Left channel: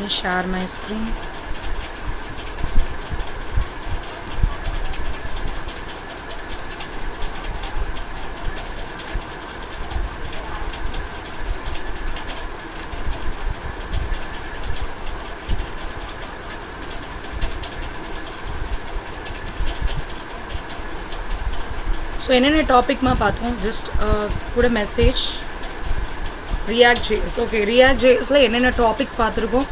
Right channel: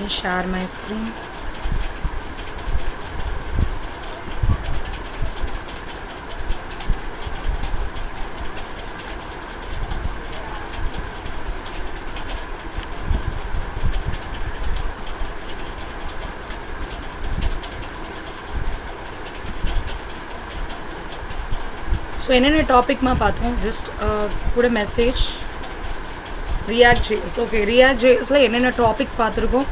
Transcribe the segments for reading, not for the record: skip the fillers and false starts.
me share my screen. So என்னென்ன topic பார்த்தோம், just கூட மெசேஜ் React.js. ஓகே, React.jsல என்னென்ன டாபிக்ஸ் பார்த்துருக்கோம்,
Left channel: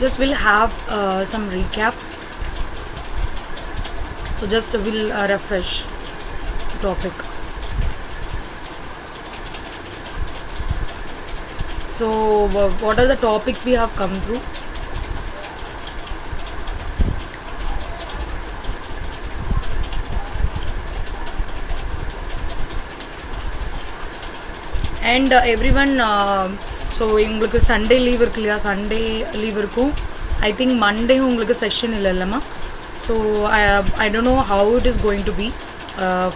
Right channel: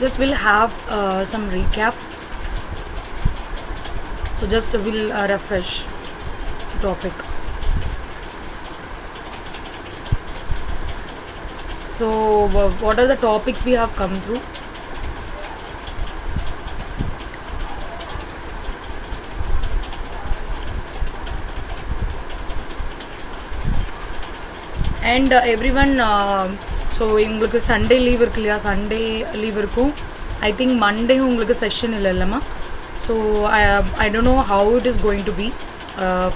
just will have some recap. So just will refresh topic. So what are the topics we have come through? And everyone, so உங்களுக்கு Sunday leave இருக்கு இல்லையா, Sunday leave இருக்கும். I think Monday உங்களுக்கு session இல்லைல்லம்மா. So I don't know how it is going to be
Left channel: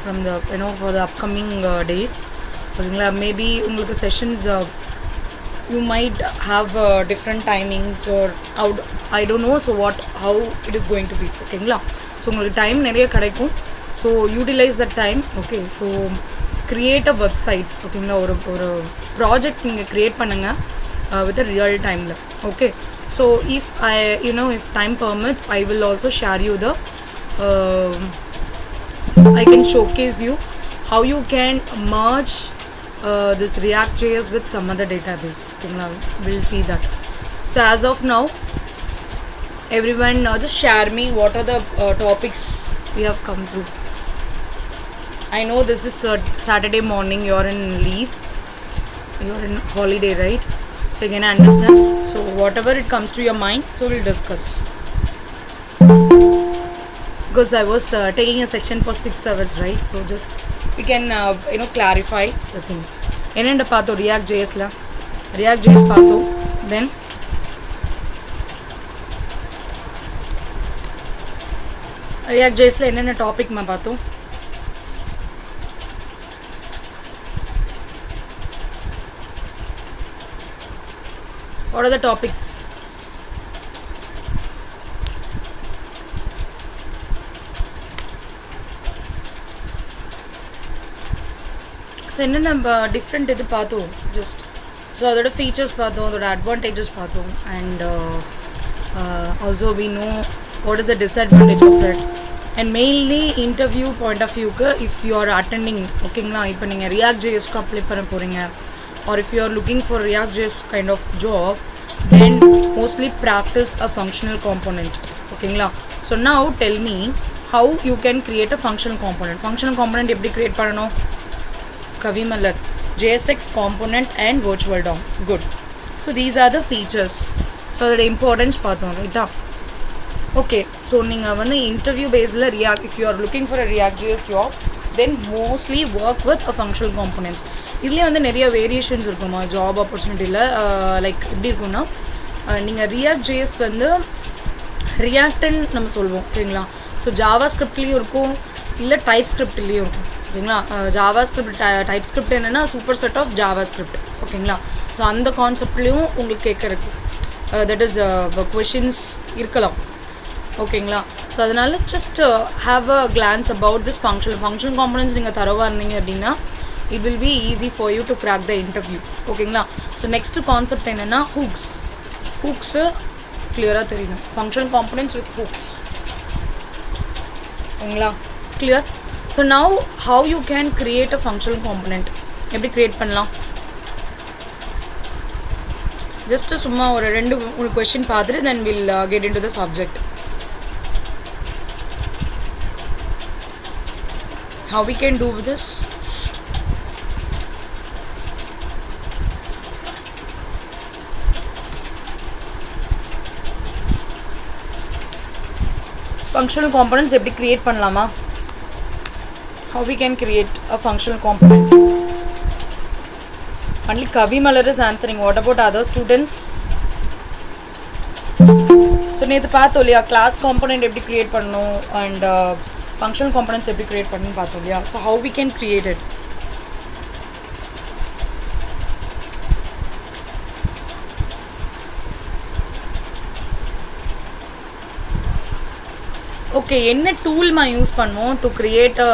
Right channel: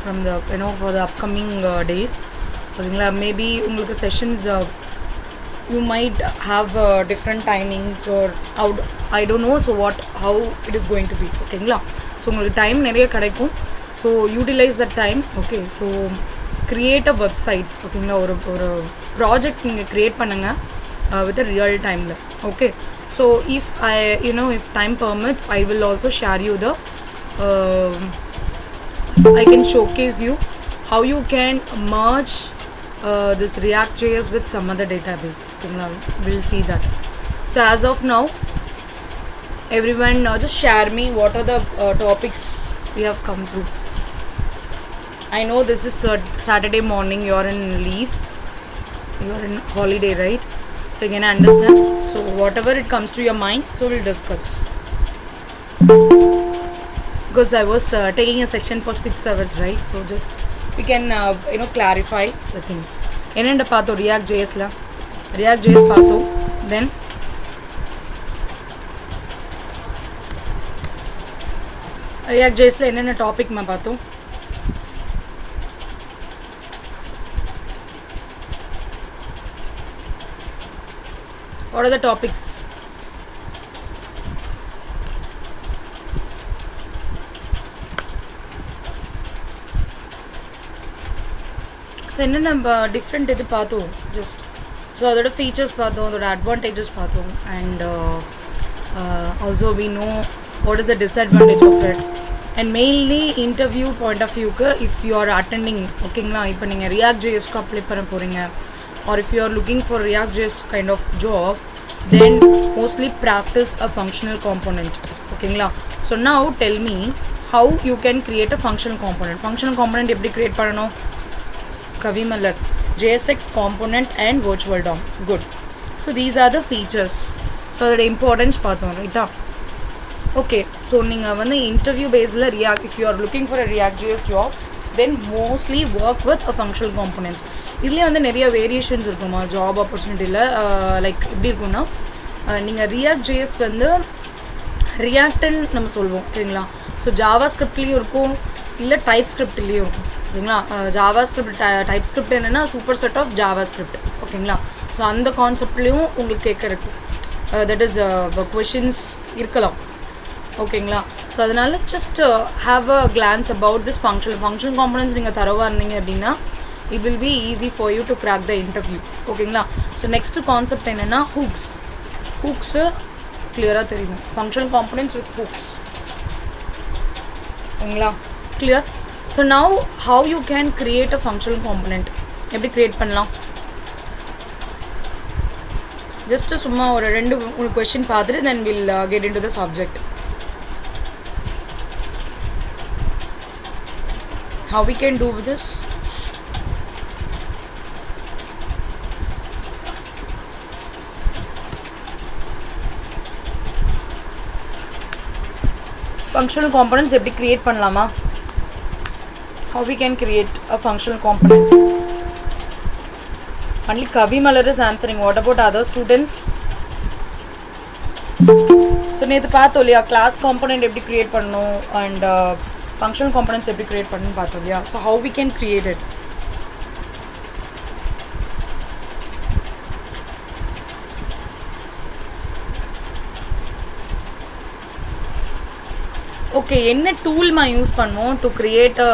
from the for the upcoming days. ஓகேங்களா, maybe உங்களுக்கு sessions you might have different timings or out, I don't know, so how it is going to be. ஓகேங்களா, so உங்களுக்கு time நிறைய கிடைக்கும். So utilise the time. Okay, so create a websites. ஓகேங்களா, ஒரு ப்ராஜெக்ட் நீங்கள் க்ரியேட் பண்ணுங்கள் with a real timeல. Okay, so if if time permits, I will also share you the I can showcase you how you can merge this React.js with some other database. Okay, we'll see that. So as of now, everyone just share me what are the topics we have come through. I know this is Saturday morning, you're in leave, you're in holiday, right? So you can understand. So whatever it comes to your mind, so we'll discuss. Because I was taking a session for 6 hours, right? So just we can clarify the things. என்னென்ன பார்த்தோம் React.jsல, React.js பார்த்தோம். Then React.jsல என்னென்ன topic பார்த்தோம். What are the topics? So என்னென்ன டிஃப்ரெண்ட் இது பார்த்தோம் ஜஸ்ட். ஸோ அதோட ஃபீச்சர்ஸ் பார்த்தோம், அதோட அட்வான்டேஜஸ் பார்த்தோம். And also we know what is the disadvantage of it. And mainly interview point of வியூக்கு, இஃப் யூ ஆர் அட்டெண்டிங், ஓகேங்களா, இப்போ நீங்கள் React.jsக்கு அப்ளை பண்ண போகிறீங்க, or if you are looking for React.js kind of job, then mostly practice a functional component. ஓகேங்களா, so now tell me how you can create a functional component. Functional component எப்படி create பண்ணணும்? Kavimalar, JSX component and virtual DOM. Good. So these are the features. So அதோட importance பார்த்தோம், ரைட்டா? Okay, so நீங்கள் வந்து இன்டர்வியூ பேஸில் if you are looking for a React.js job, then mostly work with a functional components. இதுலேயே வந்து நிறைய வேரியேஷன்ஸ் இருக்குமா ஜாப் ஆப்பர்ச்சுனிட்டியில். லைக் எப்படி இருக்குன்னா, நீங்கள் React.js வந்து ரியாக்ட்ன்னு நம்ம சொல்லுவோம், ஓகேங்களா. ஸோ ஜாவா ஸ்கிரிப்ட்லேயும் இருக்கும், இல்லை டைப் ஸ்கிரிப்ட்லேயும் இருக்கும், ஓகேங்களா. ஜாவா ஸ்கிரிப்ட், டைப் ஸ்கிரிப்ட் என்னென்னா superset of JavaScript, ஓகேங்களா. ஸோ அந்த கான்செப்ட்லேயும் உங்களுக்கு கேட்குறக்கு தட் இஸ் கொஷின்ஸ் இருக்கலாம், ஓகேங்களா. ஸோ அதனால் just have a glands about this functional components நீங்கள் தரவாக இருந்தீங்க அப்படின்னா it will be easy for you to crack the interview, ஓகேங்களா. ஸோ நெக்ஸ்ட் கான்செப்ட் என்னென்னா ஹூக்ஸு கிளியராக தெரியணும். ஃபங்க்ஷனல் காம்பனன்ட்ஸ் வித் ஹூக்ஸ், ஓகேங்களா, clear. So now how you can create a functional component, எப்படி க்ரியேட் பண்ணலாம்? ஜஸ்ட்டு சும்மா ஒரு 2-3 கொஸ்டின் பார்த்துட்டு then will get in to the subject. How we can do this? Functional components எப்படி create பண்ணலாமா? How we can create a functional component? Only Kavimalar is answering. What about other students? So நேத்து பார்த்தோம் இல்லையா, class component எப்படி create பண்ணணும் and functional components எப்படி create பண்ணணும் பார்த்தோம் இல்லையா. So how we can create it? Okay என்ன டூல் யூஸ் பண்ணுவோம் டு கிரியேட் அ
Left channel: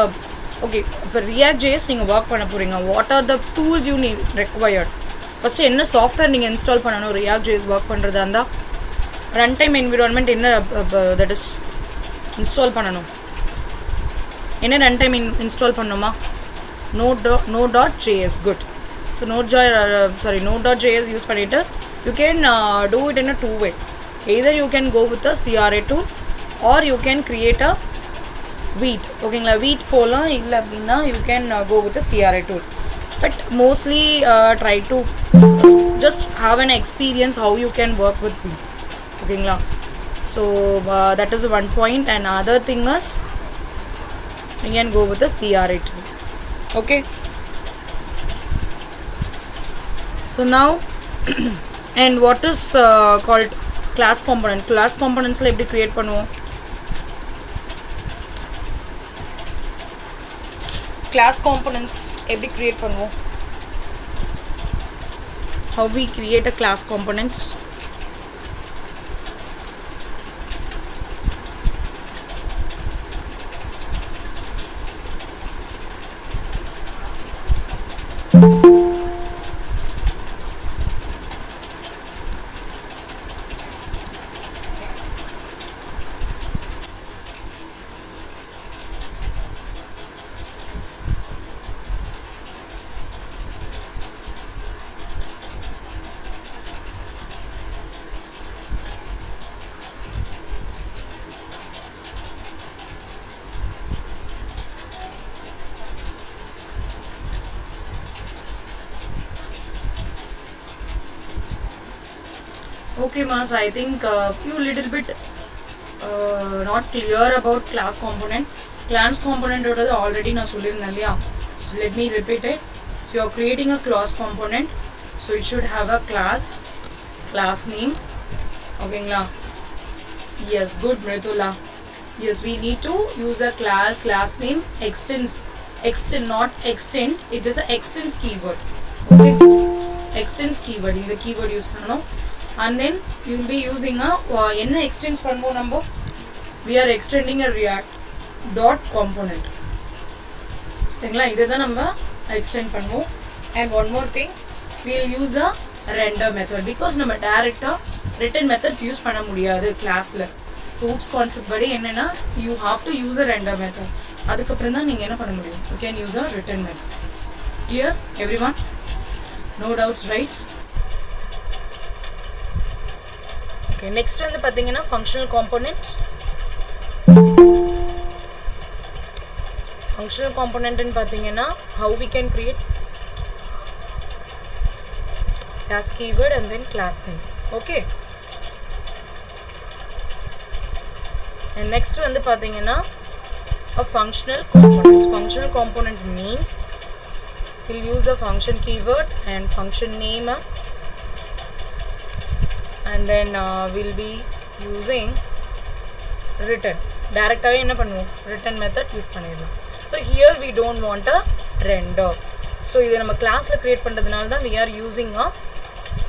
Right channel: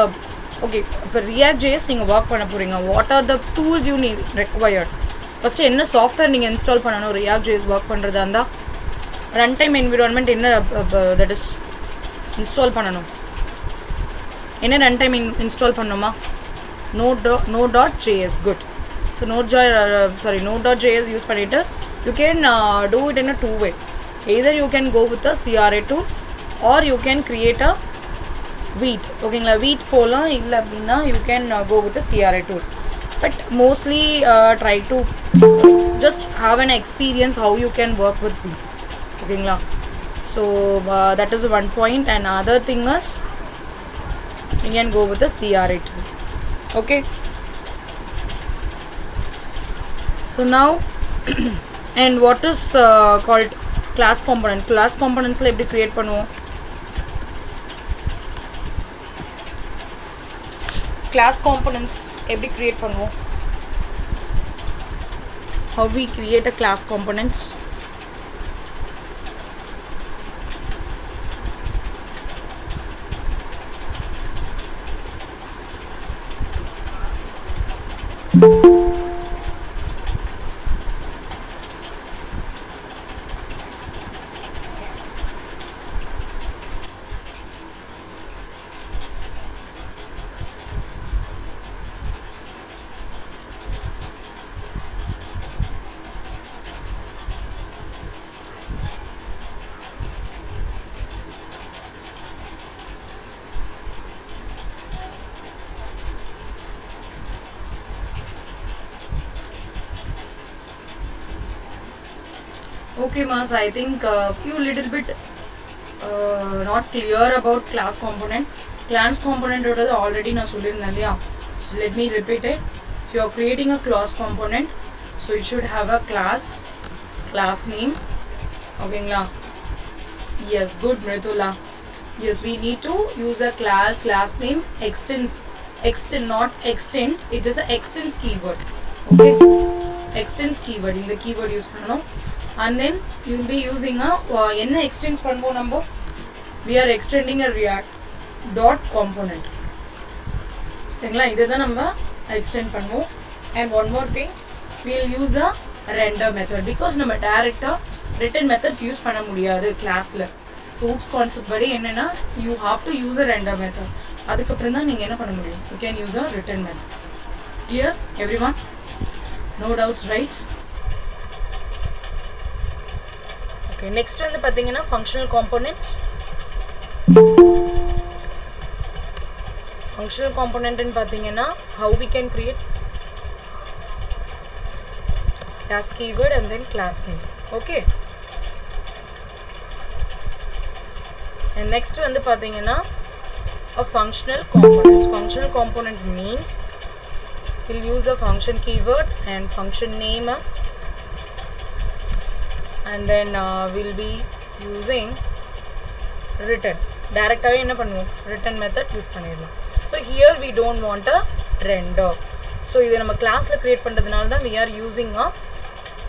ஓகே இப்போ ரியாக்ட் ஜேஎஸ் நீங்கள் ஒர்க் பண்ண போகிறீங்க what are the tools you need required first என்ன சாஃப்ட்வேர் நீங்கள் இன்ஸ்டால் பண்ணணும் ரியாக்ட் ஜேஎஸ் ஒர்க் பண்ணுறதா இருந்தால் ரன் டைம் என்விரான்மெண்ட் என்ன தட் இஸ் இன்ஸ்டால் பண்ணணும் என்ன ரன் டைம் இன்ஸ்டால் பண்ணணுமா node.js good so node.js use பண்ணிவிட்டு you can do it in a two way either you can go with the CRA tool or you can create a wheat ஓகேங்களா wheat போகலாம் இல்லை அப்படின்னா you can go with the CRA tool but mostly try to just have an experience how you can work with wheat ஓகேங்களா so that is one point and other thing is you can go with the CRA tool okay so now and what is called class components la eppadi create பண்ணுவோம் class components eppadi create பண்ணுவோம் how we create a class components okay Mas I think you little bit not clear about class component already na sollirundhen illaya so let me repeat it if you are creating a class component so it should have a class name okayla yes good Mridula yes we need to use a class name extend not extend it is a extends keyword okay extends keyword in the keyword use pannom and then you will be using a enna extends pannuvom number we are extending a react dot component thengla idha namba extend pannuvom and one more thing we will use a render method because nama direct written methods use panna mudiyadhu class la so oops concept padi enna you have to use a render method adukapram da neenga enna panna mudiyum you can use a written method clear everyone no doubts right okay next வந்து பாத்தீங்கன்னா functional component ன்னு பாத்தீங்கன்னா how we can create class keyword and then class name okay and next வந்து பாத்தீங்கன்னா a functional component means we'll use a function keyword and function name and then we'll be using return direct away enna pannuvom return method use பண்ணிரலாம் so here we don't want a render so idu nama class la create pandradhanaala da we are using a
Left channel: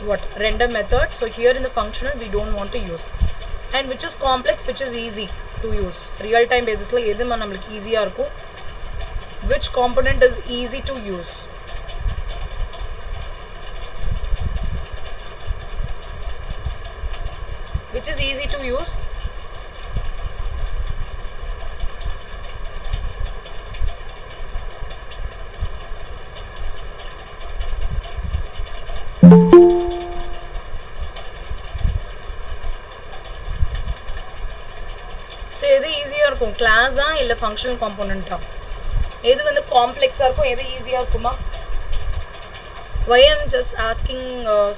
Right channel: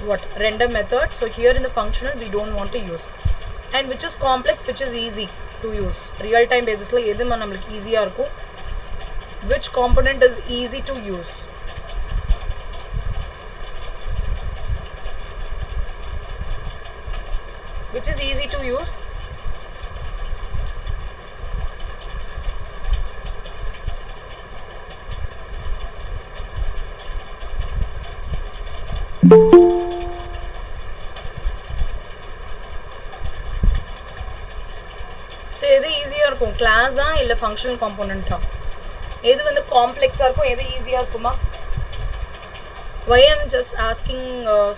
what render method so here in the functional we don't want to use and which is complex which is easy to use real time basis la edhu namakku easy ah irukum which component is easy to use which is easy to use so edu easy ah irukum class ah illa functional component ah edu vandu complex ah irukum edu easy ah irukuma why I'm just asking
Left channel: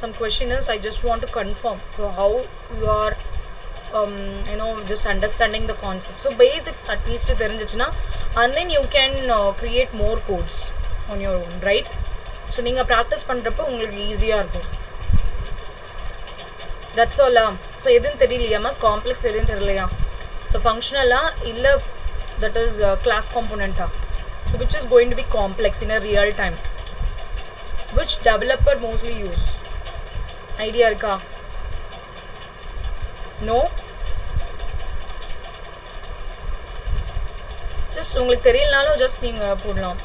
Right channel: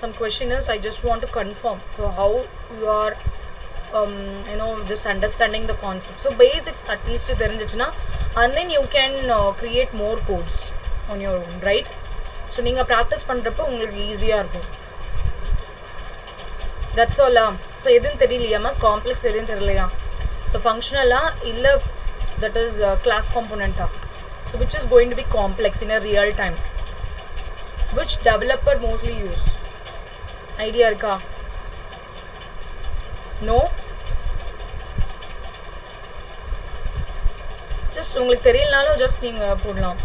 some question is I just want to confirm so how you are just understanding the concept so basics at least therinjichna and then you can create more codes on your own right so neenga practice பண்றப்ப உங்களுக்கு ஈஸியா இருக்கும் that's all so edun theriyaliyama complex edun theriyalaya so functional illa that is class component so which is going to be complex in a real time which developer mostly use idea irka no just உங்களுக்கு தெரியலனாலும் just நீங்க போடலாம்.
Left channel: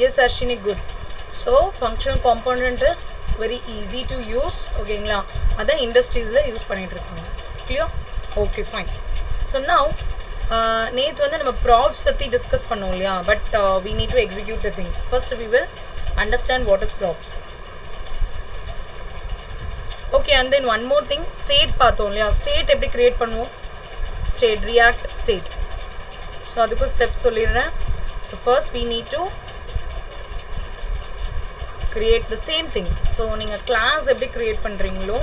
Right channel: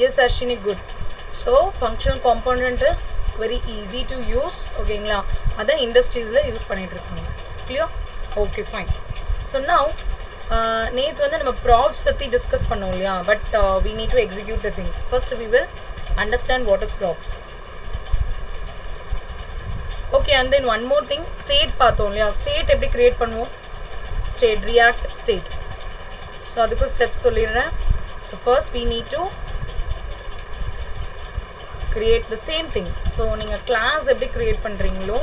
Yes Arshini, good. So functional component is very easy to use. ஓகேங்களா, அதான் இண்டஸ்ட்ரீஸ்ல யூஸ் பண்ணிட்டு இருக்காங்க. clear? okay fine. So now நேத்து வந்து நம்ம props பத்தி டிஸ்கஸ் பண்ணோம் இல்லையா, but we need to execute the things. First we will understand what is prop. okay, and then one more thing, state பார்த்தோம் இல்லையா, state எப்படி கிரியேட் பண்ணுவோம், state react state. so அதுக்கு ஸ்டெப்ஸ் சொல்லிடுறேன். so first we need to create the same thing. so நீங்க class எப்படி create பண்றீங்களோ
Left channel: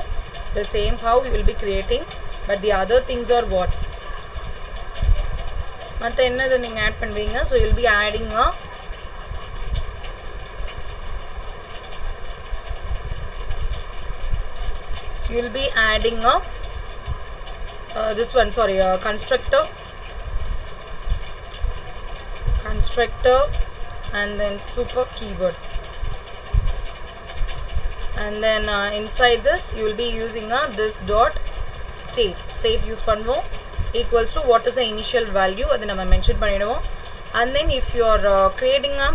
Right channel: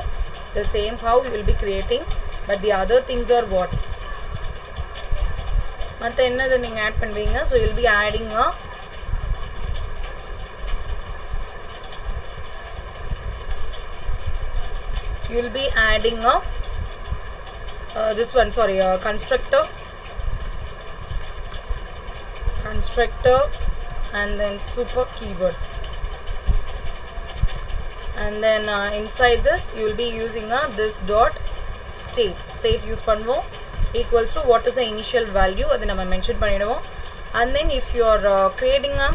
the same how you will be creating, but the other things are what, மற்ற என்னது நீங்க ஆட் பண்ணுவீங்க. so you will be adding a this one, sorry, constructor, and then super keyword, and then inside this you will be using this dot state use பண்ணுவோம், equals to what is the initial value, அது நம்ம மென்ஷன் பண்ணிடுவோம். and then if you are creating a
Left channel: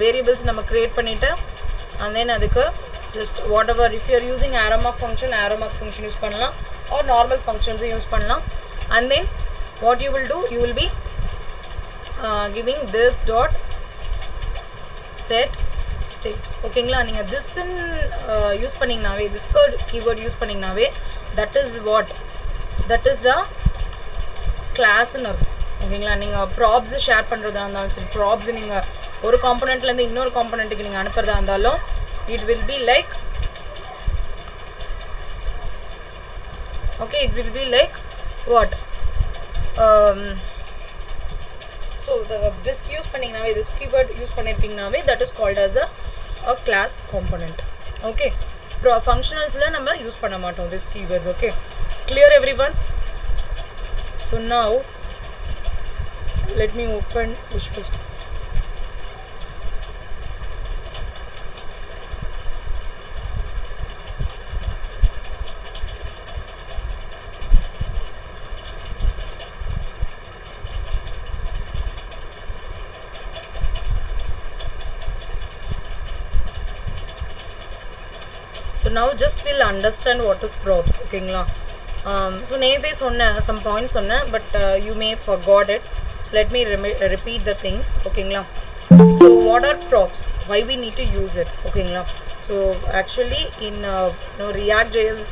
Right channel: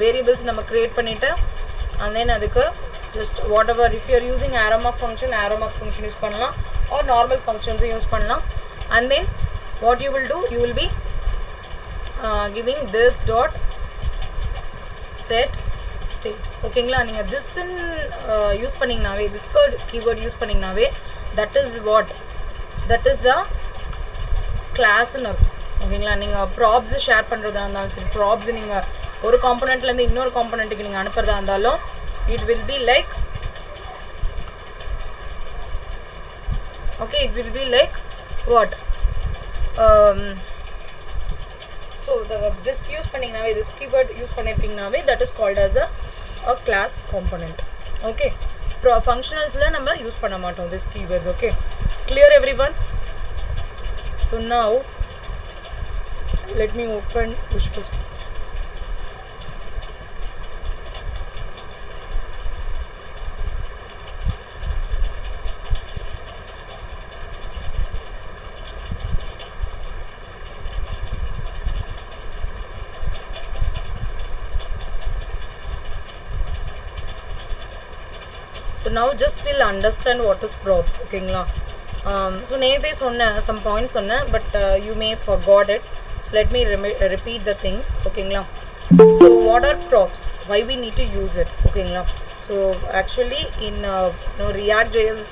variables நம்ம create பண்ணிட்டு, and then அதுக்கு just whatever, if you are using arrow mark function use பண்ணலாம், or normal functions use பண்ணலாம். and then what you will do, you will be giving this dot set state. ஓகேங்களா, நீங்க this use பண்ணீங்கனாவே, this keyword use பண்ணீங்கனாவே, that is what, that is the class ன்னு அர்த்தம். ஓகேங்களா, நீங்க props ஷேர் பண்றதா இருந்தாலும் சரி, props நீங்க ஒரு காம்போனன்ட்ல இருந்து இன்னொரு காம்போனன்ட்க்கு நீங்க அனுப்புறதா இருந்தாலும், it will be like, okay, it will be like what, so this use பண்ணீங்கனாவே, this keyword use பண்ணிருக்கீங்கனாவே, that is called as a class component. okay, functionalsல நம்ம யூஸ் பண்ண மாட்டோம் this keywords. okay, clear everyone? so now let me open Visual Studio. so now just we'll understand what is props. ஓகேங்களா, so நேத்தே சொன்ன some points சொன்ன, but you may forgot it, so let me repeat the things. ஓகேங்களா, so what are props, why we need to use it. ஓகேங்களா, so actually in React.js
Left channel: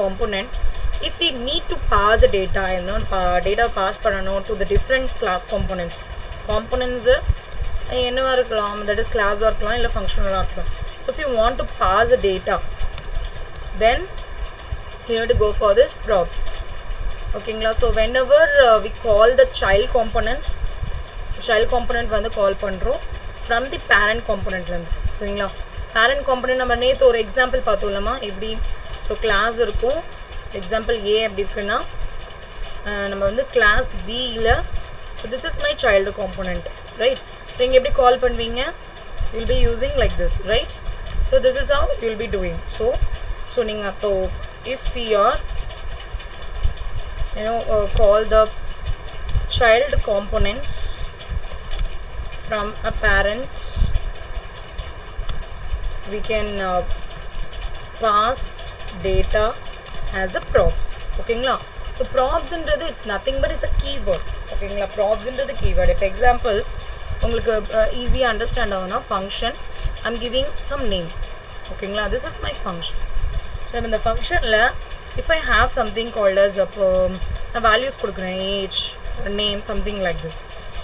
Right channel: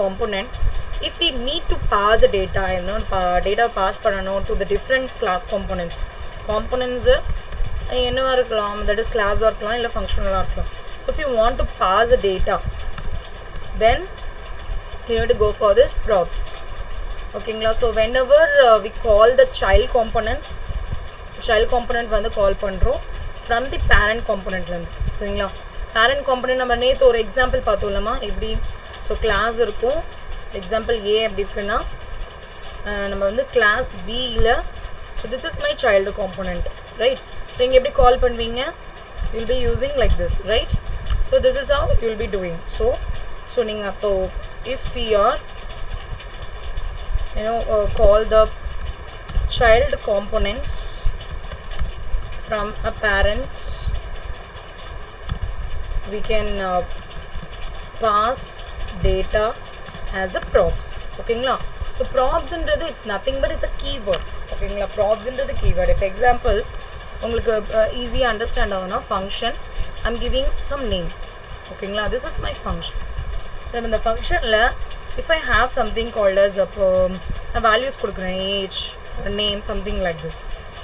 component, if we need to pass the data, data pass பண்ணனும் to the different class components என்னவா இருக்கலாம், that is class இருக்கலாம் இல்ல functional இருக்கலாம். so if you want to pass the data, then you need to go for this props. ஓகேங்களா, so whenever we call the child component வந்து கால் பண்றோம் from the parent component ல இருந்து. ஓகேங்களா, parent component நம்ம நேத்து ஒரு எக்ஸாம்பிள் பார்த்தோம்லமா, எப்படி, so class இருக்கும், example a அப்படி இருக்குன்னா, நம்ம வந்து class b ல, so this is my child component, right? so இங்க எப்படி கால் பண்ணுவீங்க, you will be using like this, right? so this is how you will be doing. so நீங்க அப்போ if we are call the child components from a parent, we can pass data as a props. ஓகேங்களா, so props ன்றது it's nothing but it's a keyword. ஓகேங்களா, props ன்றது keyword. for example உங்களுக்கு easy understand ஆகும்னா, function I'm giving some name. ஓகேங்களா, this is my function. so in the function la, if I have something called as a values கொடுக்கிறேன், age, name, something like this.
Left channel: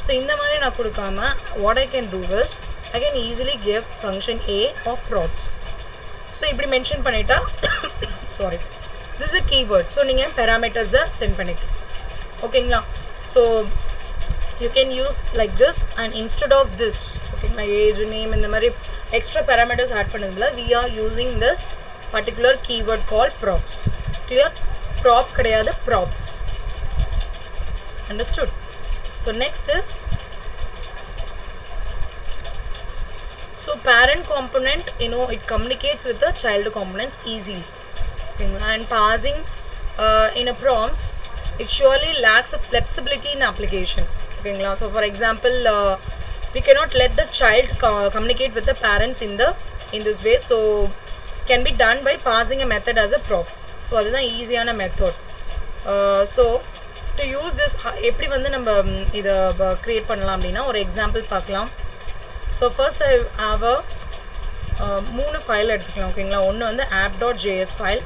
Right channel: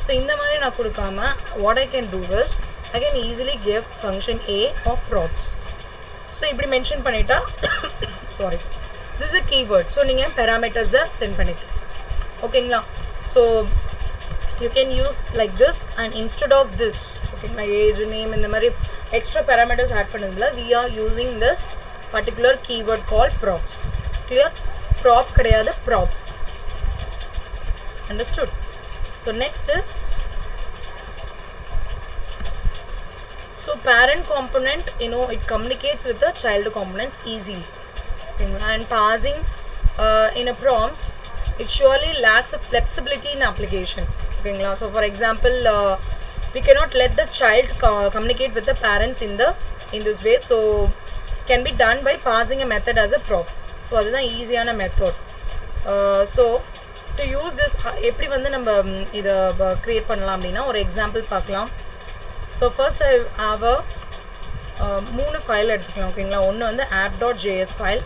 so இந்த மாதிரி நான் கொடுக்காம, what I can do is I can easily give function a of props. so இப்படி மென்ஷன் பண்ணிட்டா sorry, this is a keyword. so நீங்க parameters send பண்ணிக்கலாம். ஓகேங்களா, so you can use like this, and instead of this, ஓகேங்களா, age, name, இந்த மாதிரி extra parameters add பண்ணதுல, we are using this particular keyword called props. clear? prop கிடையாது, props. understood? so next is, so parent component, it communicates with the child components easily. and passing in a prompts, it surely lacks a flexibility in application. Okay, so for example, we cannot let the child communicate with the parents in this way, so can be done by passing a method as a props. So that is an easiயான method. So to use this எப்படி வந்து நம்ம இத கிரியேட் பண்ணலாம் அப்படினா ஒரு example பார்க்கலாம். So first I have a மூணு ஃபைல் எடுத்துக்கலாம். ஓகேங்களா, ஒன்று வந்து app.js file,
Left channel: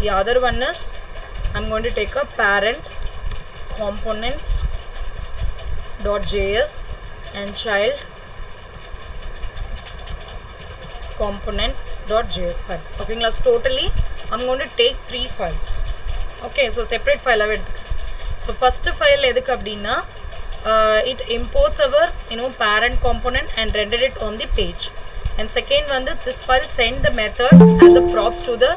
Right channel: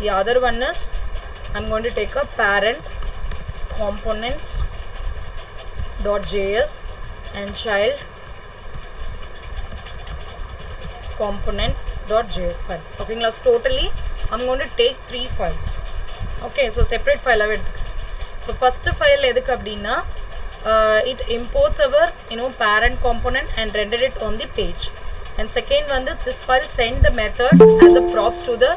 the other one is I'm going to take a parent component.js and child component.js file. ஓகேங்களா, so totally I'm going to take 3 files. Okay, so separate file ஆவே எடுத்துக்கலாம். So first file எதுக்கு அப்படின்னா it imports our parent component and render it on the page. And second one, this file send the method as a props to the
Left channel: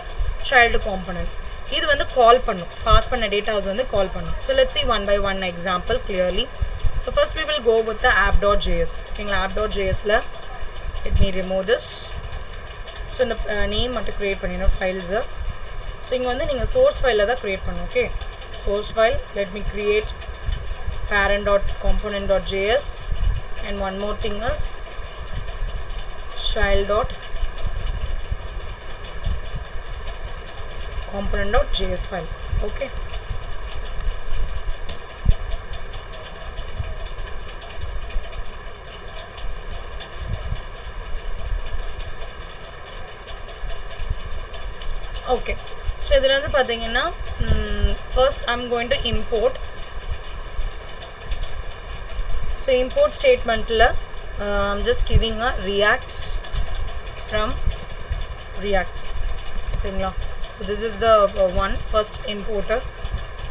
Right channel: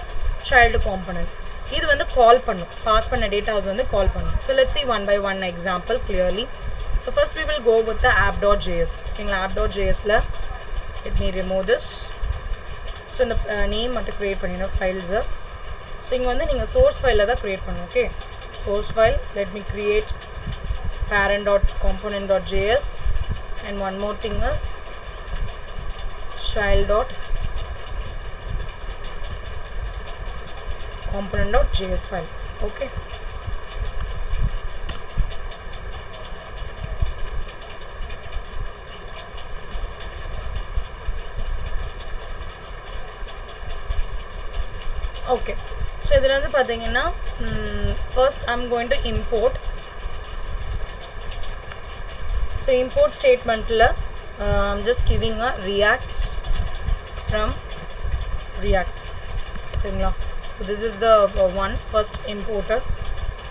child component. இது வந்து கால் பண்ணும், பாஸ் பண்ண டேட்டாஸ் வந்து கால் பண்ணும். So let's see one by one example clearly. So first we will go with the app.js. ஓகேங்களா, app.jsல let me remove this. So இந்த நேம் மட்டும் கிரியேட் பண்ணிடணும் ஃபைல்ஸை. ஸோ இங்கே வந்து நீங்கள் சோர்ஸ் ஃபைலில் தான் கிரியேட் பண்ணணும். Okay, source file, let me create parent.component.js and one more thing is child.component.js file. Okay, okay, so இதில் வந்து பார்த்தீங்கன்னா first I'm going to import. So import statementல I'm just giving a react from react. ஓகேங்களா, so this is the one first importer.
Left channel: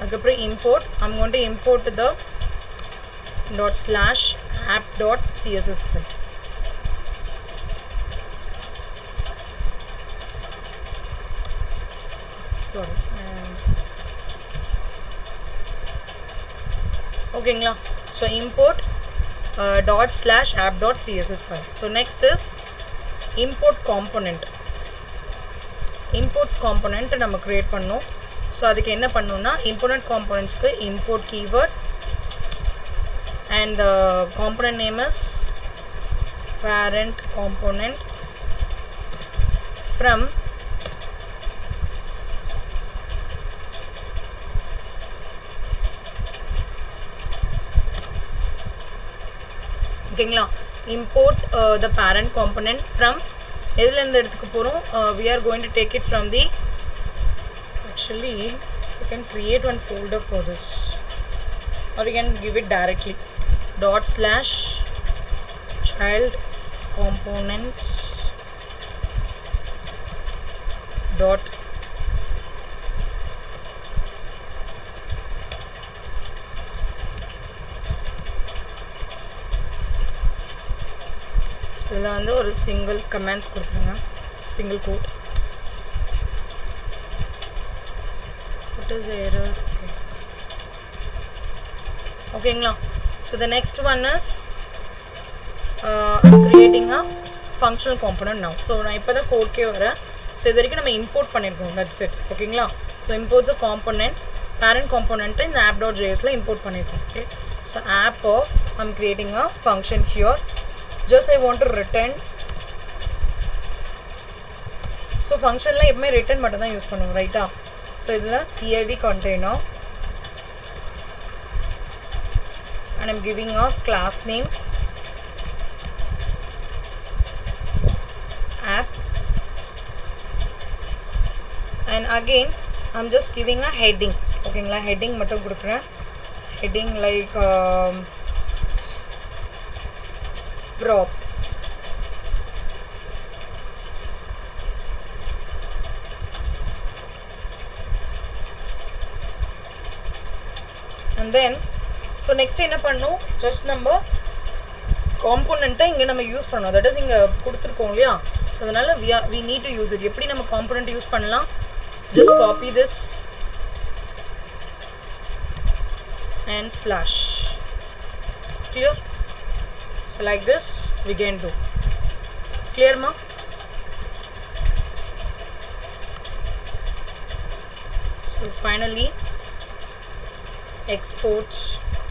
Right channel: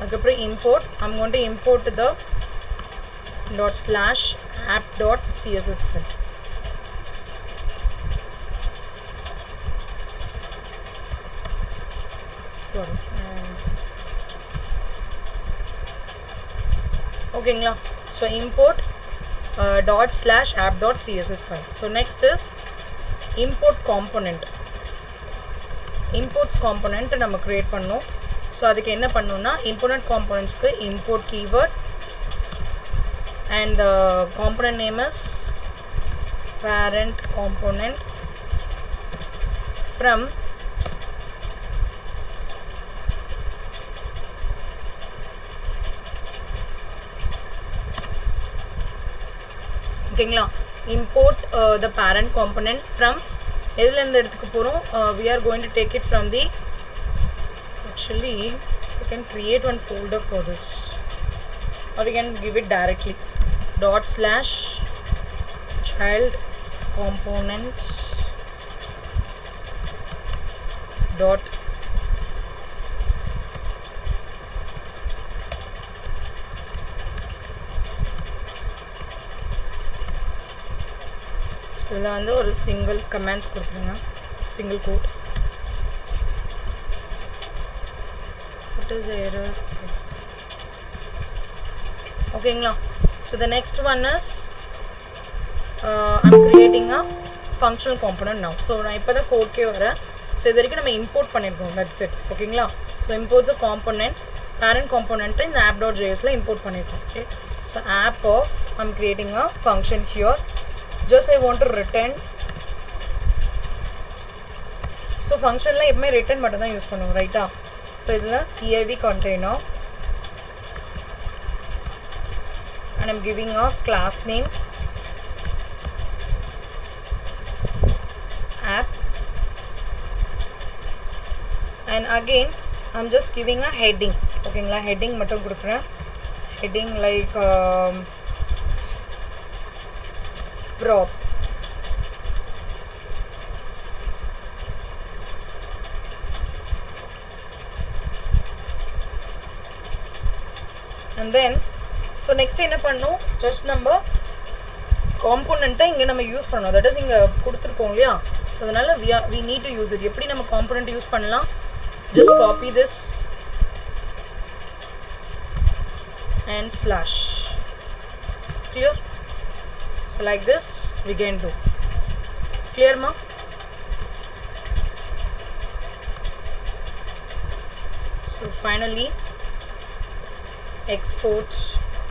அதுக்கப்புறம் import, I'm going to import the ./app.css file. Sorry. ஓகேங்களா, so import ./app.css file. So next is import component. Imports component நம்ம create பண்ணோம். So அதுக்கு என்ன பண்ணணும்னா important componentsக்கு import keyword and the component name is parent component from ஓகேங்களா, import the parent component from எதுல இருந்து எடுத்துக்க போறோம், we are going to take it from the, actually you can create one folder for this or you can give it directly ./child components dot இதில் வந்து ஒரு single comments கொடுத்துருங்க, single quote. What is the error? Okay. ஓகேங்களா, so the next one is I'm creating a functional component now. So நான் இப்போ தான் கோட்கே வரேன். ஸோ இது வரைக்கும் நம்ம இம்போர்ட் பண்ணியிருக்கோம், that's it. ஓகேங்களா, so imports a component, parent component இந்த app.jsல import பண்ணியிருக்கோம். Okay, so app of, I'm creating a function here. Just I want to return. So functionல எப்பவுமே return மட்டும் தான் யூஸ் பண்ணுவோம், ரைட்டா? ஸோ இதில் div container and I'm giving a class name app and again I'm just giving a heading. ஓகேங்களா, heading மட்டும் கொடுக்குறேன். heading like props. And then so next என்ன பண்ணனும், just நம்ம component இங்க நம்ம யூஸ் பண்ணனும், that is இங்க கொடுத்திருக்கோம் இல்லையா, so அதனால we need to use it. எப்படி நம்ம component யூஸ் பண்ணலாம், just copy this and slash. Clear? So like this we can do. Clear ma? So finally export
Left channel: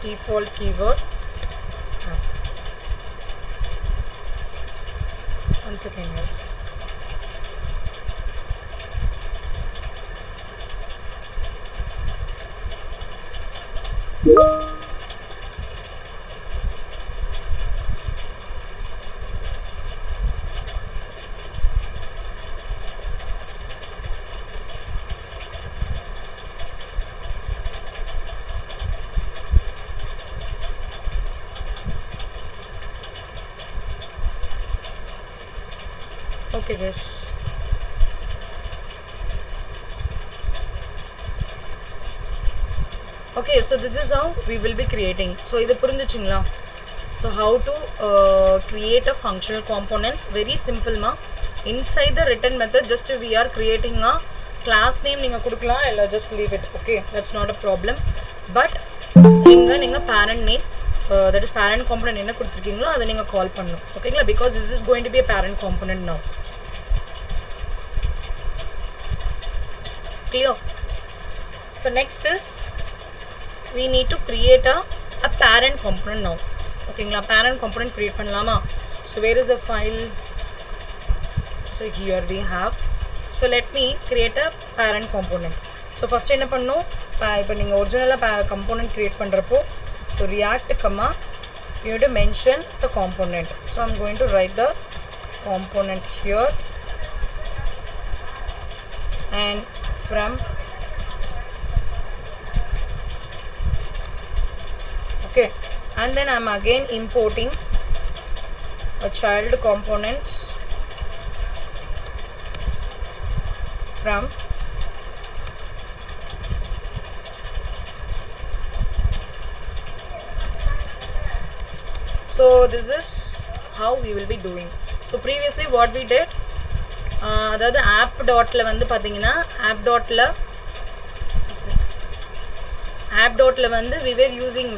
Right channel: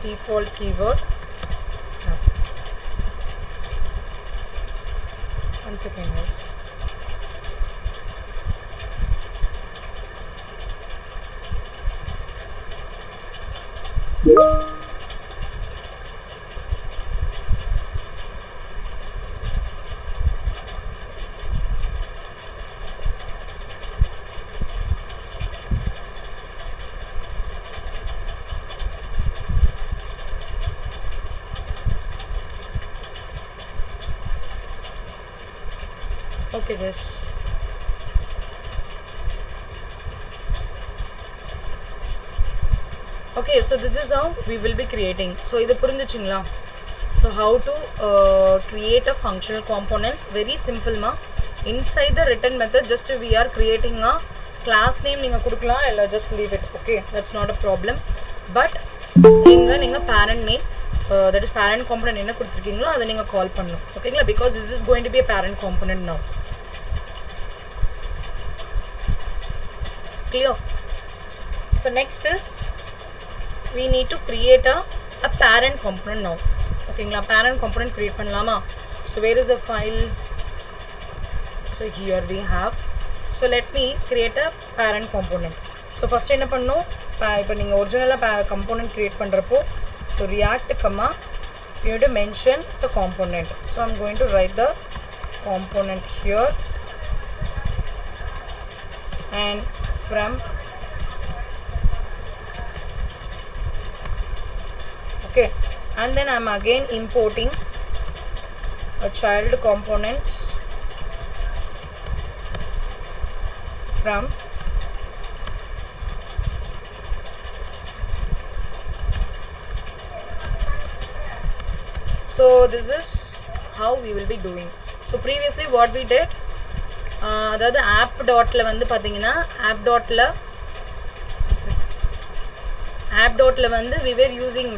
default keyword One second, guys. Okay, guys. Okay, so this is how we will be creating. So idu purinjuchingla. So how to create a functional components, very simple ma. Inside the written method, just we are creating a class name neenga kudukala illa just leave it. Okay, that's not a problem. But ninga parent name, that is parent component enna kuduthirkingalo adha neenga call pannum. Okay, because this is going to be a parent component now. Clear? So next is we need to create a parent component now. Okay, parent component create pannalama. So where is the file? So here we have. So let me create a parent component. So first enna pannu ipo neenga original component create pandrappo, so react comma you need to mention the component. So I'm going to write the component here, and from okay, and then I'm again importing a child components from so this is how we will be doing. So previously what we did, அதாவது ஆப் டாட்டில் வந்து பார்த்தீங்கன்னா ஆப் டாட்டில் வந்து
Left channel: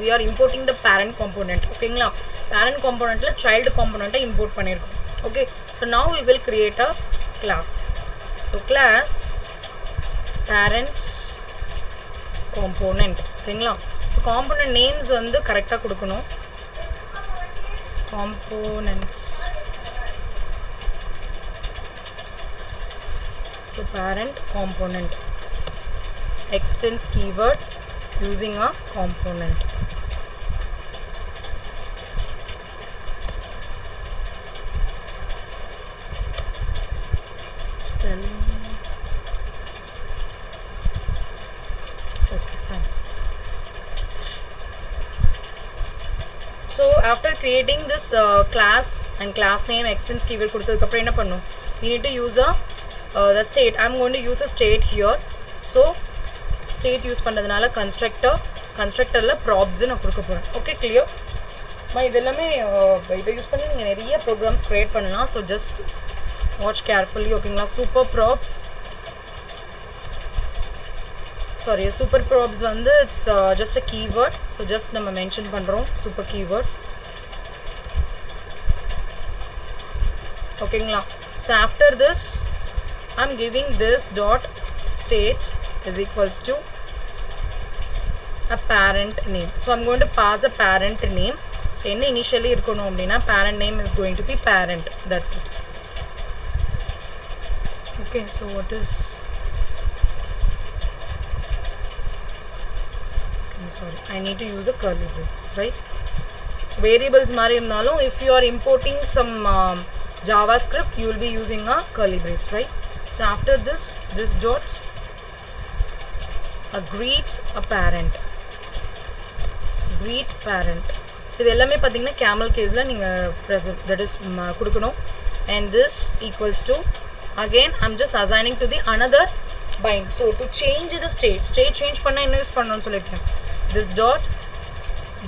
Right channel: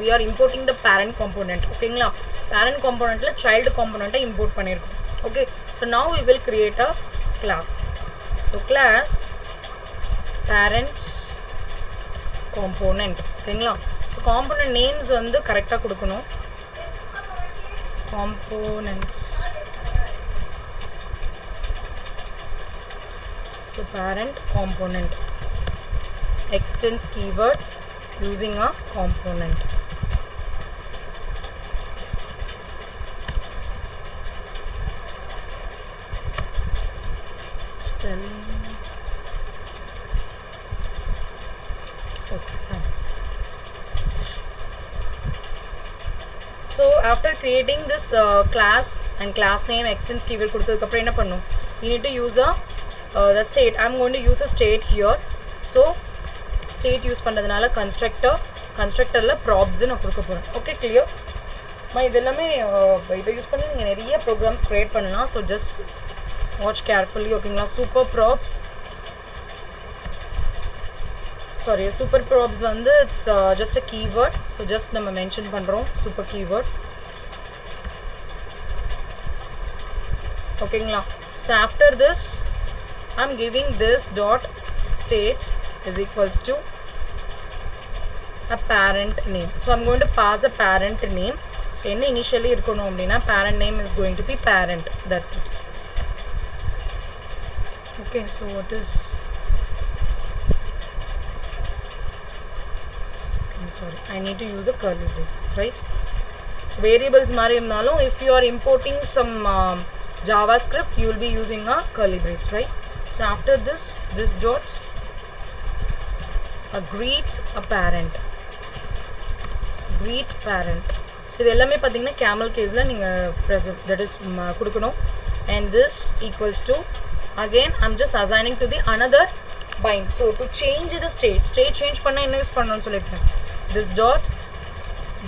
we are importing the parent component. ஓகேங்களா, parent componentல child componentஐ import பண்ணியிருக்கோம். Okay, so now we will create a class. So class parents component. ஓகேங்களா, so component names வந்து கரெக்டாக கொடுக்கணும். Components. So parent component extends keyword using a component. Spelling. Okay, fine. So after creating this class and class name extends keyword கொடுத்ததுக்கு அப்புறம் என்ன பண்ணும், we need to use the state. I'm going to use a state here. So state use பண்றதுனால constructorல probs நான் கொடுக்க போறேன். Okay, clear? இதெல்லாமே இதை யூஸ் பண்ணி நீங்கள் நிறைய ப்ரோக்ராம்ஸ் க்ரியேட் பண்ணலாம். So just watch carefully. ஓகேங்களா, சூப்பர் ப்ராப்ஸ் வந்து it's just a keyword. So just நம்ம மென்ஷன் பண்ணுறோம் சூப்பர் கீவேர்ட். ஓகேங்களா, so after this I'm giving this dot state is equals to a parent name. So I'm going to pass a parent name. So என்ன initially இருக்கணும் அப்படின்னா parent name is going to be parent. That's it. Okay, so what is sorry, I need to use a curly brace, right? So variables மாதிரி இருந்தாலும் if you are importing some JavaScript, you will be using a curly brace, right? So after this dot greet a parent. So greet parent. So இது எல்லாமே பார்த்தீங்கன்னா camel caseல நீங்கள் present, that is கொடுக்கணும். And this equals to, again I'm just assigning to the another bind. So to change the state change பண்ண என்ன யூஸ் பண்ணணும்னு சொல்லிட்டேன். This dot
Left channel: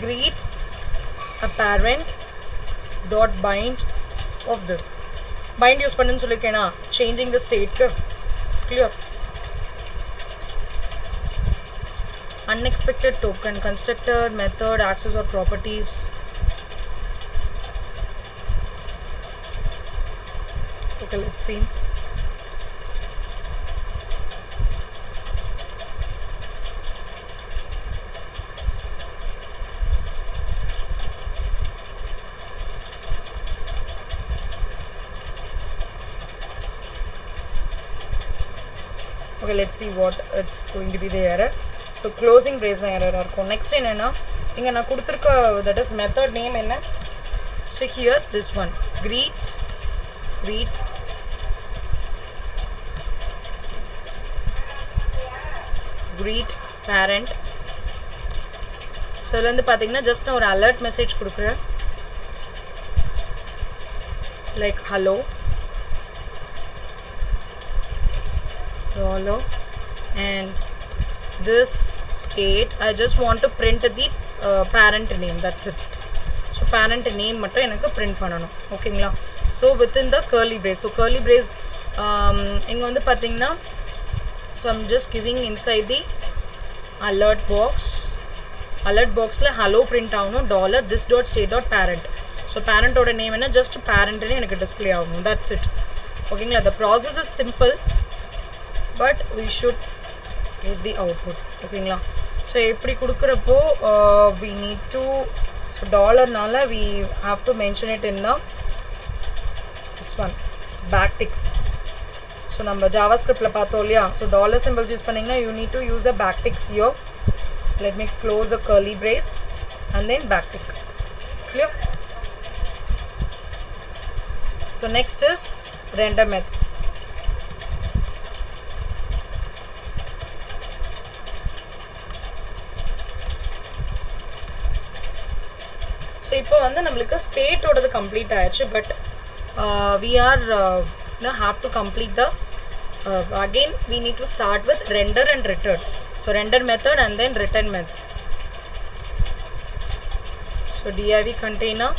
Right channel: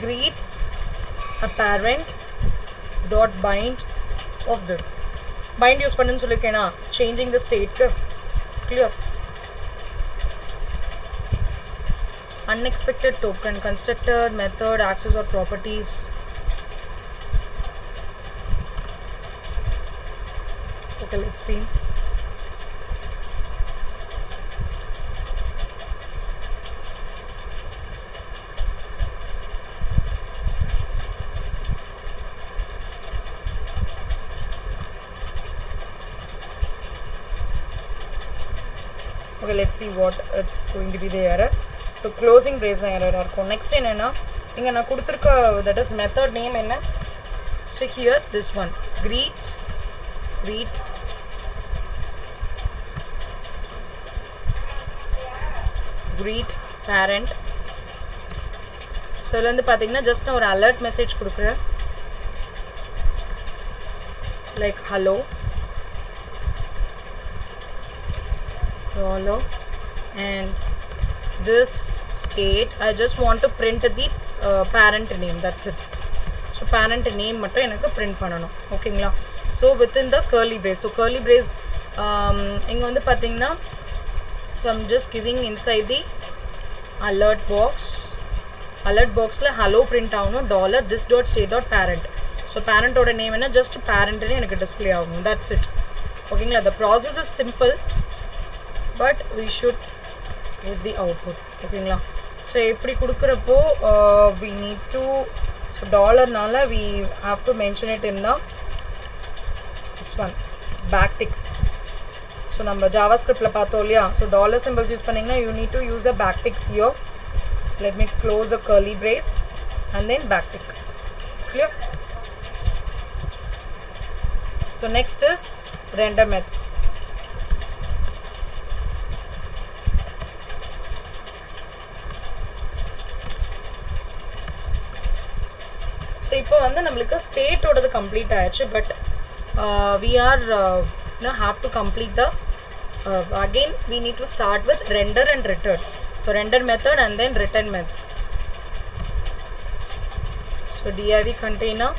greet a parent dot bind of this. Bind use பண்ணுன்னு சொல்லிருக்கேனா, changing the state. Clear? Unexpected token, constructor, method, access or properties. Okay, let's see. Okay, let's see what it's going to be the error. So closing brace error இருக்கும். Next என்னன்னா இங்க நான் கொடுத்திருக்க that is method name என்ன. So here this one greet parent. So இதுல இருந்து பாத்தீங்கன்னா just நான் ஒரு alert message கொடுக்கிறேன் like hello and this state I just want to print the parent name, that's it. So parent name மட்டும் எனக்கு print பண்ணனும். ஓகேங்களா? So within the curly brace, so curly brace இங்க வந்து பாத்தீங்கன்னா so I'm just giving inside the alert box ல hello print ஆகணும் dollar this dot state dot parent. So parent ஓட name என்ன just parent னு எனக்கு display ஆகணும், that's it. ஓகேங்களா? The process is simple but we should get the output. ஓகேங்களா? so எப்படி கொடுக்கறப்போ we need to so dollar நால we have to mention it in the this one backticks. so நம்ம javascript ல பார்த்தோம் இல்லையா, so dollar symbols யூஸ் பண்ணீங்கன்னா you need to use a backticks here. so let me close the curly brace and then backtick. Clear? so next is render method. so இப்போ வந்து நமக்கு ஸ்டேட் ஓடது கம்ப்ளீட் ஆயிடுச்சு, but we are have to complete the again we need to start with render and return. so render method and then return method. so div container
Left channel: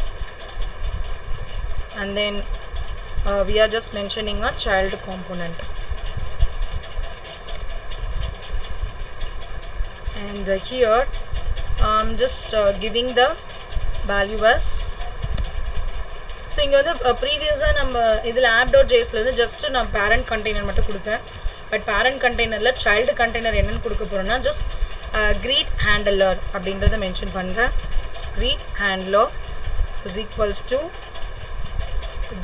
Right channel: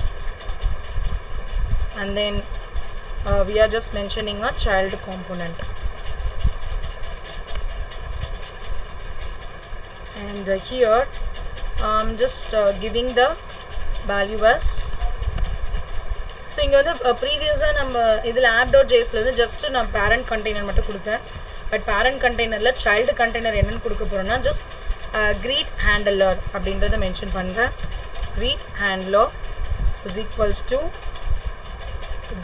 and then we are just mentioning a child component and here I'm just giving the value as so இங்க வந்து previously நம்ம இதுல app.js ல வந்து just நான் parent container மட்டும் கொடுத்தேன், but parent containerல child container என்னன்னு கொடுக்க போறேன்னா just greet handler அப்படின்றத மென்ஷன் பண்றேன். greet handler so is equals to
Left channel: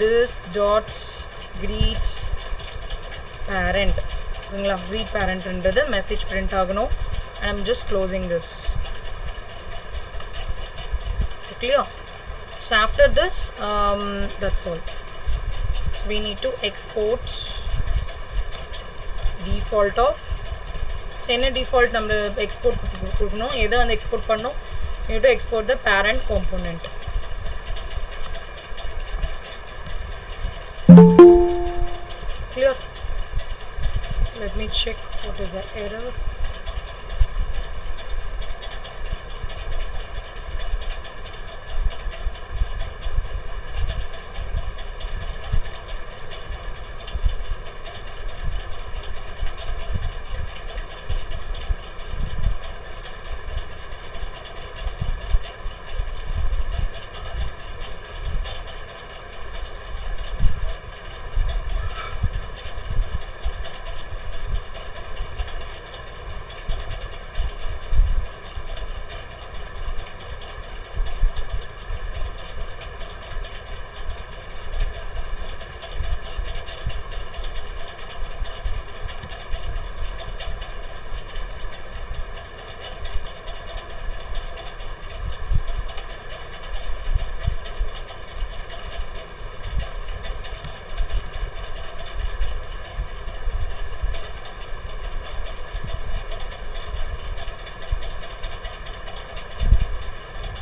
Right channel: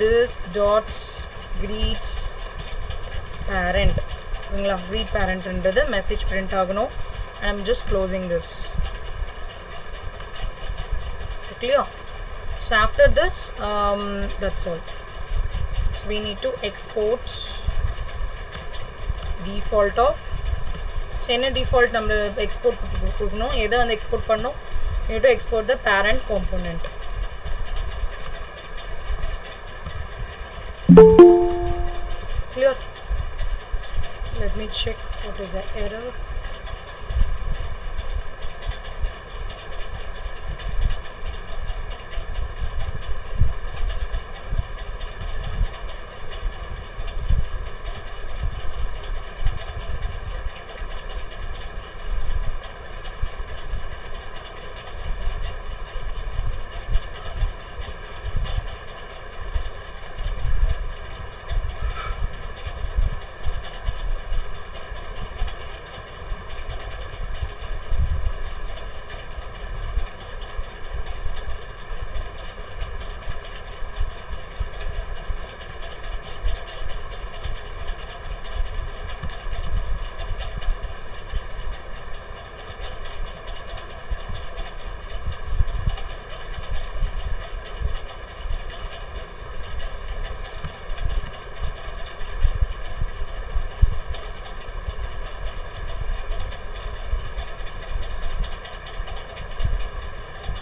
this dot greet parent. ஓகேங்களா? greet parent ன்றது message print ஆகணும் and I'm just closing this. so clear? so after this that's all. so we need to export default of so என்ன default நம்ம export கொடுக்கணும், எதை வந்து export பண்ணணும், you need to export the parent component. clear? so let me check what is the error.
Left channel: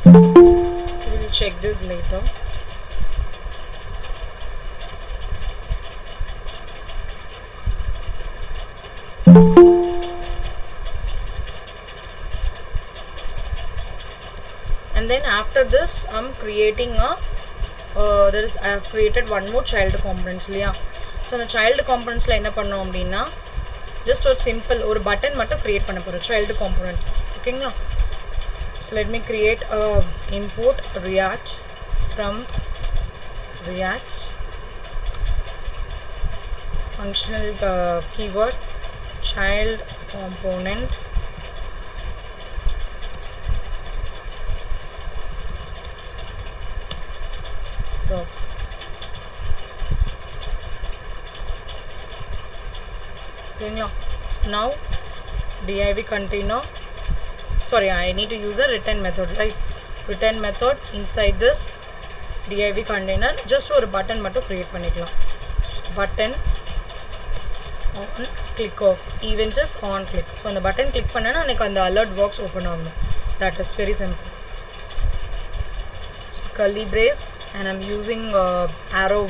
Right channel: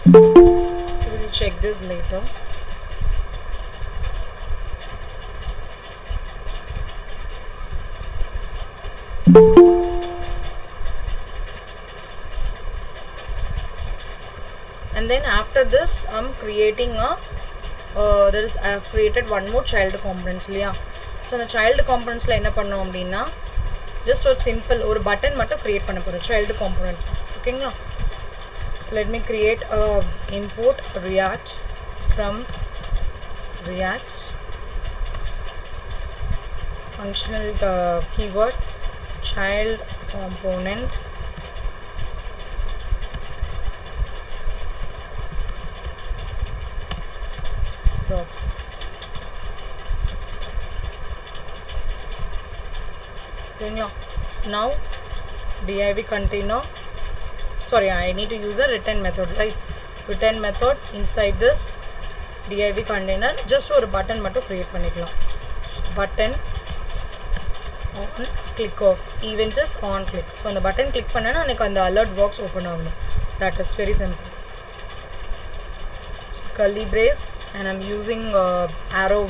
We will check this later. And then after this I'm creating a I have created one more child components liya. So the child components la enna pannom appadina just a simple or button mattum create panna porom child component. Okay, so let me create a import react from react functional keyword child component props. Okay, Now div container, sorry, I need to use a return method, right? Return method inside this div container just ஒரு button மட்டும் create பண்ணிக்கலாம். Button on click off, event is on click. So அந்த button click பண்ணனா எனக்கு அந்த alert box open ஆகும். That is very simple. So curly brace and I'm using arrow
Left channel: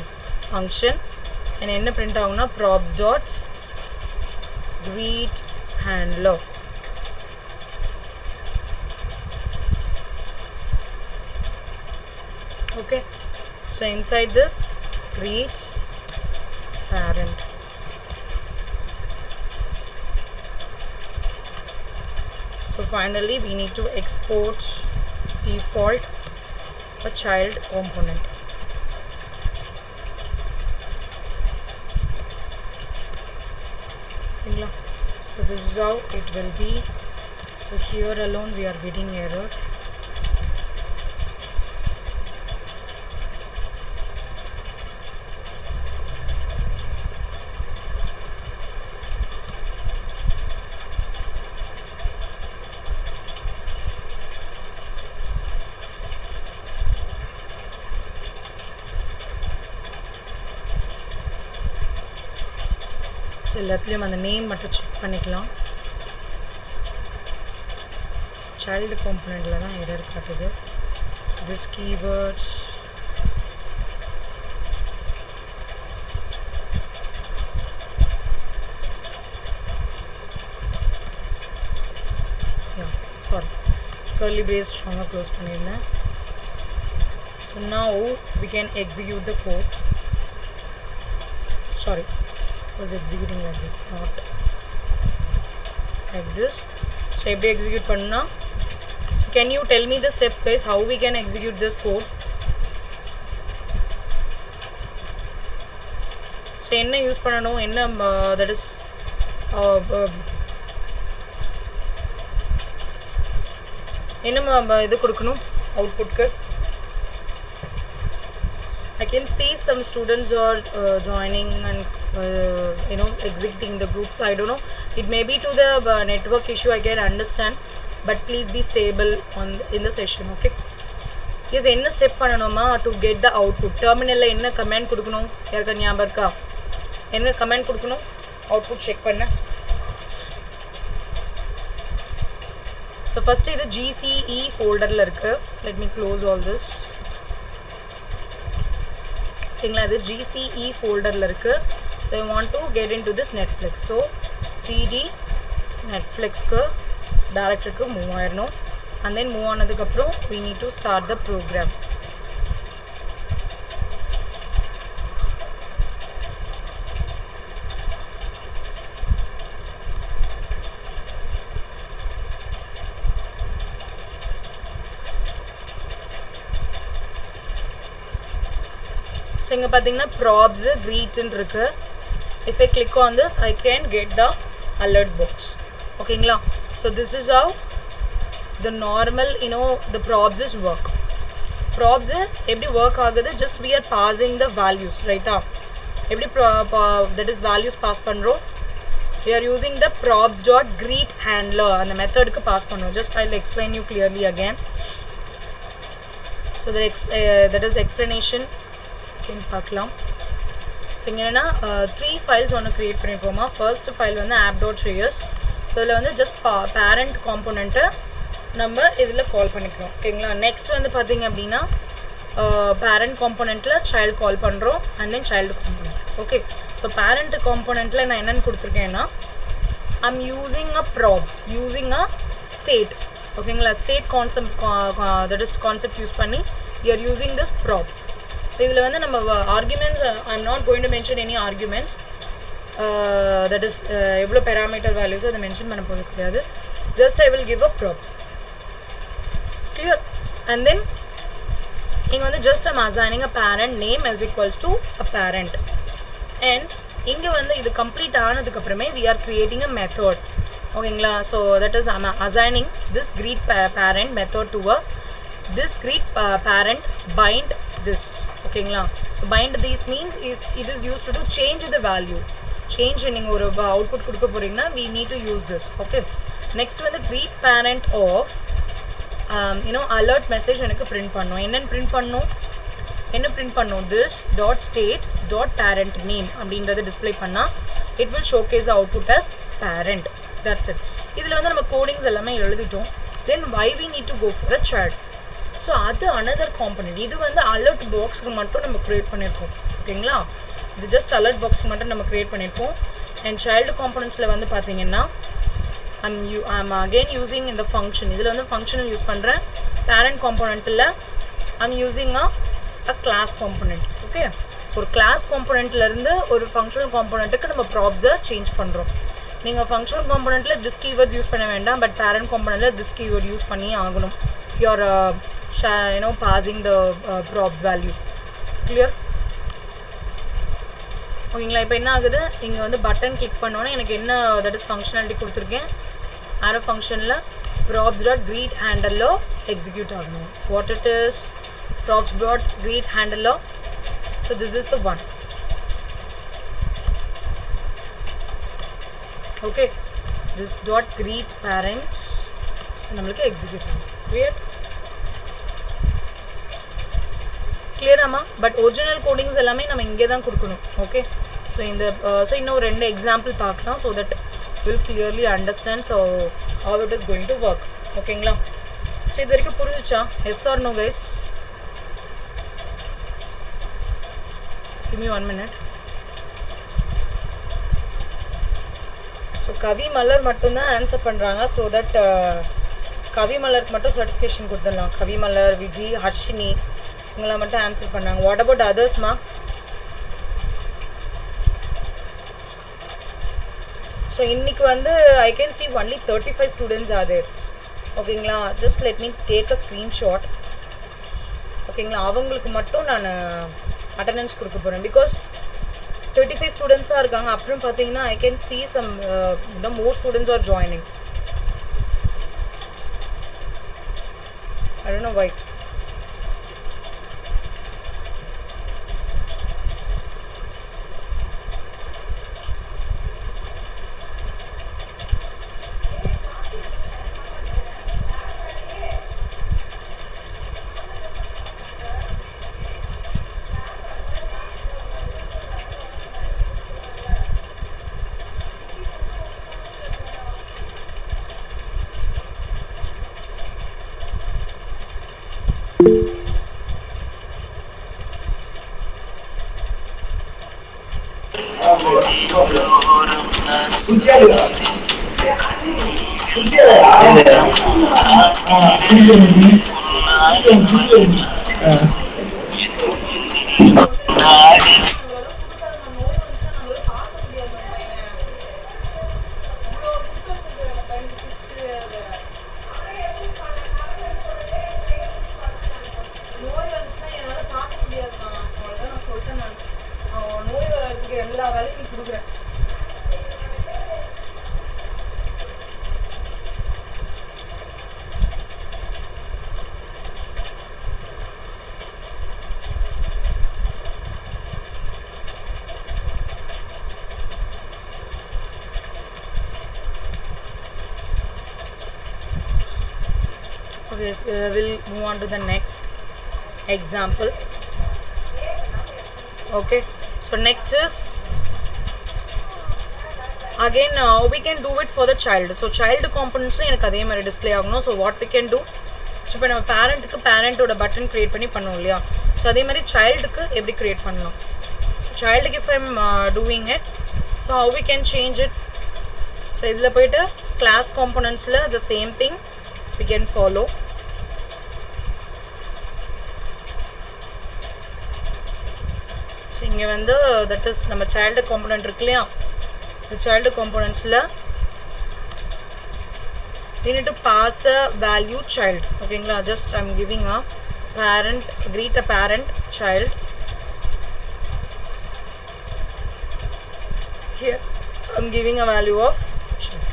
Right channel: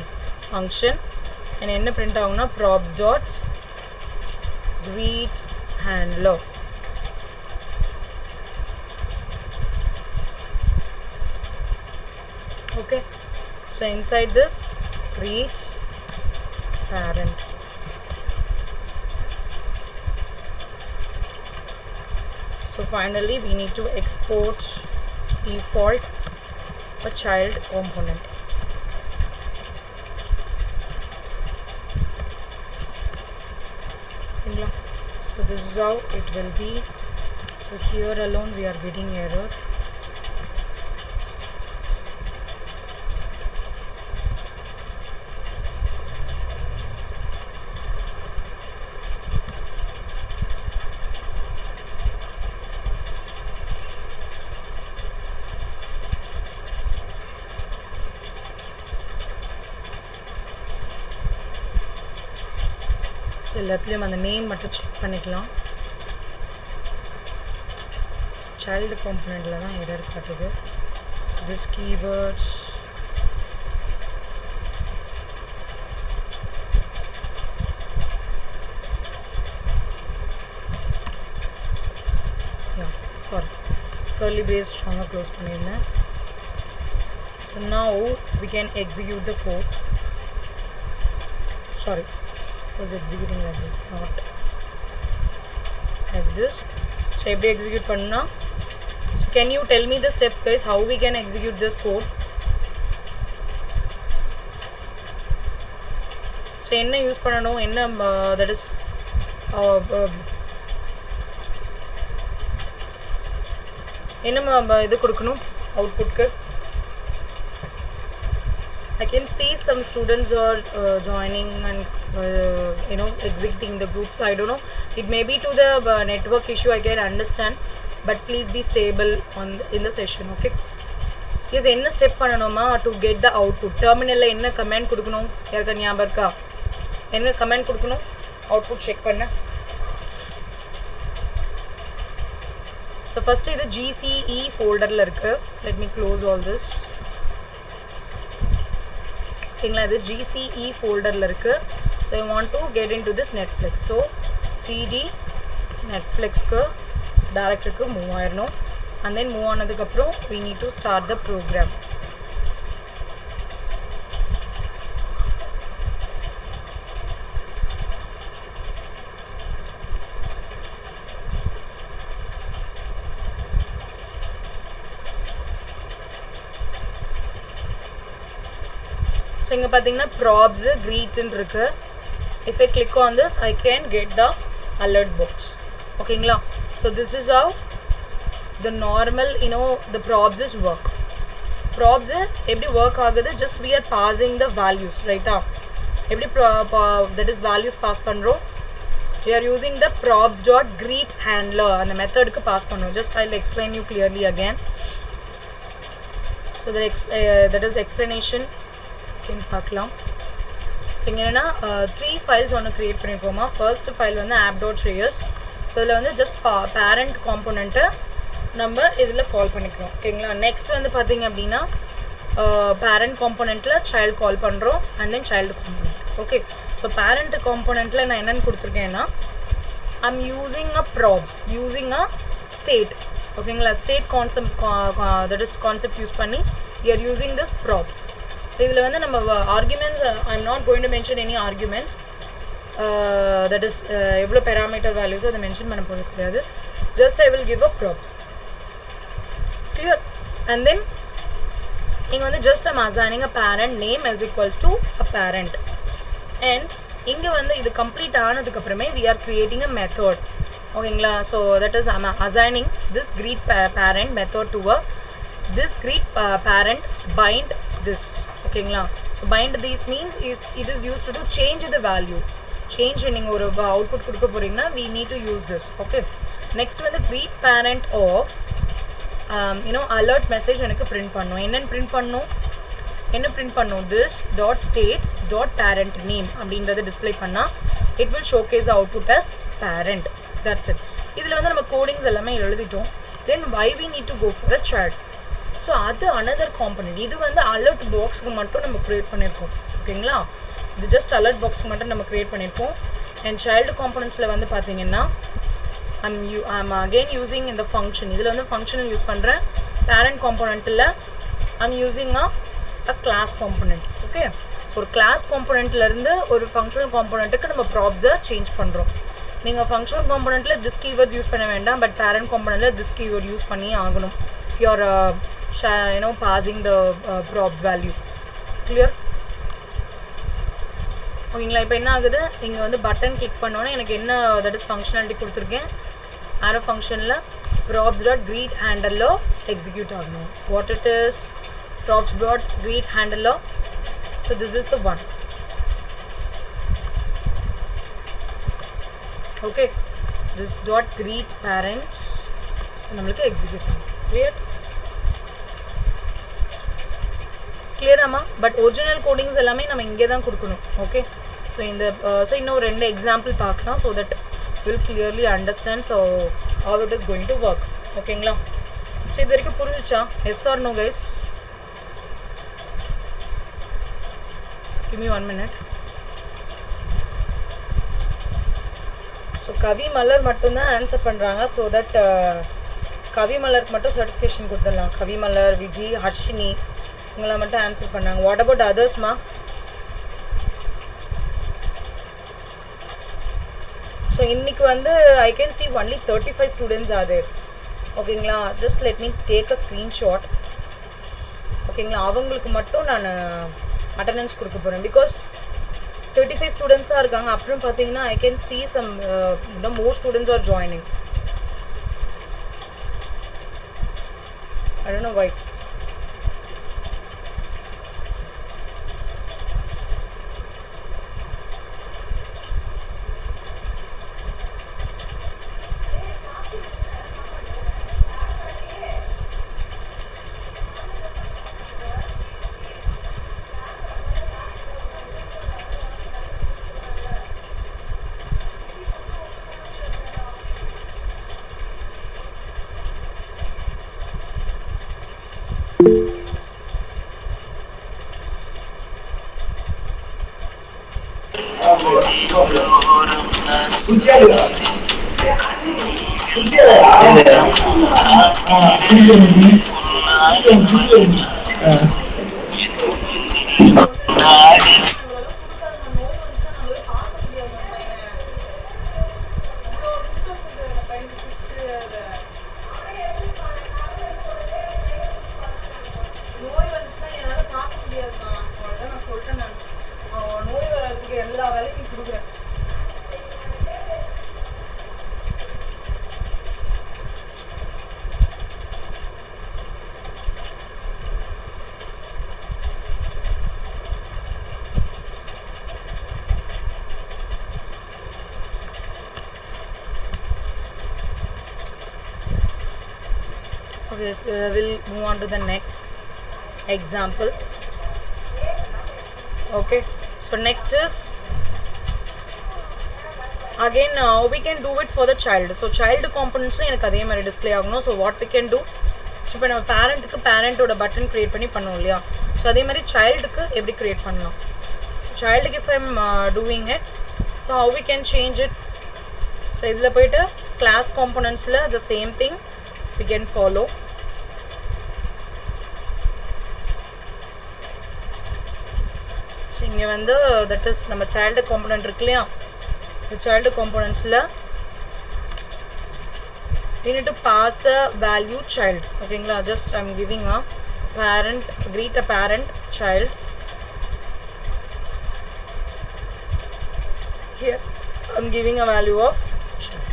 function and என்ன print ஆகும்னா props dot greet handler. Okay, so inside this greet parent, so finally we need to export default a child component. So this is how it will be. So here alone we are getting error. So எல்லாத்துலயும் அந்த நேம் மட்டும் செக் பண்ணிக்கலாம். child componentல தான் error காட்டுது. So this keyword, yeah, sorry, curly brace strong close பண்ணிருந்தேன். So now we can execute the code. Sorry, was executing like this, not like this. So எப்படி execute பண்ணா? So can you tell me the steps, guys, how we can execute this code? So என்ன யூஸ் பண்ணனும், என்ன that is என்ன இது கொடுக்கணும் அவுட்புட்க்கு? I can see some students are joining and exiting the groups. I don't know, it may be to the network issue, I can understand, but please be stable in the session. Okay, yes, enna step பண்ணனுமா to get the output? Terminal la enna command கொடுக்கணும், யாருக்கு ஞாபகம் இருக்கா? என்ன command கொடுக்கணும் output check பண்ண? So first இது GCE folder la இருக்கு. Let me close all this. ஓகேங்களா, இது GCE ஃபோல்டரில் இருக்குது. So I want to get in to this Netflix. So CD நெட்ஃப்ளிக்ஸ்க்கு டேரக்டருக்கு மூவ் ஆயிடணும். அண்ட் தென் மூவ் ஆனதுக்கப்புறம் we need to start the program. So இங்க பாத்தீங்கன்னா props greet ன்னு இருக்கு. If I click on this, I can get the alert box. ஓகேங்களா, so this is how the normal the props is work. Props எப்படி work ஆகுது, just we are passing the values, right? எப்படி that is values pass பண்றோம், we are using the props dot greet handler அந்த மெத்தட்க்கு பாஸ் பண்றோம். just I'll explain you clearly again. So that is explanation பார்க்கலாம். ஸோ இங்கே என்னென்னா 3 ஃபைல்ஸ் ஒன்று க்ரியேட் பண்ணியிருக்கோமா. ஃபர்ஸ்ட் ஃபைல் வந்து app.js. ஸோ இதில் வந்து ஜஸ்ட் பேரண்ட் காம்போனண்ட்டை நம்ம இதில் கால் பண்ணிக்கிறோம். ஓகேங்களா, நெக்ஸ்ட் வந்து பார்த்திங்க அப்படின்னா பேரண்ட் காம்போனண்ட்டில் சைல்டு கால் பண்ணுறோம் and then child component. Okay, so parent காம்போனண்ட்டில் நான் என்னென்னு கொடுத்துருக்கேன்னா I'm using a props using a state. ஓகேங்களா, state that is concept use பண்ணி we are using this props. So இதில் வந்து நம்ம arguments I am not going to mention any arguments. That is எவ்வளோ பேராமீட்டர் வேல்யூஸோ அதை மென்ஷன் பண்ண போகிறது கிடையாது. Just I will give a props. Clear? And then இங்கே வந்து just I'm assigning a parent name as equals to a parent. அண்ட் இங்கே வந்து இது கம்ப்ளீட் ஆனதுக்கப்புறமே we are creating a method. ஓகேங்களா, so that is I'm assigning this greet parent method to a this greet parent bind this. ஓகேங்களா, so bind these means it is used to change the value. change நீங்கள் ஒரு output கொடுக்க போறீங்கன்னா we need to use this. Okay, next வந்து greet parent of alert message எனக்கு print பண்ணணும். என்னன்னு print பண்ணணும்? this dot state dot parent name அப்படின்றத display பண்ணா it will showcase the output as parent. That's it. இதில் வந்து நம்ம கோடிங்ஸ் எல்லாமே எழுதிட்டோம். Then why we need to go for a child? So அது another component. இது வந்து alert boxக்கு மட்டும் நம்ம create பண்ணியிருக்கோம். ஓகேங்களா? இது just alert boxக்கு மட்டும் நம்ம create பண்ணியிருக்கோம். And child componentsல வந்து பார்த்தீங்கன்னா I'm again using in the function. இதில் வந்து functional யூஸ் பண்ணுறேன். Parent componentல I'm using a class component. Okay, so ஒரு class componentல இருந்து ஒரு functional componentக்கு நம்ம props change பண்ணுறோம். நீங்கள் functional componentல this keywords யூஸ் பண்ண வேண்டாம், but parent componentல this keyword யூஸ் பண்ணி ஆகணும். If you are passing the props value. Clear? ஓகேங்களா? இப்போ என்ன ஆகுது, இங்கே வந்து பட்டன் கிளிக் பண்ணோன்னே எனக்கு என்ன that is functionality கொடுத்துருக்கேன். arrow functionல props dot greet handler execute ஆகணும். So what it is, props dot greet handler. So this is the one. Okay, this dot greet parents. So நம்மளுக்கு execute ஆகும். clear ஆமா? பட் ஒரிஜினல் கோடிங்ஸ் எல்லாமே நம்ம இங்கே தான் கொடுக்கணும். ஓகே, ஸோ இன்னும் ரெண்டு எக்ஸாம்பிள் பார்க்கலாம், so that will clearly understand so how it is going to work. ஓகேங்களா? ஸோ இது வரைக்கும் புரிஞ்சுச்சா? yes or no guys? give me 1 minute. So கவி மலர் மட்டும்தான் ஆன்சர் பண்ணுறாங்க, ஸோ தட் கவி மலருக்கு மட்டும் சர்டிஃபிகேஷன் கொடுத்துடலாம். கவி மலர், விஜி, ஹர்ஷினி இவங்களாம் மட்டும் ஆன்சர் பண்ணாங்க. வாட் அபவுட் அதர்ஸ்மா? ஸோ இன்னைக்கு வந்து I can see only 35 students are there. ஓகேங்களா? Just let me take a screenshot. ஓகேங்களா? அவங்களுக்கு மட்டும் நான் அட்டண்டன்ஸ் கொடுக்க போகிறேன். பிகாஸ் 35 students தான் இருக்காங்க. அப்புறம் பார்த்தீங்கன்னா I can see some more students are joining. I don't know why. Okay, so we'll move on to the next example. Okay, so next is again we can do it for the child. So child components la enakku adhe mari display agano. So what we can do, so ipo nama parent ku parent oda button create panni pannom illaya, so adhe mari child ku eppadi create pannalam. So child ku if I'm doing it, so how we can change it, so idhula poita class components la the same thing we can follow. So இங்க வந்து that is நம்ம child component இருக்குலையா, the child components la we need to pass a value child. ஓகேங்களா? just I'm giving a parent, greet a parent child. Here I'm giving a value of child.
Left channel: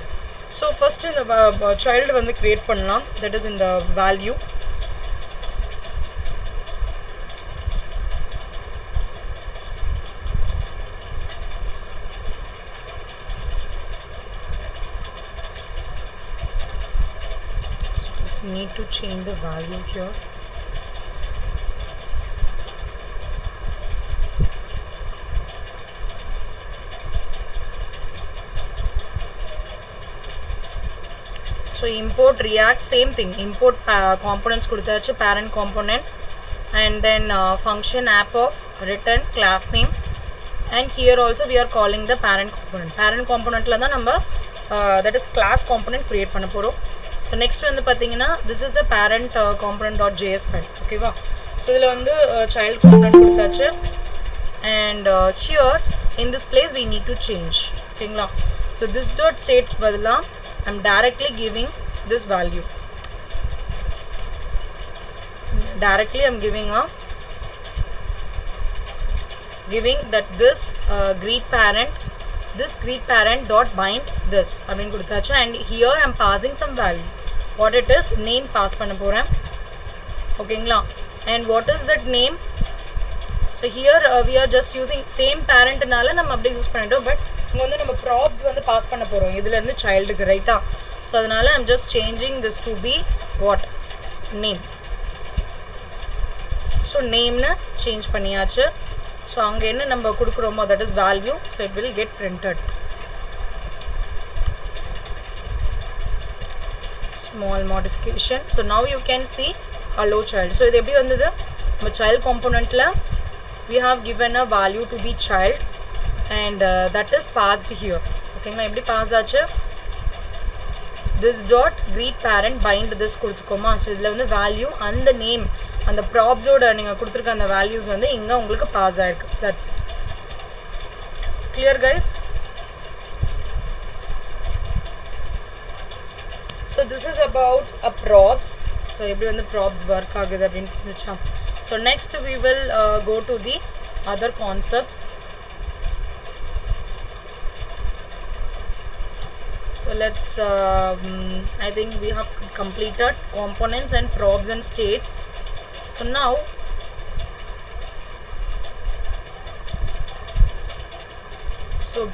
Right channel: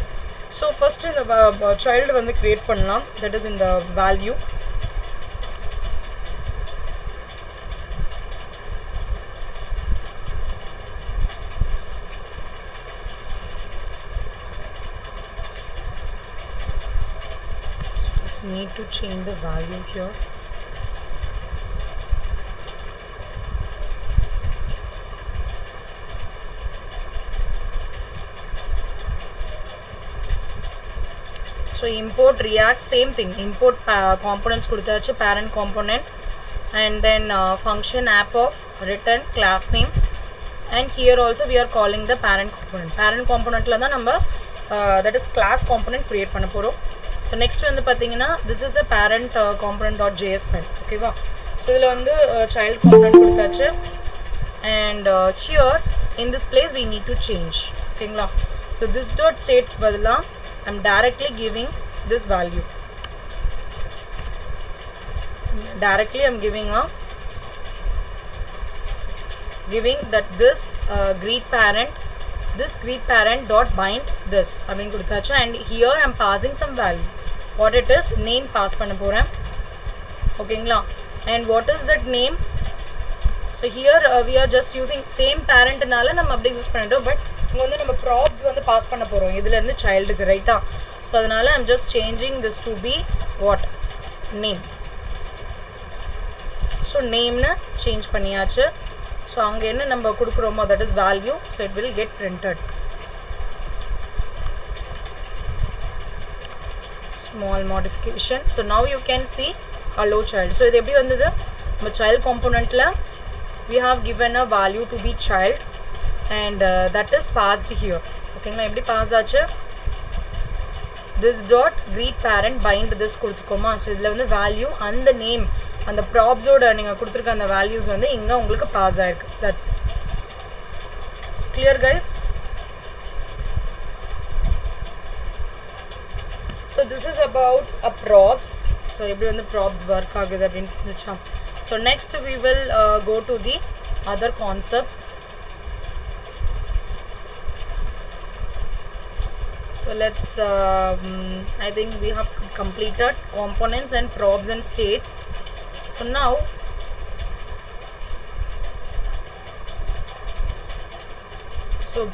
So first in the child வந்து create பண்ணலாம், that is in the value. need to change the value here. So import React, same thing, import components kuduthachu, parent component, and then function app of return class name, and here also we are calling the parent component la da number that is class component create panna porom. So next வந்து பாத்தீங்கன்னா this is a parent component.js file. Okay va, so idhula vandu child component கொடுத்தாச்சு, and here in this place we need to change. Okay, so this dot state badala I'm directly giving this value. I'm giving that this greet parent dot bind this அப்படினு கொடுத்தாச்சு, and here I'm passing some value. What it is, name pass பண்ண போறேன். ஓகேங்களா, and what is that name? So here we are just using same parent னால நம்ம அப்படியே யூஸ் பண்ணிட்டோம், பட் இங்க வந்து நம்ம props வந்து பாஸ் பண்ண போறோம் இதுல இருந்து childக்கு, ரைட்டா? So அதனால I'm just changing this to be what, name. So name ன change பண்ணியாச்சு. So அங்க என்ன நம்ம கொடுக்கிறோமோ that is value, so it will get printed. Small modification. So now you can see hello child. So இது எப்படி வந்தது, நம்ம child componentல we have given a value to be child, and that is passed here. ஓகேங்களா, எப்படி பாஸ் ஆச்சு, this dot greet parent bind this கொடுத்துக்கோமா. ஸோ இதில் வந்து வேல்யூ அந்த நேம் அந்த ப்ராப்ஸோட நீங்கள் கொடுத்துருக்க அந்த வேல்யூஸ் வந்து இங்கே உங்களுக்கு பாஸ் ஆயிருக்கு. That's it. Clear guys? So this is about a props. ஸோ எப்படி வந்து ப்ராப்ஸ் ஒர்க் ஆகுது அப்படின்னு இருந்துச்சா. So next we will go to the other concepts. So let's I think we have completed components and probes and states. So now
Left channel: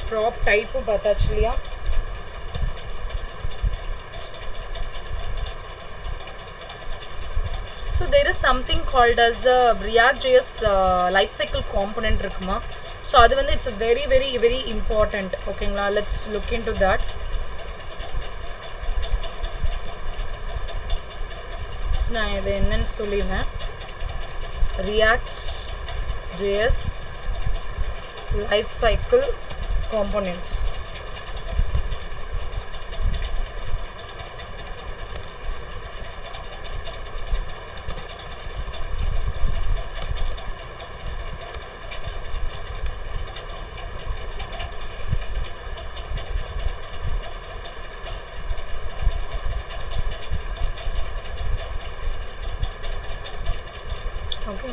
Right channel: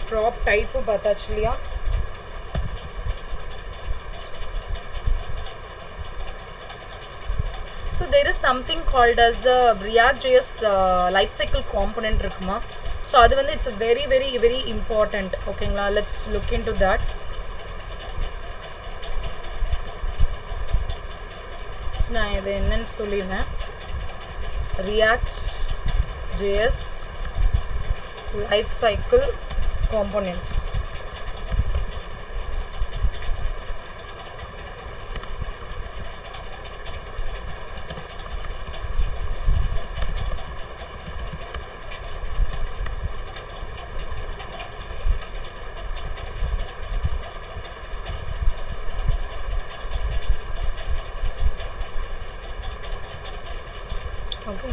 prop type pata chliya. So there is something called as React.js lifecycle component irukuma. So adu vandu it's very very very important. Okay, let's look into that. நான் இது என்னன்னு சொல்லிடுறேன். React.js lifecycle components. Okay,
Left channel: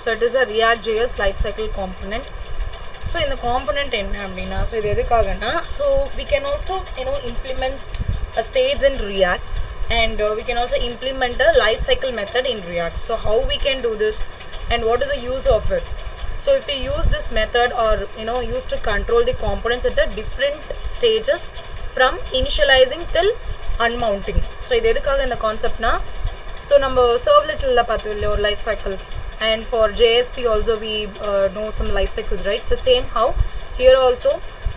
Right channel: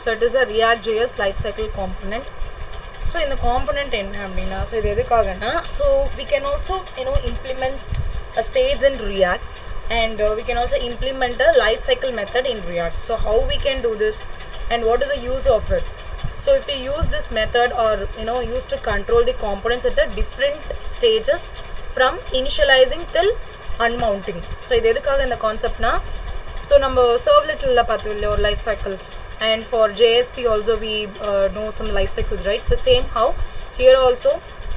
so it is a React.js lifecycle component. So in the component enna appadina, so idu edukagana, so we can also implement a states in React, and we can also implement a lifecycle method in React. So how we can do this and what is the use of it? So if we use this method or use to control the components at the different stages from initializing till unmounting. So idu edukaga indha concept na. So number servlet la pathilla or life cycle, and for JSP also we know some life cycles, right? The same how here also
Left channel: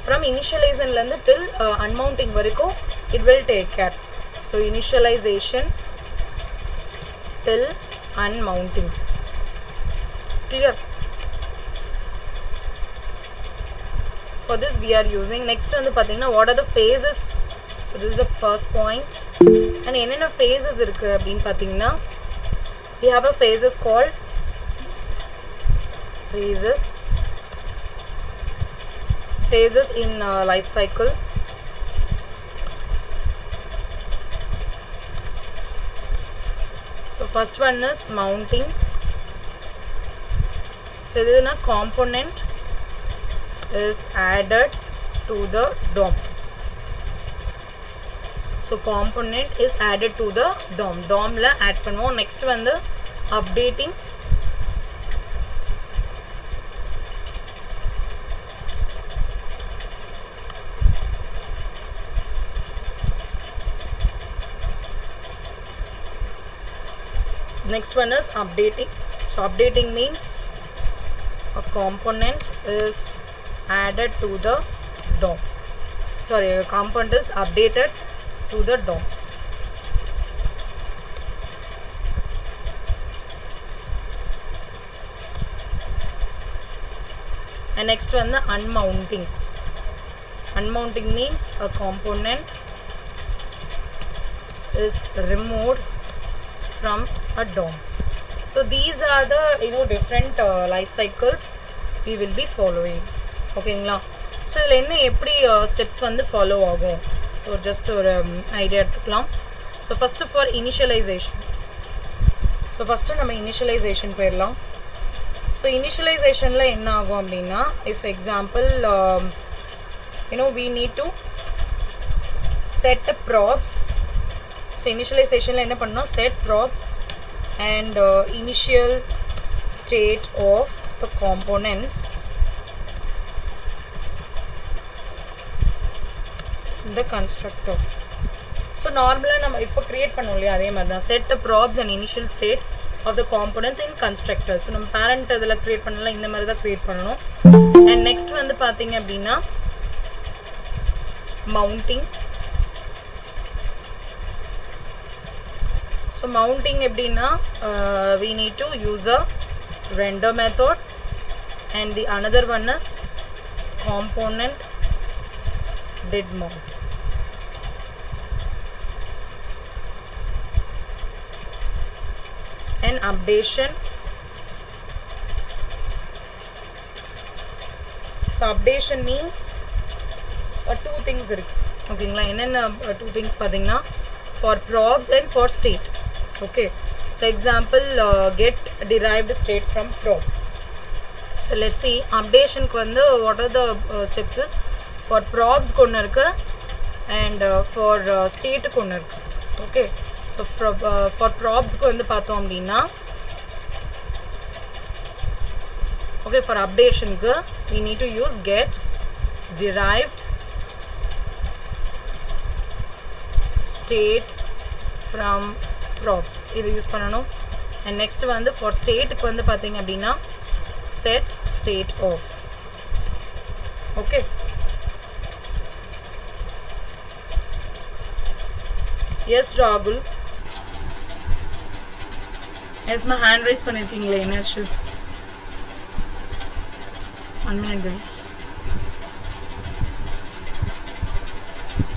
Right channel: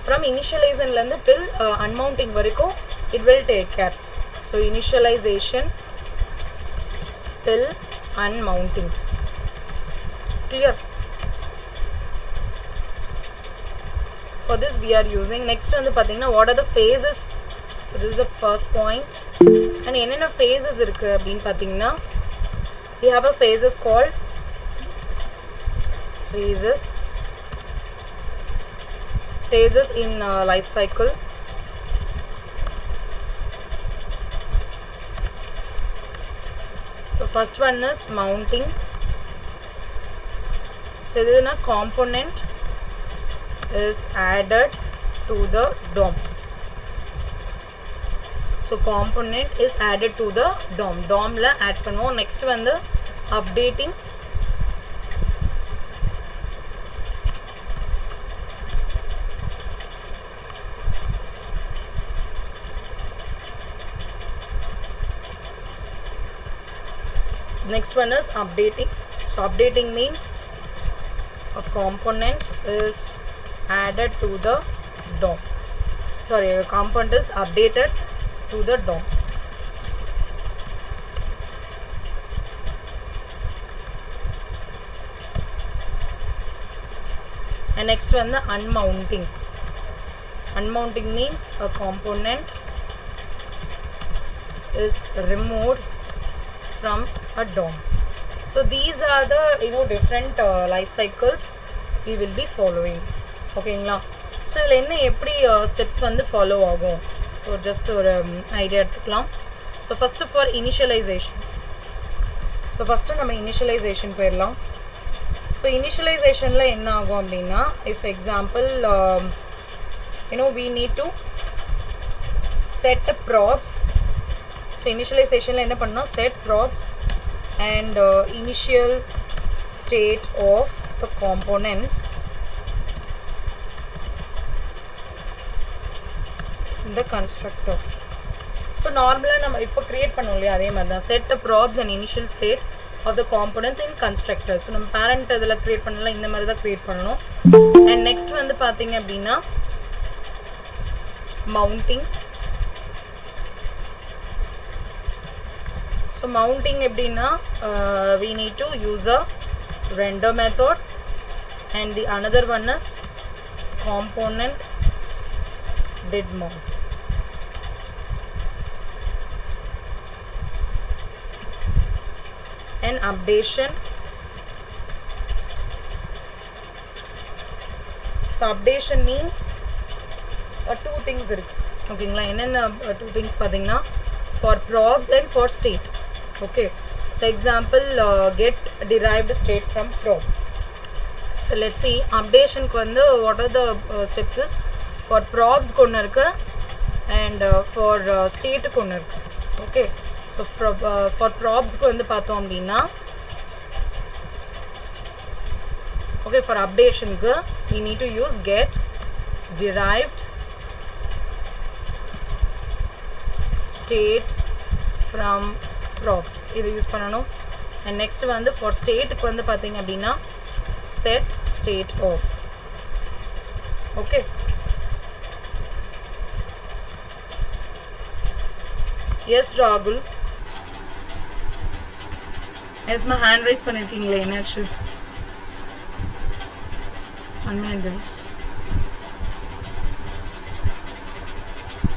from initialization landa till unmounting variko it will take care. So initialization till unmounting. Clear? For this we are using next one pathina what are the phases. So this is the first point, and enna phases irukku appdin pathina we have a phases called phases in life cycle. So first one is mounting. So this is a component is added to the DOM. So component is added to the DOM la add பண்ணுவோம். next வந்து updating. Next one is updating. So updating means a component is added to the DOM. Sorry, a component is updated to the DOM. And next one, the unmounting. Unmounting means a component is removed from a DOM. So these are the different life cycles we will be following. Okay, so இதில் என்ன எப்படி steps வந்து follow ஆகும். So just ஒரு idea எடுத்துக்கலாம். So first for initialization. So first நம்ம initialization போயிடலாம். So initializationல என்ன ஆகும் அப்படின்னா, if example we need to set props. So initializationல என்ன பண்ணணும், set props and initial state of the components in the constructor. So normally நம்ம இப்போ create பண்ணோம் இல்லையா, அதே மாதிரி தான் set the props and initial state of the components in constructor. So நம்ம parent இதில் create பண்ணலாம், இந்த மாதிரி தான் create பண்ணணும். And next வந்து பார்த்தீங்க அப்படின்னா mounting. So mounting எப்படின்னா we need to use a render method and the another one is component did mount. And updation. So updation means two things இருக்கு. ஓகேங்களா, என்னென்ன two things பார்த்தீங்கன்னா for props and for state. Okay, so example get derived state from props. So let's see, updation க்கு வந்து what are the steps is for props க்கு ஒன்று இருக்கு and for state க்கு ஒன்று இருக்கு. Okay, so for props க்கு வந்து பார்த்தோம் அப்படின்னா, okay, for updation க்கு we need to use get derived state from props. இது யூஸ் பண்ணணும். and next வந்து for state க்கு வந்து பார்த்தீங்க அப்படின்னா set state of. okay, yes Rahul, yes my hand raise பண்ணிருக்கீங்களே, என்னாச்சு? 1 minute guys.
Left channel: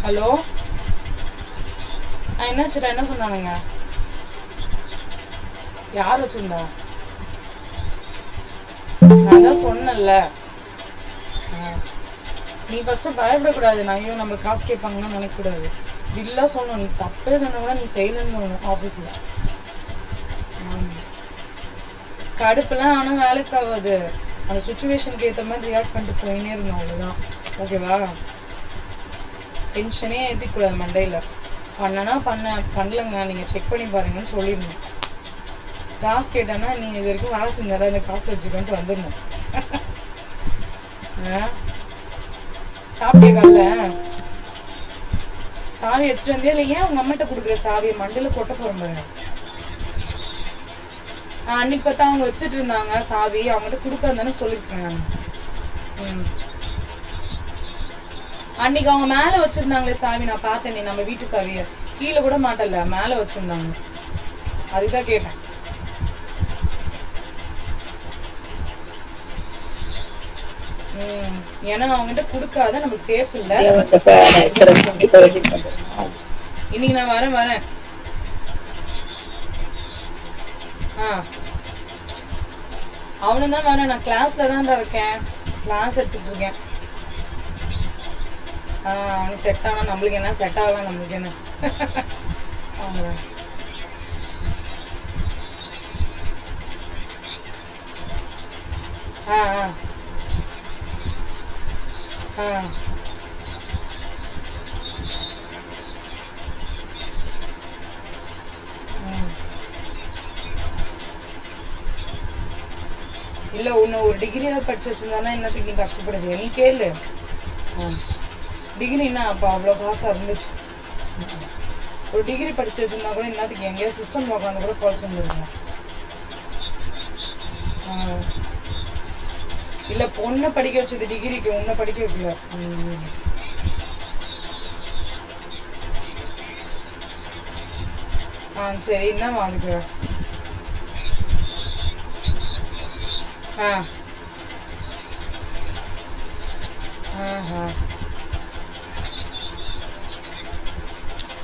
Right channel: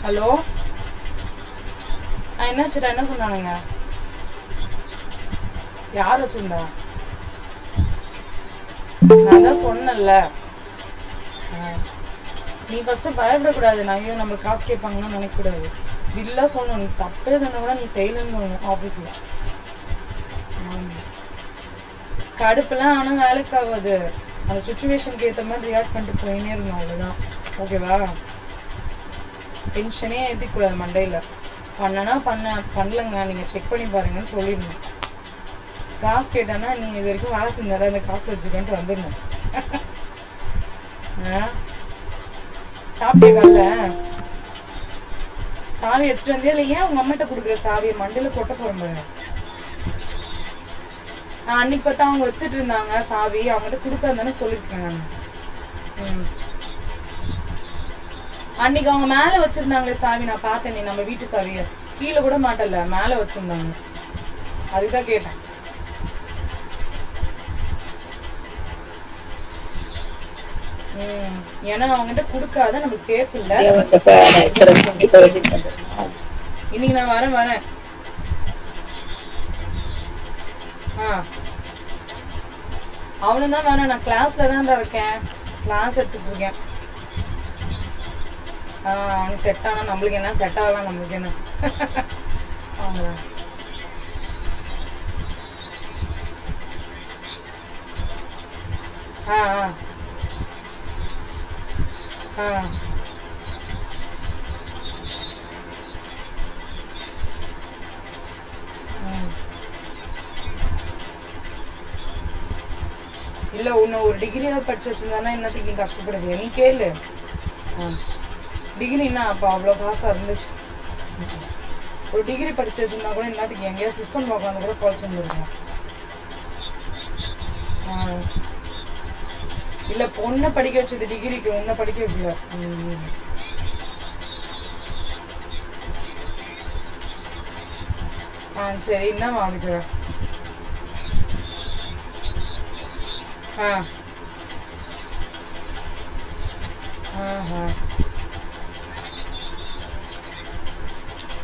ஹலோ, என்னாச்சுடா, என்ன சொன்னானுங்க? யார் வச்சிருந்தா? நான் தான் சொன்னல, நீ ஃபர்ஸ்ட் பயப்படக்கூடாது. நான் ஐயோ நம்ம காசு கேட்பாங்கன்னு நினைக்கக்கூடாது. இல்ல சொல்லணும், நீ தப்பே சொன்ன கூட நீ செய்யலன்னு சொல்லணும் ஆஃபீஸில். கடுப்புலாம் ஆனால் வேலைக்கு ஆகாது. அந்த சுச்சுவேஷனுக்கு ஏற்ற மாதிரி ரியாக்ட் பண்ணிட்டு போயினே இருக்கணும், அவ்வளோதான். ஓகேவா? டென்ஷனே ஏற்றிக்கூடாது மண்டையில். பண்ணனா பண்ணலங்க, நீங்கள் செக் பண்ணி பாருங்கன்னு சொல்லிடணும். காசு கேட்டேன்னா நீ இது வரைக்கும் வேலை செஞ்சால அந்த காசு வச்சுக்கன்ட்டு வந்துடணும். சாப்பிட்டே கால சாவி எடுத்துட்டு வந்தே இல்லை? ஏன் உங்க அம்மாட்ட கொடுக்குற சாவியை மண்டையில கொட்ட போறேன். அன்னைக்கு பார்த்தா அவங்க வச்சுட்டு இருந்தாங்க சாவி, அவங்ககிட்ட கொடுக்காதானே சொல்லிருக்கேன் நான். அன்னைக்கு அவங்க மேல வச்சிருந்தாங்களே சாவி, நான் பார்த்தேனே, நம்ம வீட்டு சாவிய கீழே கூட மாட்டல, மேல வச்சிருந்தாங்க. அதுதான் கேட்டேன். ஏன்னா அவங்ககிட்ட கொடுக்காத நமக்கு சேஃப் இல்ல. இன்னைக்கு நான் வரேன். அவனும் தான் வரேன். நான் கிளாஸ்ல தான் இருக்கேன், கிளாஸ் எடுத்துட்டு இருக்கேன். அவனுக்கு செட் ஆனா நம்மளுக்கு என்ன, செட் ஆகலாம் நம்மளுக்கு என்ன. அவங்க இல்லை உன்னை ஒரு டிகிரி ஏதாவது படிச்சு வச்சிருந்தானா என்னத்துக்கு நீ கஷ்டப்படுது? நீ கேளு. டிகிரின்னா அப்போ அவ்வளோ காசாக இருந்துச்சு. ஒரு டிகிரி படிச்சு வச்சிருந்தா கூட என்னத்துக்கு எங்கேயா சிஸ்டம் உட்காந்து கூட குறைச்சி வந்துருக்கோம். இல்லை பொண்ணை படிக்க வச்சது டிகிரிக்கு, உன்னை படிக்க வைக்கல. சரி என்னம்மா அதுக்கு?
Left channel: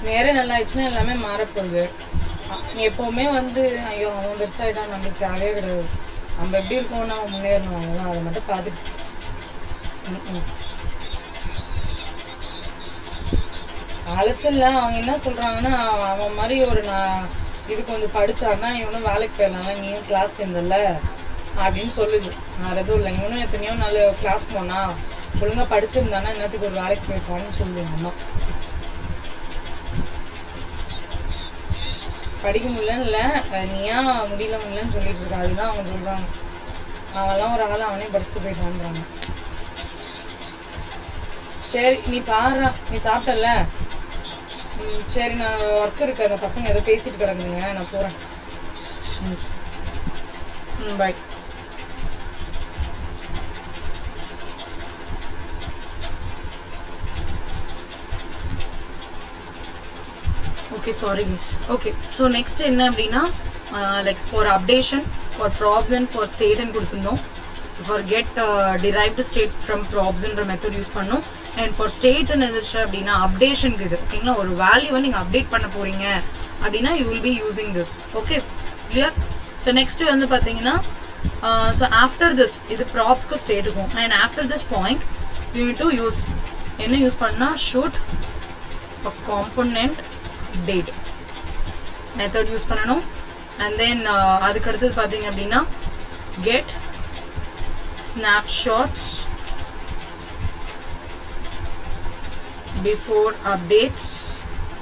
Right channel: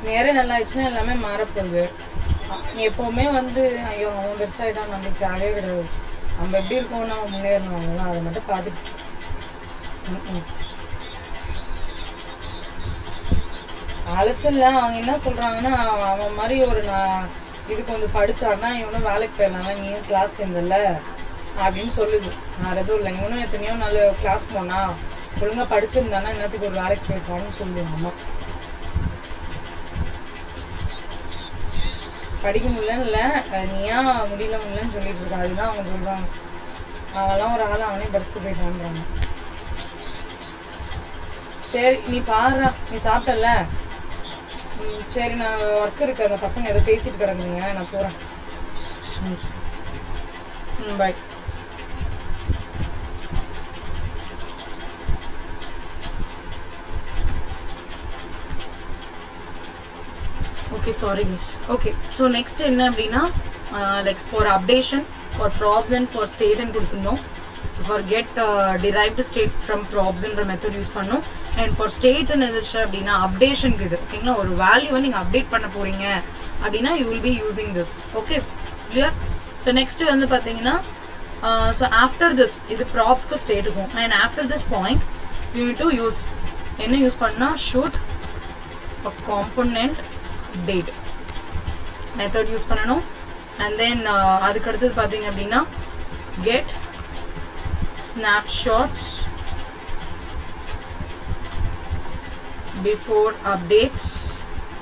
நேரம் நல்லா ஆயிடுச்சுன்னா எல்லாமே மாறப்போகுது. நீ எப்போவுமே ஐயோ அவன் பெருசாகிட்டான் நம்மளுக்கு தேவையே கிடையாது, நம்ம எப்படி இருக்கோம் நம்ம முன்னேறணும், அவ்வளோதான். அதை மட்டும் பார்த்துட்டு அழைச்சிடல. அவங்க என்ன சொல்கிறாங்கன்னா, அவன் மாதிரி ஒரு இது கொஞ்சம் படித்தான்னா இவனும் வேலைக்கு போயிடலாம்ல, நீயும் கிளாஸ் சேர்ந்தல அப்படின்னு சொல்லுது. வேறு எதுவும் இல்லை. இவனும் எத்தனையோ நல்ல கிளாஸ் போனா ஒழுங்காக படிச்சிருந்தானா என்னத்துக்கு ஒரு வேலைக்கு போயிருப்பான்னு சொல்லுவாங்க அம்மா. படிக்க முடியலன்னு இல்லை, நீயா முடியலன்னு சொல்லிட்டு இருக்க, அதுதான் அவங்க சொல்கிறாங்க. அவெல்லாம் ஒரு ஆள் அவனே படிச்சுட்டு போயிட்டான்றாங்க. சரி நீ பாடுறா, நீ சாப்பிட்டல? சரி நான் ஒர்க் இருக்கு, அந்த பசங்க ஏதோ பேசிட்டு கிடக்குதுங்க, நான் போகிறேன். Bye. Okay sorry miss. Okay so next என்ன அப்படின்னா, like for updation for props and for ஸ்டேட்னு கொடுத்துருந்தோம். So for get derived state from ப்ராப்ஸ்ன்ற மெத்தட் யூஸ் பண்ணோம். அண்ட் ஃபார் ஸ்டேட்னு இருந்துச்சு அப்படின்னா அப்டேஷனுக்கு இது ஓகேங்களா. ஒரு வேல்யூவை நீங்கள் அப்டேட் பண்ண போகிறீங்க அப்படின்னா you will be using this. Okay clear. So next பார்த்தீங்கன்னா, ஸோ ஆஃப்டர் திஸ் இது ப்ராப்ஸ்க்கு ஸ்டேட்டுக்கும். And after this point you need to use என்ன யூஸ் பண்ணால் should component update method use பண்ணணும். அண்ட் தென் அதுக்கு அடுத்தது பார்த்தீங்க அப்படின்னா get snapshots before updates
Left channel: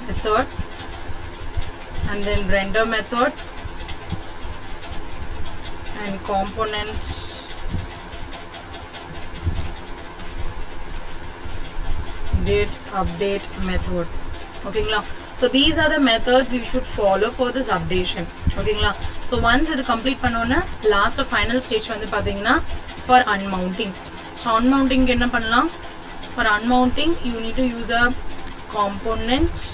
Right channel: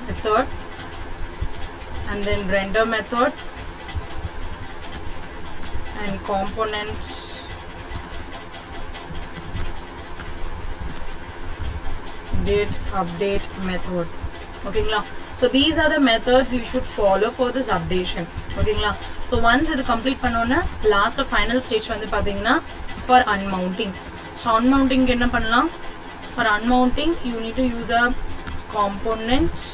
method, and then render method and components date update method. ஓகேங்களா. So these are the methods you should follow for this updation. ஓகேங்களா. So once இது complete பண்ணோன்னே last final stage பார்த்தீங்கன்னா for unmounting. So அன்மவுண்டிங்க்கு என்ன பண்ணலாம்? For unmounting you need to use a components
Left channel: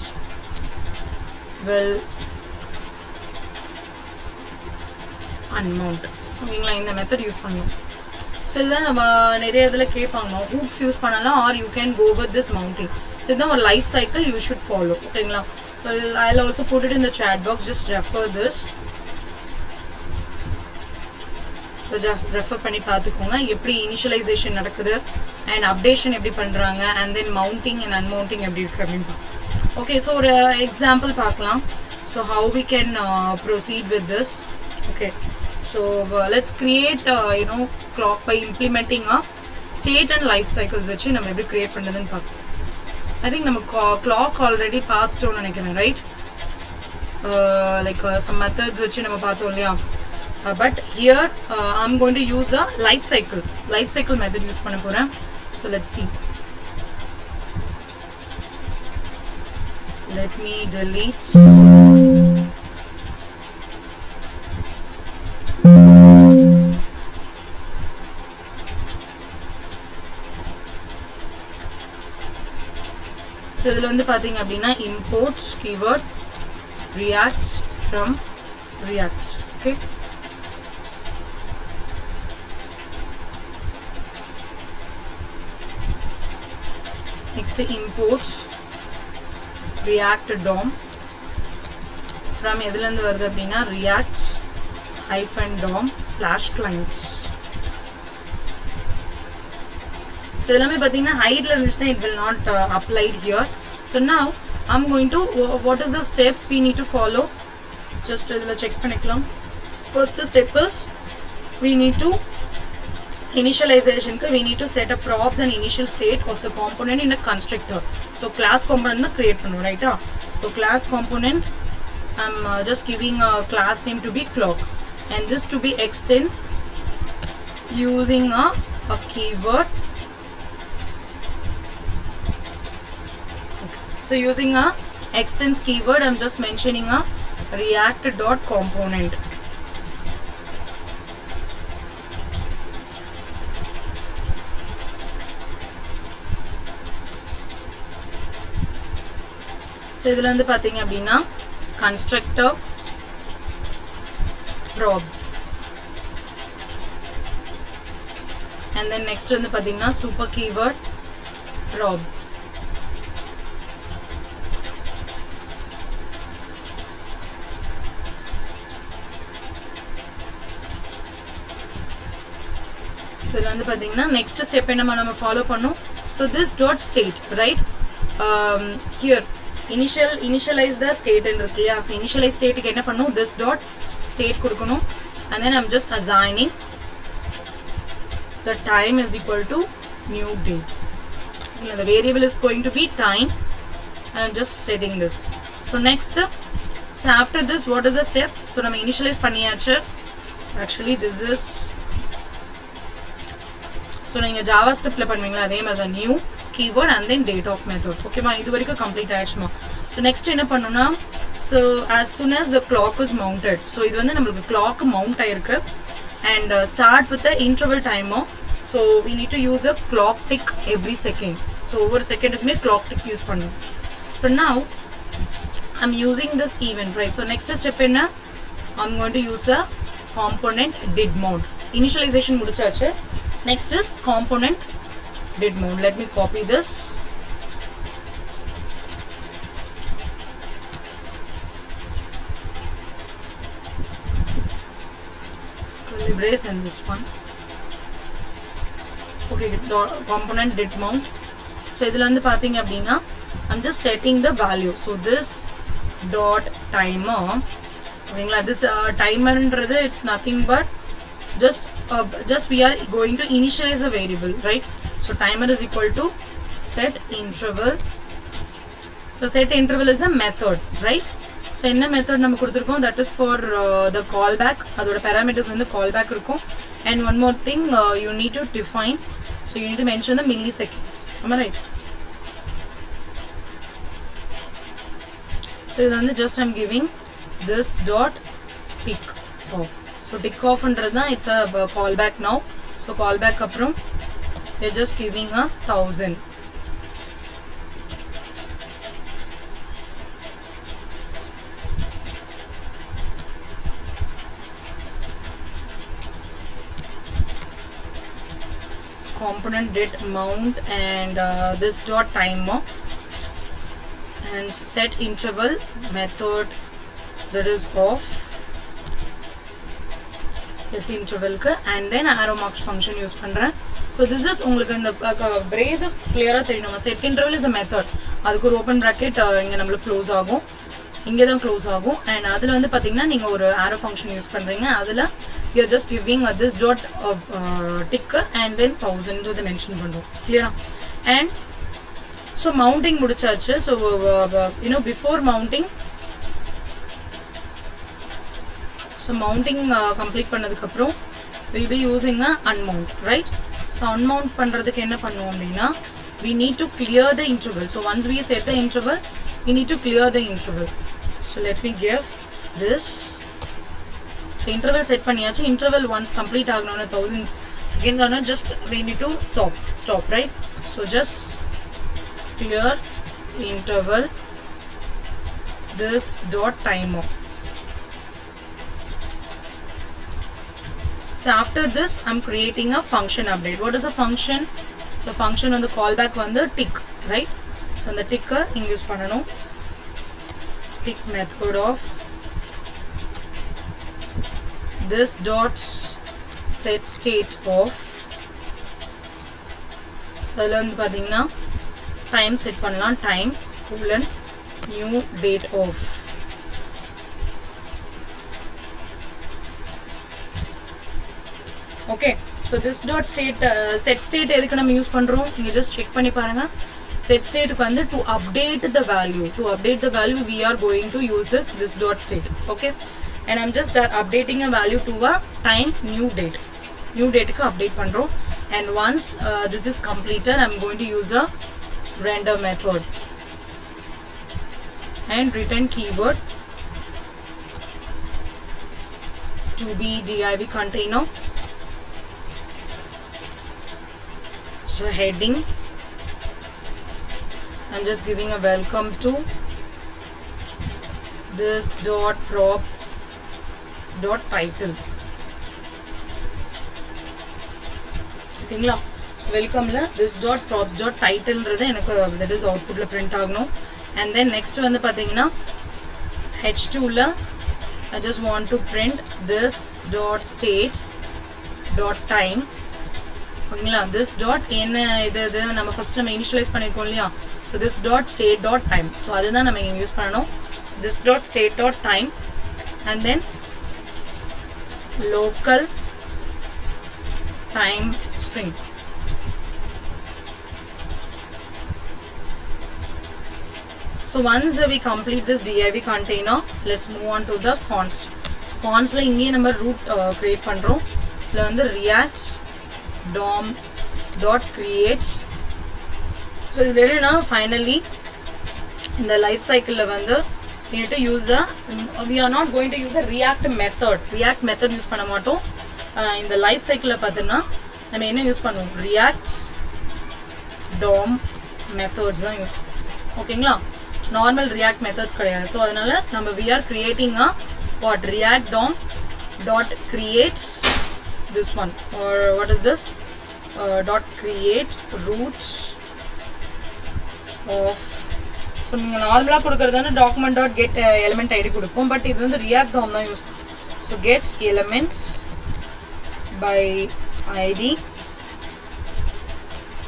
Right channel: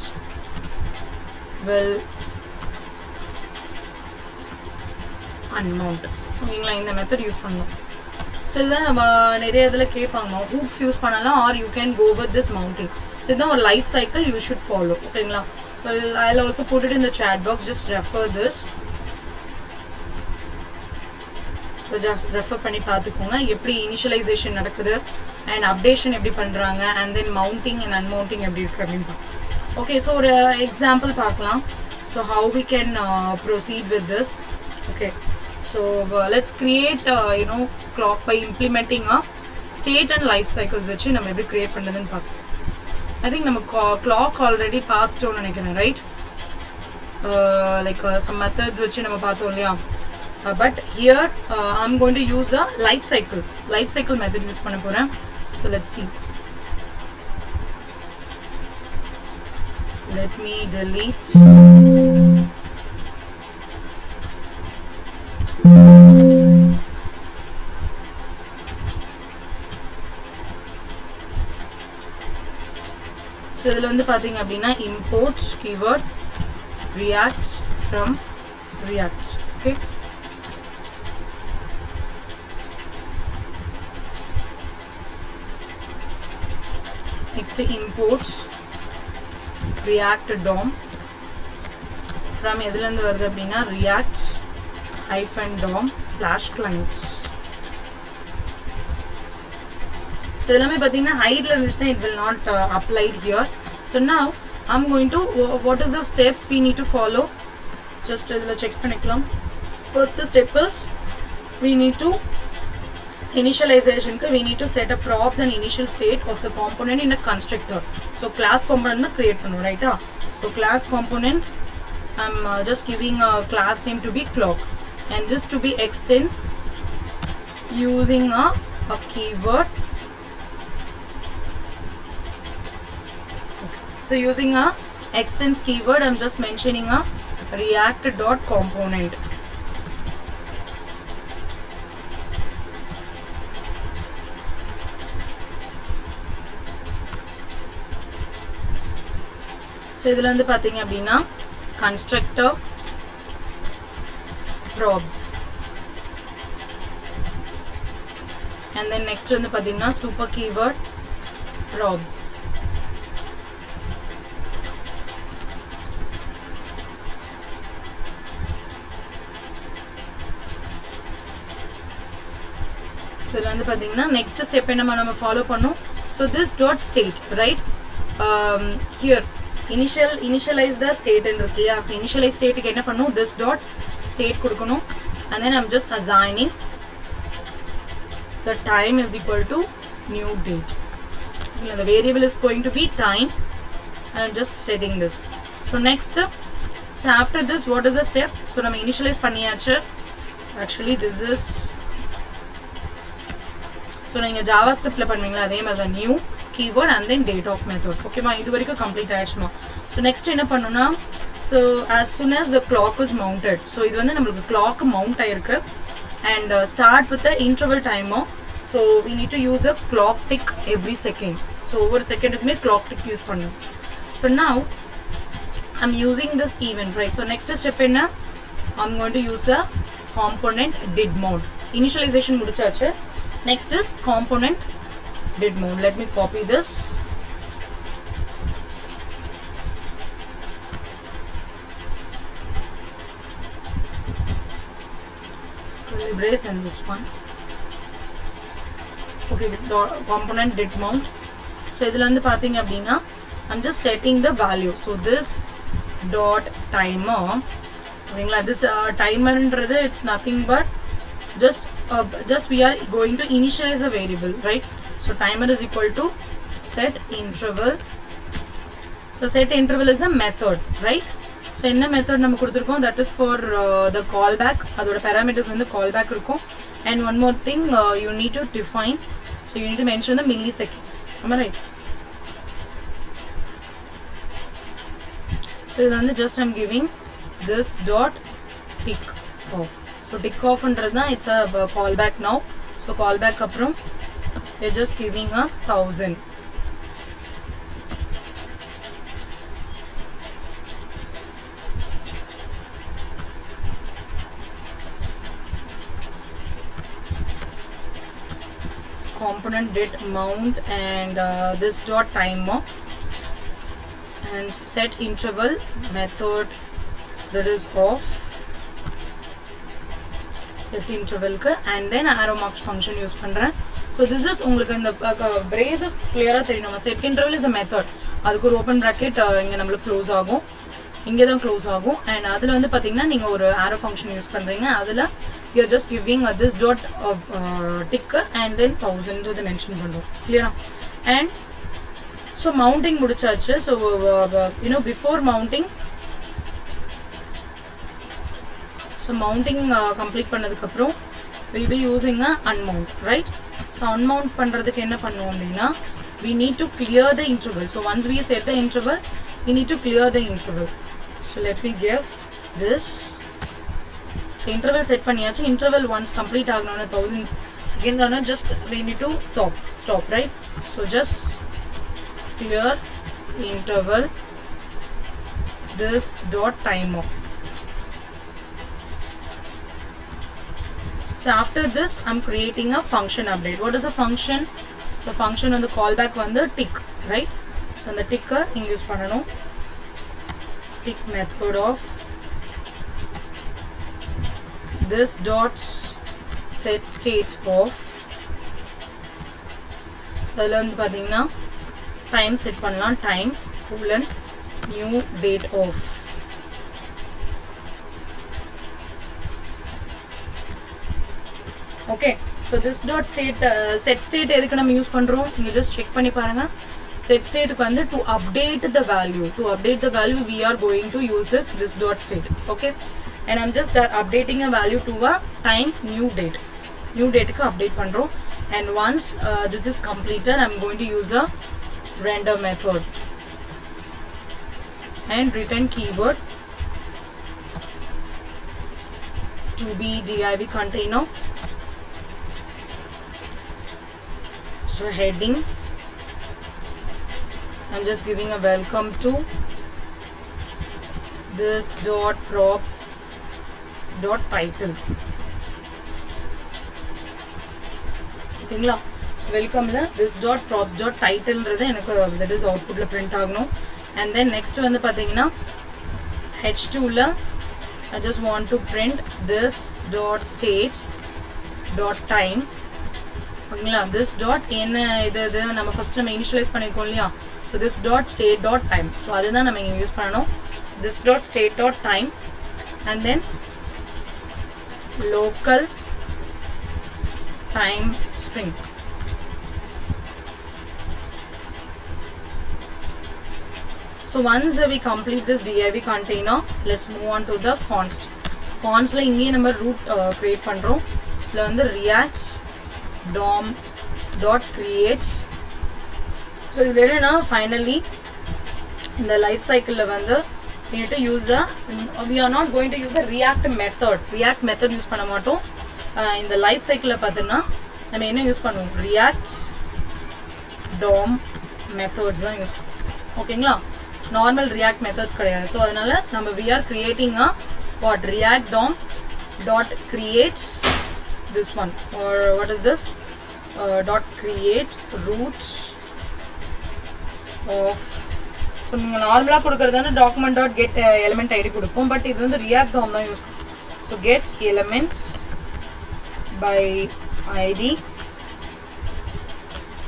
will unmount. ஓகேங்களா. இந்த மெத்தட் யூஸ் பண்ணணும். ஸோ இதுதான் நம்ம நிறைய இதில் கேட்பாங்க, ஹூக்ஸ் யூஸ் பண்ணலாம் are you can go with this mounting. So இதுதான் ஒரு life cycle you should follow. ஓகேங்களா. So I will also put it in the chat box, just refer this. So just refer பண்ணி பார்த்துக்கோங்க எப்படி initialization நடக்குது and updation எப்படி பண்ணுறாங்க, and then mounting and unmounting எப்படி இருக்குது அப்படின்னு பார்க்கலாம். ஓகே ஸோ ஒரு எக்ஸாம்பிள் பார்க்கலாம். So how we can proceed with this. Okay so let's create clock by implementing a state and life cycles வச்சு நம்ம எப்படி create பண்றதுன்னு பார்க்கலாம். I think நம்ம clock already பார்த்துட்டோம்னு நினைக்கிறேன், right? Like some methods வச்சு நம்ம பார்த்தோம் இல்லையா. But here I'm going to use a life cycle method use பண்ண போறேன். So let's see. Let me delete so இதில் பார்த்தீங்க அப்படின்னா import keyword react from react. Okay next import react DOM from எதுலேருந்து வருது அப்படின்னா react -DOM/client. ஸோ எல்லாமே பார்த்தீங்கன்னா ஹைட்ல இருந்துச்சுன்னா it will not applied here. So now I'm going to what is the steps we need to follow, just இதில் செக் பண்ணிக்கலாம். First step is we need to initializationக்கு we need to set a props and initial state of the component in a constructor. So class component தான் create பண்ணுவோம், ரைட்டா. So class component I'm just giving a class name to be clock, and this to be extends using a keyword. Okay. So using a extends keyword, I'm just mentioning a react dot component. So idhula vandu pathinga appadina constructor probs, and then next vandu pathinga super keyword probs. So idhula vandu pathinga next step enna nama follow pannom. So this dot state, right? Here initialize the state and irukliya. So initialize state ku enna pannom, this dot state kudukanum, and then I'm just assigning the time is equal to new date. The variable is going to be time, and I'm just setting this. So next, so after this, what is the step? So nama initialize panniyachu. So actually this is, so neenga javascript la பண்ணுவீங்களா அதே மாதிரி தான், new keyword and then date of method. Okay ma, இது வரைக்கும் complete ஆயிடுச்சுமா. So next என்ன பண்ணனும்னா, so as soon as the clock is mounted, so இது வந்து நமக்கு clock mount ஆயிருக்கு, and start with the interval timer. So we need to use a clock tick every second. So over second க்குமே clock tick use பண்ணனும். So now I'm using this event, right? So next step enna, I'm going to use a component did mount. Initialization முடிச்சாச்சு. Next is component did mount. Let me copy this. Curly brace and this one. Okay, component did mount. So idhula vandu pathinga appadina, I'm just setting the value. So this dot timer, okay, this timer endradhu, it's nothing but just we are going to initialize a variable, right? So timer is equal to set interval. So set interval is a method, right? So enna method நம்ம கொடுத்திருக்கோம், that is for the callback. அதோட parameters வந்து callback இருக்கும். And one more thing, you need to define, so you need to mention the milliseconds. Am I right? So இது வந்து just I'm giving this dot tick off. So tick off ன்றதுனா it's a callback now. So callback அப்புறம் we're just giving a 1000. Component did mount and this dot timer and set interval method that is off, set interval ku, and then arrow marks function use பண்றேன். So this is உங்களுக்கு இந்த braces clear-ஆ தெரியணும். Set interval is a method. அதுக்கு ஒரு open bracket இங்க நம்மளுக்கு க்ளோஸ் ஆகும், இங்க தான் க்ளோஸ் ஆகும், and அதுல வந்து பாத்தீங்கன்னா நீங்க ஒரு arrow function யூஸ் பண்றீங்க. அதுல you are just giving this dot ticker and then 1000 ன்றத மென்ஷன் பண்றோம். clear-ஆ? And so mounting முடிச்சாச்சு. So you know, before mounting, so mounting complete பண்ணதுக்கு அப்புறம் we'll be using a unmount, right? So unmount பண்றதுக்கு என்ன பண்ணுவோம் அப்படினா, we need to clear the interval. So once we set the interval, we need to clear the interval. So let me give this. So interval set பண்ணியாச்சு. Interval once complete ஆகணும்னா 1000 seconds ஆனா just we need to stop, right? So just clear interval this dot timer. So after this, I'm creating a function update. What is a function? So function on the callback on the tick, right? So on the ticker, use panano. Tick method of this dot set state of. So learn pathina time set pannalam, time colon new date of. Okay, so this dot state set state எதுக்கு நம்ம யூஸ் பண்றோம், நீங்க just check பண்ணி பாருங்க. Set state க்கு வந்து to update the value we are going to use this dot state. Okay, and I'm just updating a value to a time new date க்கு update பண்றோம். And once this is completed, I'm going to use a render method. and return keyword to be div container. So heading, I'm just giving a welcome to this dot props dot title. ஓகேங்களா? So வெல்கமில் this dot props dot titleன்றது எனக்கு that is outputல print ஆகணும். And then next வந்து பார்த்தீங்கன்னா h2ல I just want to print this dot state dot time. ஓகேங்களா? this dot என்ன இது நம்ம ஃபர்ஸ்ட் நம்ம இனிஷியலைஸ் பண்ணிருக்கோம் இல்லையா? So this dot state dot time. So அதுதான் நம்ம இங்கே யூஸ் பண்ணணும். this dot state dot time and then local time string. So once we complete this div container, let's move on to the const. So const la inge number root create பண்றோம். இதுல வந்து react dom dot creates. So இதுல என்னன்னா finally in the life cycle la வந்து we need to use we are not going to use a react method use பண்ண மாட்டோம். இந்த லைஃப் சைக்கிள்ல பார்த்தோம்னா நம்ம என்ன யூஸ் பண்ணுவோம்? react dom methods தான் யூஸ் பண்ணுவோம். ஓகேங்களா? நார்மல் react methods கிடையாது. ஸோ அதனால நம்ம we are creating a what react dom dot creates this one, or what is this, dot create root of. So நீங்கள் நார்மலாக கொடுக்குறதான document dot get element id கொடுப்போம். பட் இது வந்து react dom தான் யூஸ் பண்ணுவோம். So get elements by id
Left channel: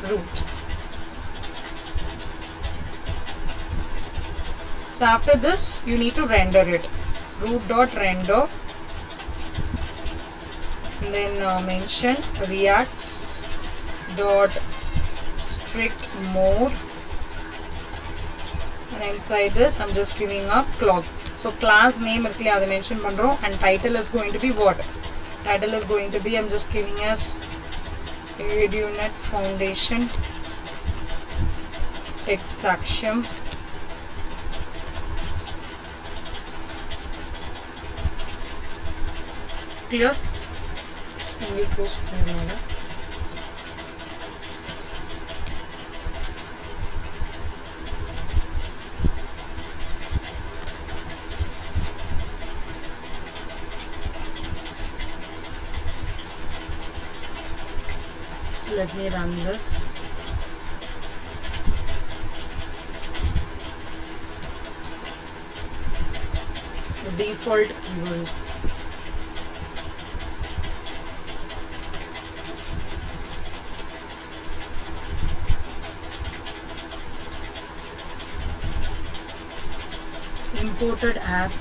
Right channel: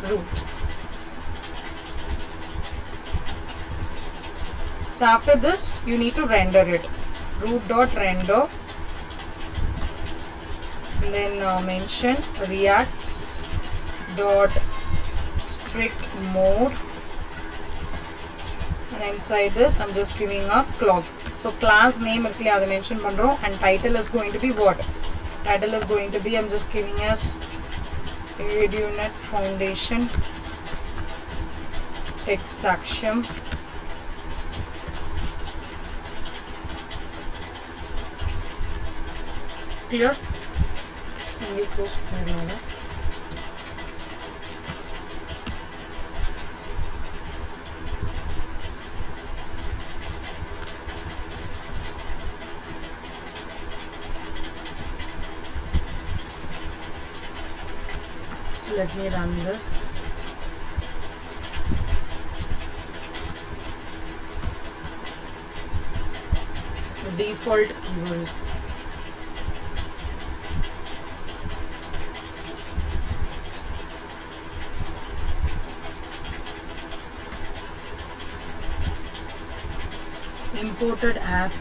root. So after this you need to render it. Root dot render and then mention react dot strict mode, and inside this I'm just giving a clock. So class name irukla adu mention pandrom, and title is going to be what? Title is going to be, I'm just giving as ADUNet Foundation Tech-Saksham clear. Simply close panel. So let me run this. The default keyword is imported app.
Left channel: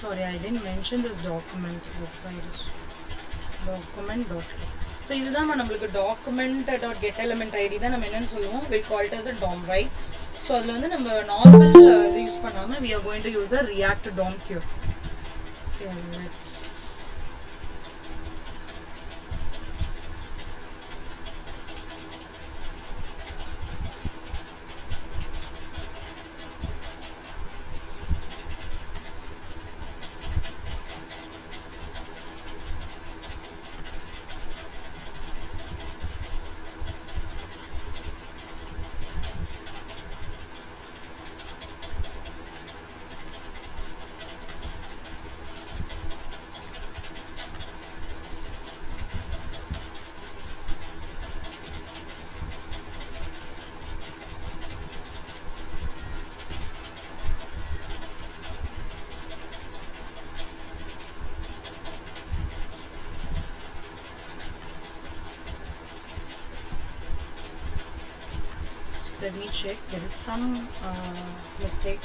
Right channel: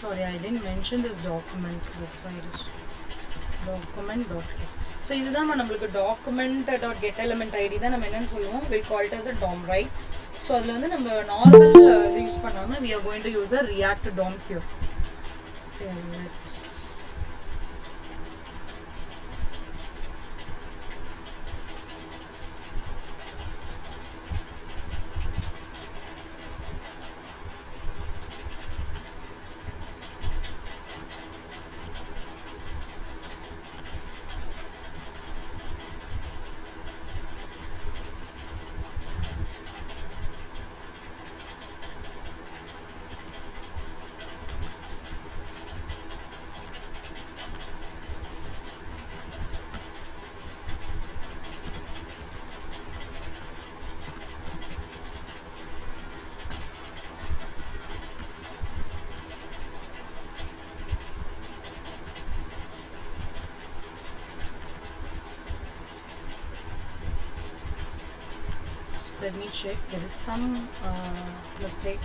Sorry, I didn't mention this document. That's why it is document.get. So this is the document.get element id. We'll call it as a DOM, right? So we normal use we are going to use a react DOM here. Okay, let's let me check. There is some mistake.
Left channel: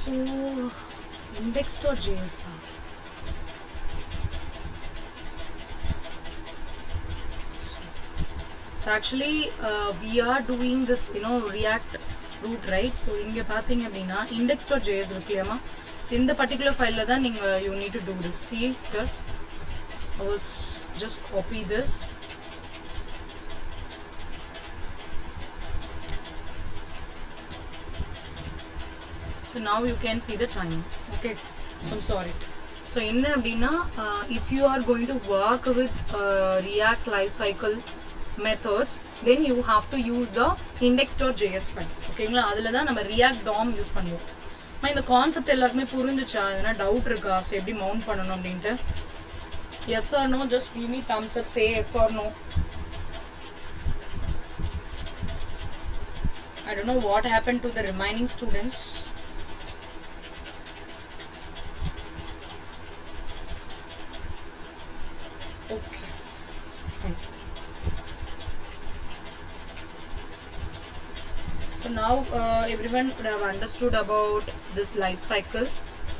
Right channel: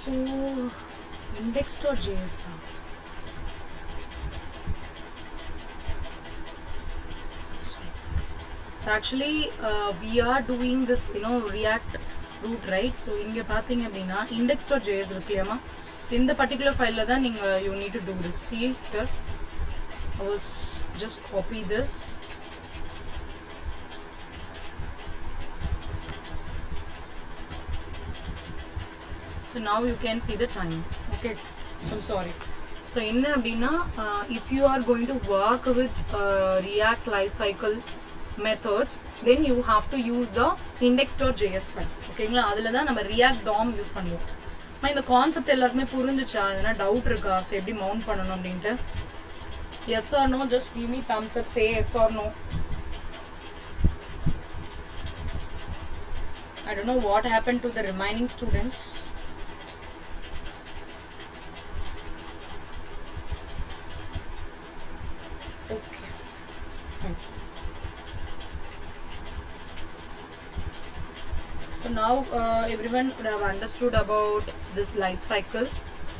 So index.js. So actually we are doing this, React root, right? So inge pathinga appadina index.js irukkliyama. So in the particular file la dhan you need to do this. See here, I was just copy this. So now you can see the time. Okay, so I'm sorry. So in appadina if you are going to work with React lifecycle methods, then you have to use the index.js file. ஓகேங்களா, அதில் தான் நம்ம react Tom use பண்ணுவோம். இந்த கான்செப்ட் எல்லாருக்குமே புரிஞ்சிச்சா? எதனா டவுட் இருக்கா? ஸோ எப்படி மவுண்ட் பண்ணணும் அப்படின்ட்டு? Yes or no, just give me thumbs up, say yes or no. I don't know what happened to the remaining students. Okay, fine. So now everyone would have understood about this life cycle.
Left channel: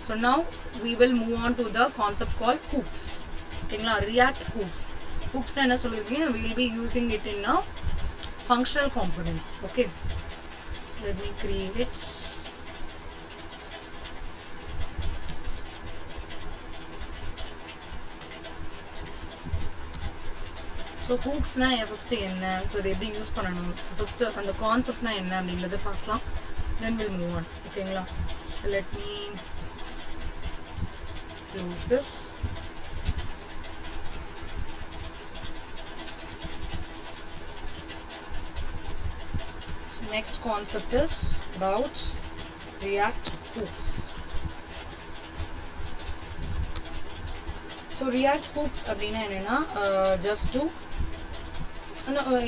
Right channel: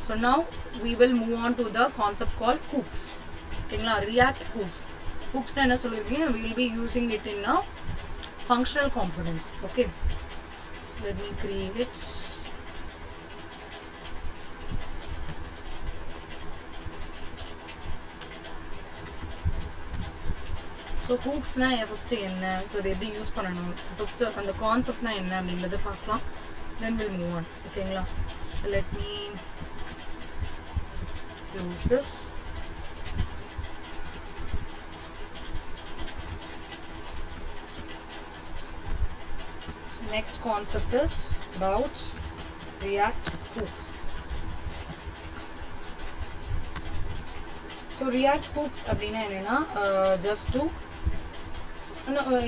So now we will move on to the concept called hooks. Okay, React hooks. Hooks na enna solirukeen, we will be using it in a functional components. Okay, so let me create it. So hooks na first enna, so they be use pananum. So first and the concept na enna அப்படிங்கறத பார்க்கலாம், then we'll move on. ஓகேங்களா, so let me close this. So next concept is about React hooks. So React hooks அப்படினா என்னன்னா just to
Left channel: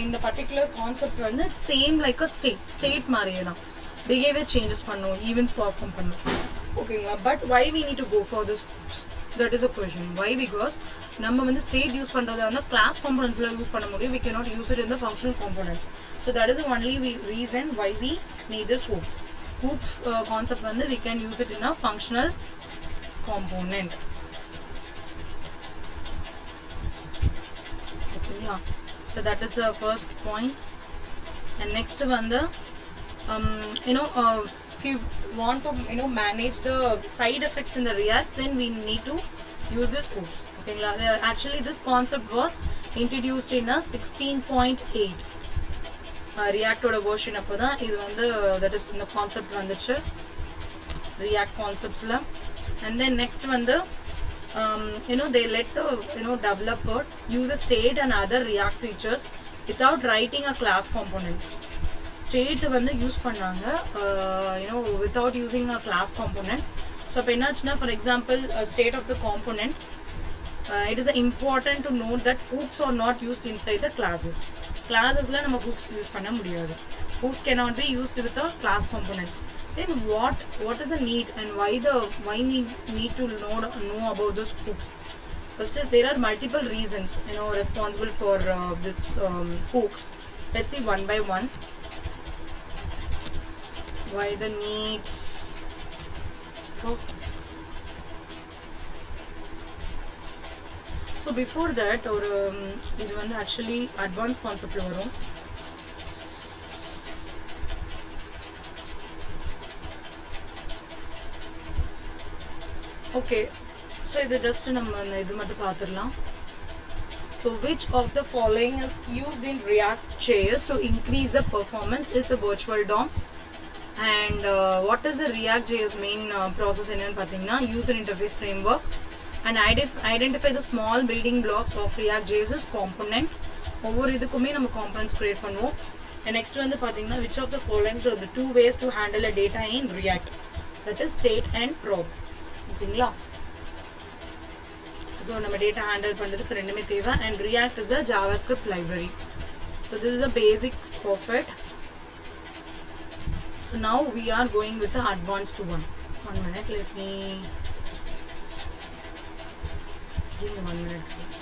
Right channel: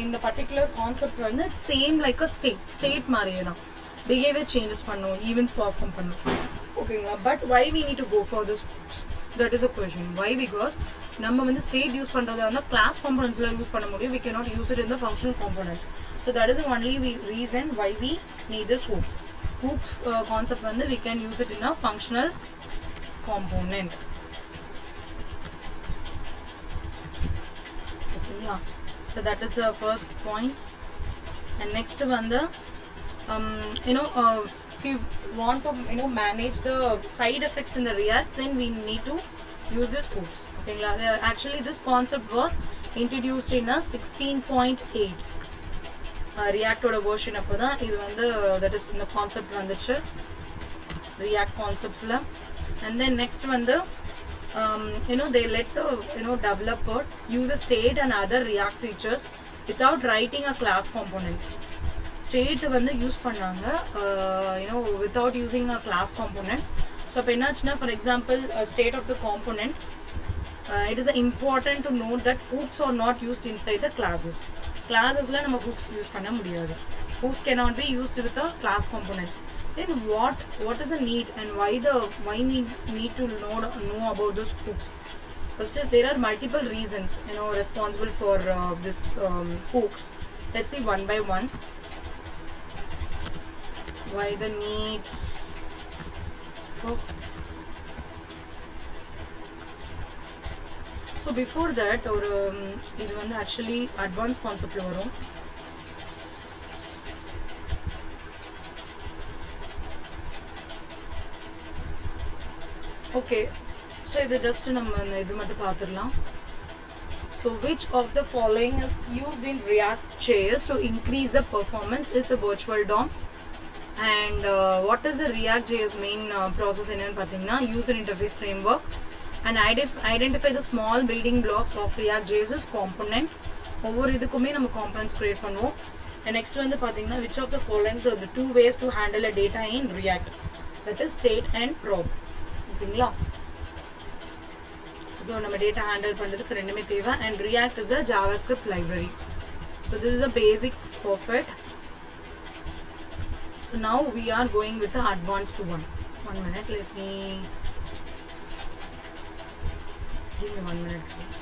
in the particular concept வந்து same like a state மாதிரியே தான், behavior changes பண்ணும், events perform பண்ணும். ஓகேங்களா, but why we need to go for this hooks? That is a question. Why? Because நம்ம வந்து state யூஸ் பண்றதா இருந்தா class componentsல யூஸ் பண்ண முடியும், we cannot use it in the functional components. So that is the only reason why we need this hooks. Hooks concept வந்து we can use it in a functional component. ஓகேங்களா, so that is the first point. And next one, the if you want to manage the side effects in the Reacts, then we need to use this hooks. Okay, actually this concept was introduced in a 16.8 React oda version appoda idu vandu that is in the concept vanduchu React concepts la. And then next one, the they let the developer use a state and other React features without writing a class components. State வந்து யூஸ் பண்ணாங்க without using a class component. So அப்போ என்னாச்சுன்னா, for example state of the component, it is important to note that hooks are not used inside the classes. Classesல நம்ம hooks use பண்ண முடியாது. Hooks cannot be used with the class components. Then what is the need and why need to know about those hooks? First, there are multiple reasons responsible for this hooks. Let's see one by one. Why the need for hooks? So before that, or இது வந்து actually advanced concept ல வரும். Okay, so இது just நம்ம இது மட்டும் பார்த்துடலாம். So which of the following is used in React.js to increase the performance? It's a virtual DOM. And what is the React.js main process என்னன்னு பார்த்தீங்கன்னா, user interface framework, and identify the small building blocks of React.js component. ஒவ்வொரு இதுக்குமே நம்ம components create பண்ணுவோம். And next வந்து பார்த்தீங்கன்னா, which of the following are the two ways to handle a data in React? That is state and probes. ஓகேங்களா, ஸோ நம்ம data handle பண்ணுறதுக்கு ரெண்டுமே தேவை. And React is a JavaScript library. So this is the basics of it. So now we are going with the advanced one. 1 minute, let me give me 1 minute please.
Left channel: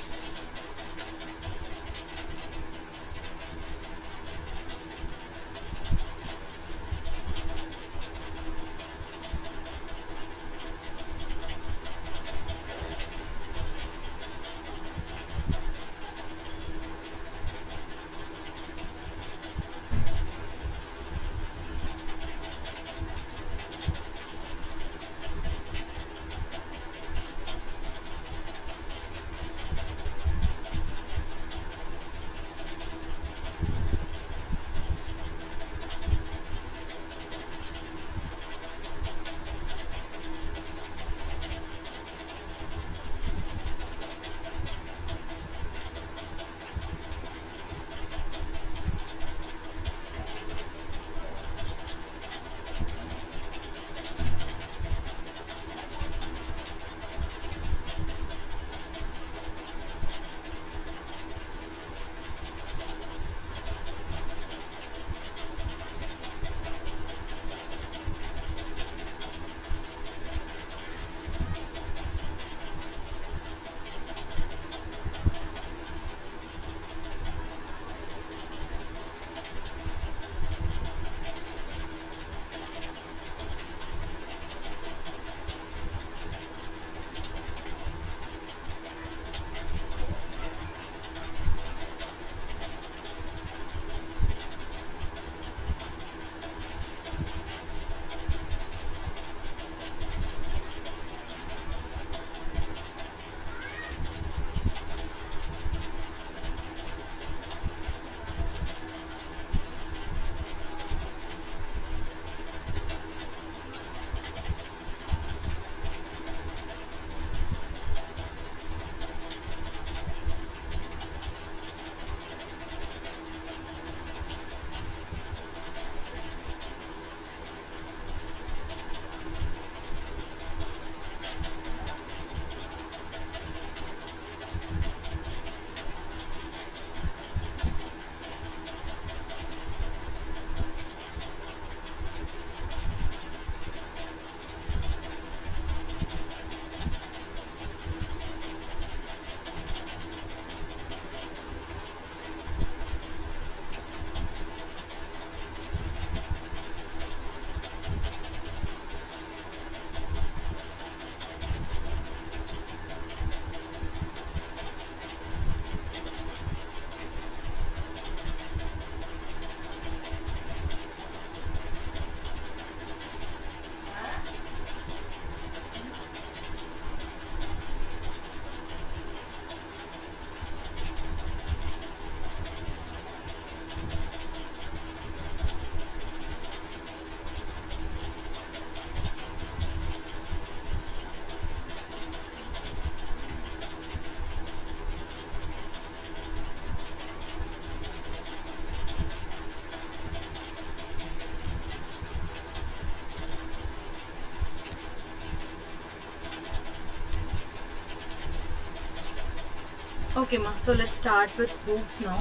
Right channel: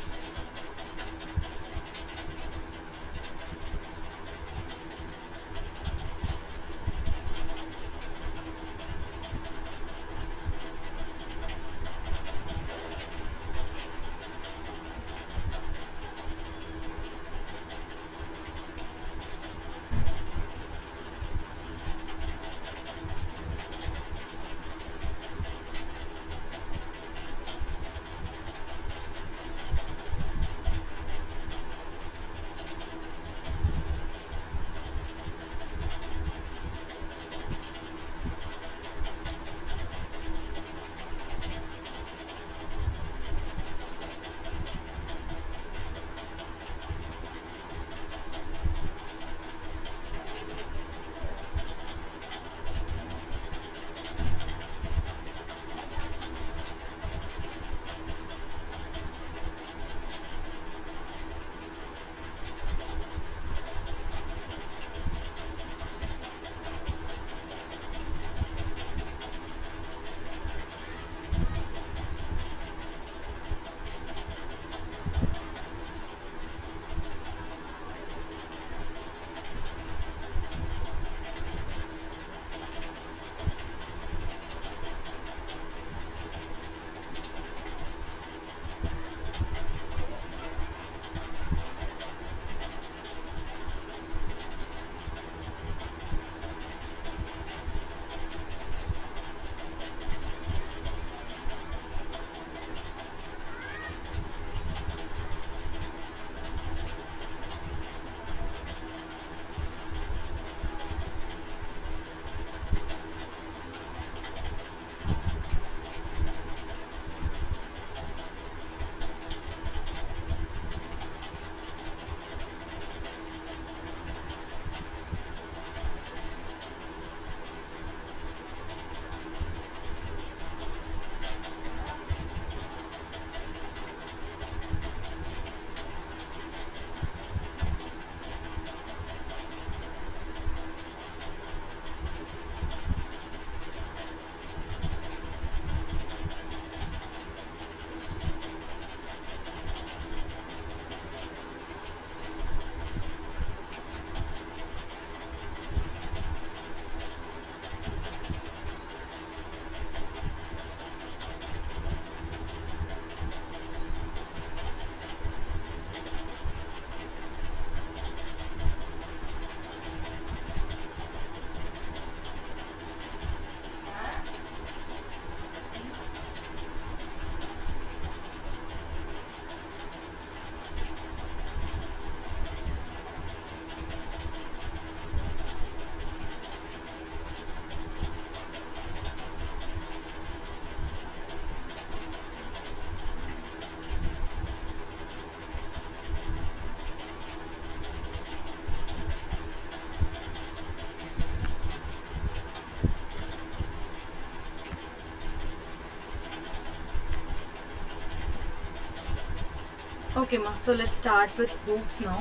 Okay ma, so let's start with hooks now.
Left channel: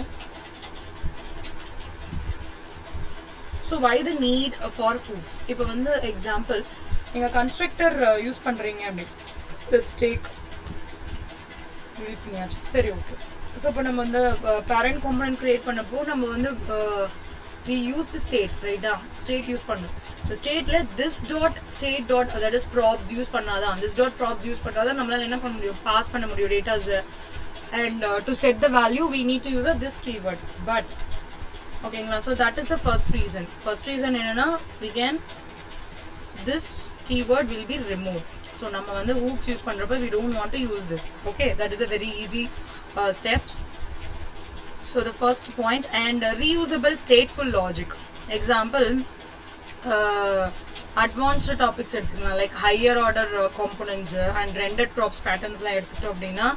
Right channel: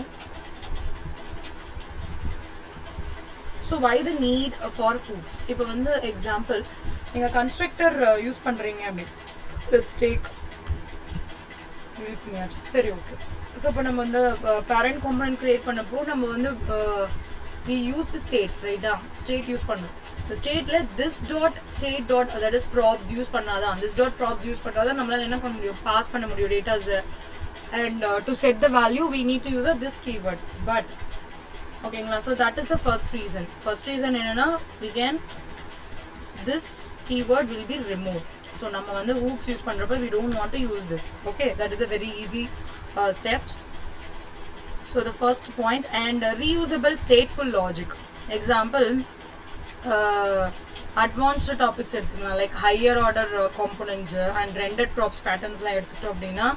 So why the need for hooks? இப்போ வந்து example நீங்க constructor use பண்றீங்க அப்படி, let's take சரி okay. So இப்போ நம்ம வந்து parent component create பண்ணப்போ நம்ம வந்து we use the state, right? State use பண்ணோம். The stateல this dot state dot, that is props use பண்ணாதான், this dot props use பண்ணாதான் நம்மளால என்ன பண்ண முடியும், பாஸ் பண்ண முடியும் datas. And to set the value we need to use this keyword but. Okay, so that is the first reason. First reason enna we can, this keyword will be removed. So நம்ம வந்து hooks use பண்றப்ப we don't want to use this. Okay, that is a very easy steps. So the first point. And reusable stateful logic. Example, advanced topics எடுத்துக்கலாம், like higher order components and rendered props patterns la எடுத்துட்டோம் அப்படின்னா,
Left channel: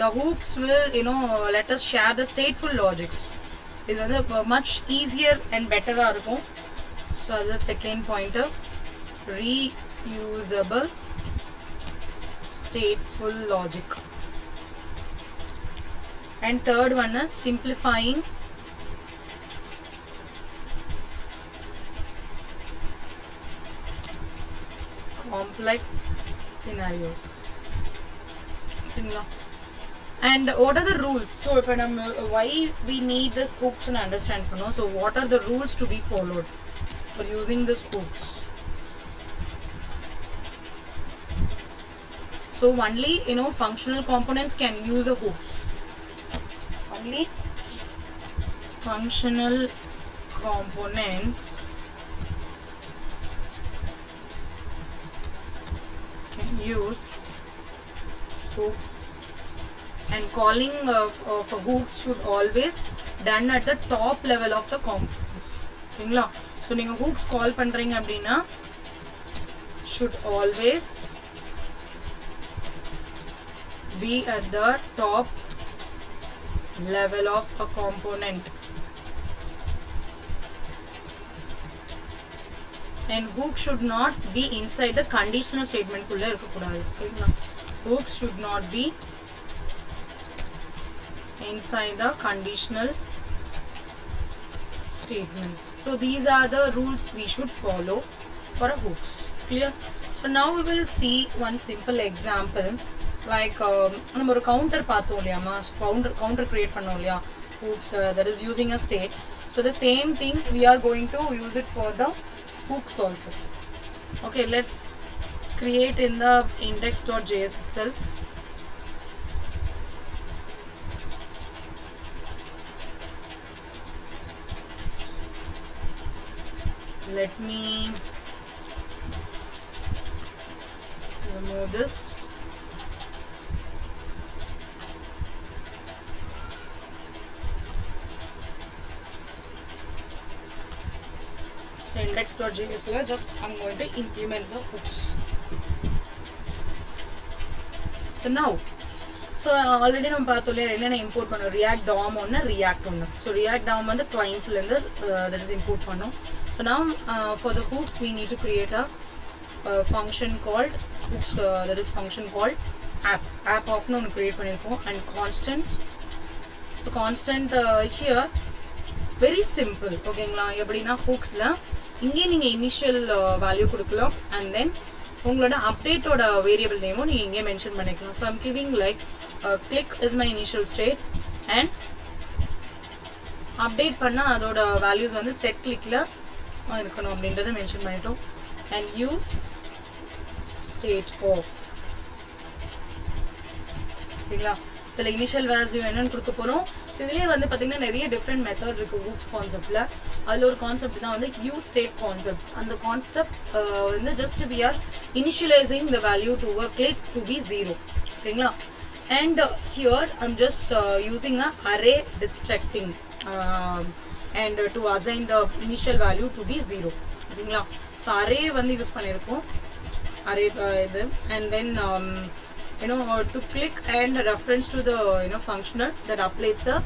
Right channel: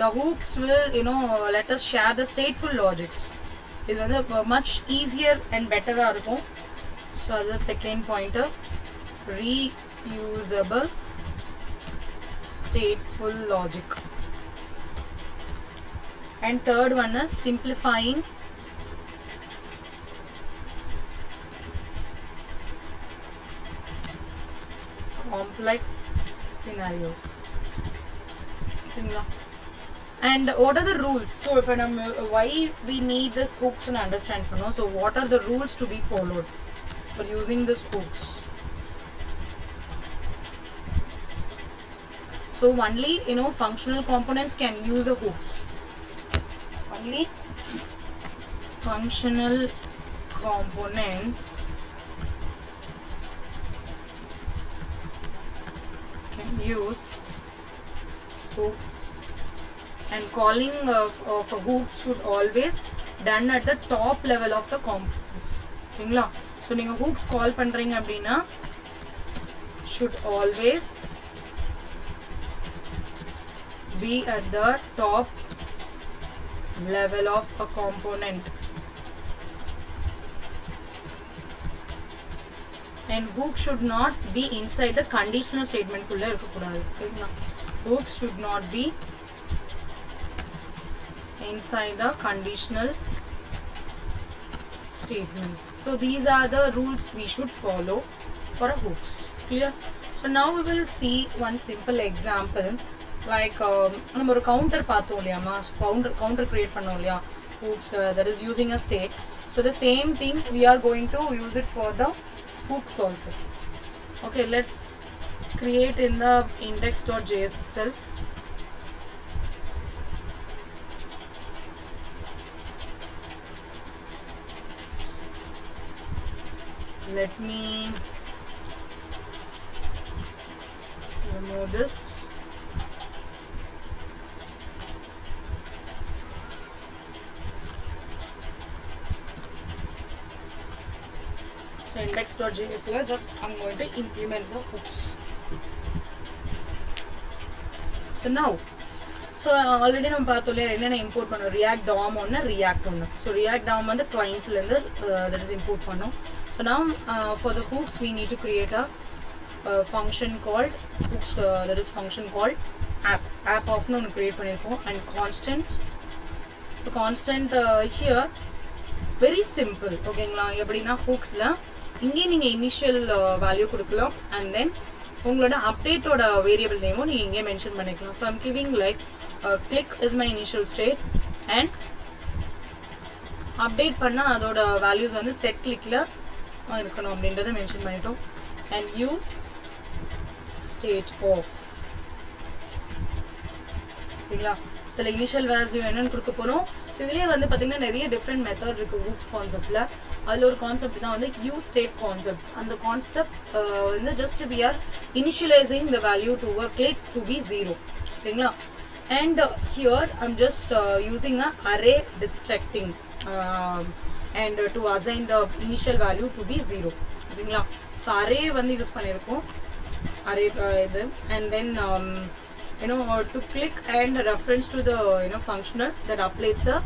the hooks will, you know, let us share the stateful logics. இது வந்து much easier and better ஆ இருக்கும். So அது second pointer, reusable stateful logic. And third one is simplifying complex scenarios. And what are the rules? So if why we need this hooks and understand, so what are the rules to be followed for using this hooks? So only, you know, functional components can use the hooks. Only functional components can use hooks, and calling of hooks should always done at the top level of the components. Okay, so நீங்க hooks call பண்றீங்க அப்படின்னா should always be at the top level of a component. And hook should not be inside the conditional statement kulla irukkodadu. Okay, hooks should not be inside the conditional statements. So these are the rules we should follow for a hooks. Clear? So now we will see one simple example. Like நம்ம ஒரு counter பார்த்தோம் இல்லையாமா, counter create பண்ணோம் இல்லையா, hooks that is using a state. So the same thing we are going to use it for the hooks also. Okay, let's create in the index.js itself. Let me remove this. So index.js la just I'm going to implement the hooks. So now, so already நம்ம பார்த்தோம்ல என்னென்ன இம்போர்ட் பண்ணோம், react DOM ஒன்று, react ஒன்று. So react DOM வந்து clientsலேருந்து that is import பண்ணோம். So now for the hooks we need to create a function called hooks, that is function called app of னு ஒன்று create பண்ணியிருக்கோம், and constant. So constant here very simple. ஓகேங்களா, எப்படின்னா ஹூக்ஸில் இங்கே நீங்கள் இனிஷியல் வேல்யூ கொடுக்கலாம், அண்ட் தென் உங்களோட அப்டேட்டோட வேரியபிள் நேமும் நீங்கள் இங்கே மென்ஷன் பண்ணிக்கலாம். So I'm giving like click is my initial state, and update பண்ணால் அதோட வேல்யூஸ் வந்து செட் கிளிக்கில் இருக்கணும் அப்படின்றத மென்ஷன் பண்ணிட்டோம். And use state of. சரிங்களா, சில இனிஷியல் வேல்யூ என்னன்னு கொடுக்க போகிறோம். ஸோ இதுலேயே வந்து பார்த்தீங்கன்னா நிறைய டிஃப்ரெண்ட் மெத்தட் இருக்குது ஹூக்ஸ் கான்செப்டில். அதில் ஒரு கான்செப்ட் தான் வந்து யூஸ் ஸ்டேட் கான்செப்ட். அந்த கான்செப்ட் வந்து just we are initialising the value to a click to be 0. ஓகேங்களா, and here I'm just using a array destructing and to assign the initial value to be 0. ஓகேங்களா, so array வந்து யூஸ் பண்ணியிருக்கோம், அரே இது. And then to click and reference to the functional that applies a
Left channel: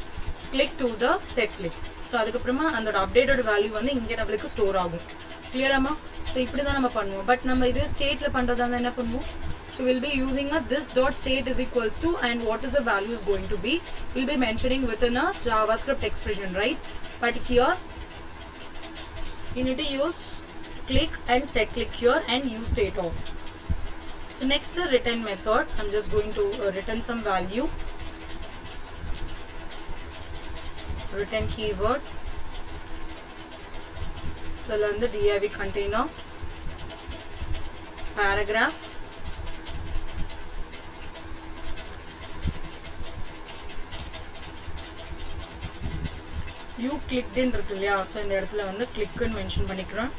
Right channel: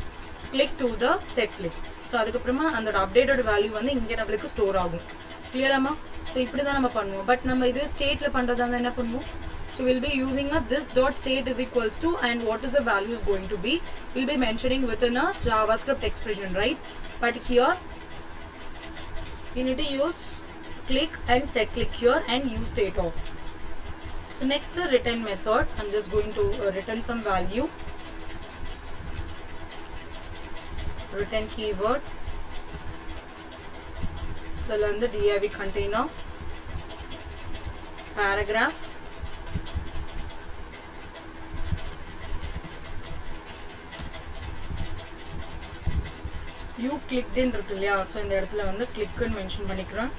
click to the set click. So அதுக்கப்புறமா அந்த அப்டேட்டோட வேல்யூ வந்து இங்கே நம்மளுக்கு ஸ்டோர் ஆகும். கிளியராமா? ஸோ இப்படி தான் நம்ம பண்ணுவோம். பட் நம்ம இதே ஸ்டேட்டில் பண்ணுறதா இருந்தால் என்ன பண்ணுவோம், So we'll be using a this dot state is equals to, and what is the value is going to be, we'll be mentioning within a JavaScript expression, right? But here you need to use click and set click here and use state of. So next the return method, I'm just going to return some value, return keyword. So learn the div container, paragraph, you clicked in இருக்கு இல்லையா, ஸோ இந்த இடத்துல வந்து கிளிக்குன்னு மென்ஷன் பண்ணிக்கிறேன்.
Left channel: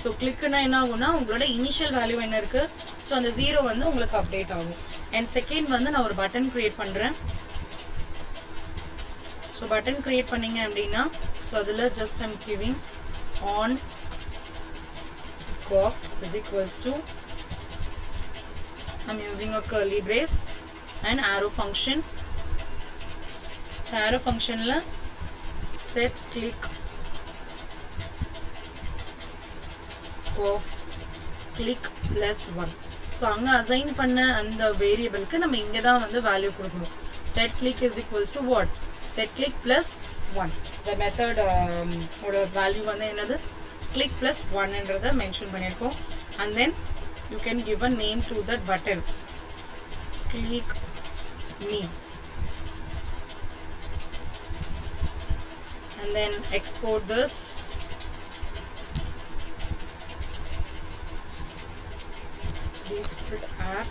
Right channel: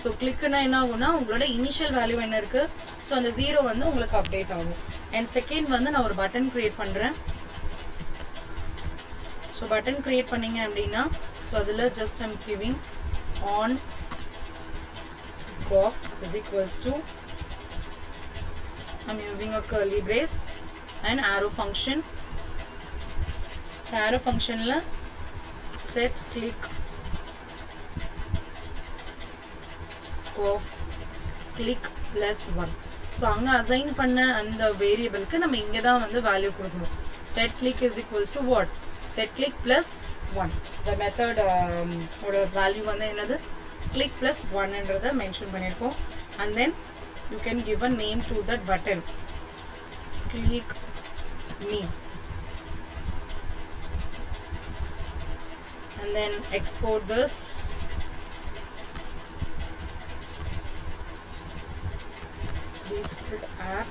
ஸோ கிளிக்குன்னா என்ன ஆகும்னா உங்களோட இனிஷியல் வேல்யூ என்ன இருக்கு, ஸோ அந்த 0 வந்து உங்களுக்கு அப்டேட் ஆகும். அண்ட் செகண்ட் வந்து நான் ஒரு பட்டன் கிரியேட் பண்ணுறேன். ஸோ பட்டன் கிரியேட் பண்ணிங்க அப்படின்னா, ஸோ அதில் just I'm giving on off is equals to, I'm using a curly brace and arrow function. So arrow function la set click off click plus 1. So அங்க அசைன் பண்ண அந்த வேரியபிளுக்கு நம்ம இங்க தான் வந்து வேல்யூ கொடுக்கணும். set click is equals to what, set click plus 1. the method ஓட வேல்யூ வந்து என்னது, click plus 1 என்றதை மென்ஷன் பண்ணியிருக்கோம். and then you can give a name to that button, click me, and then export this. Default app,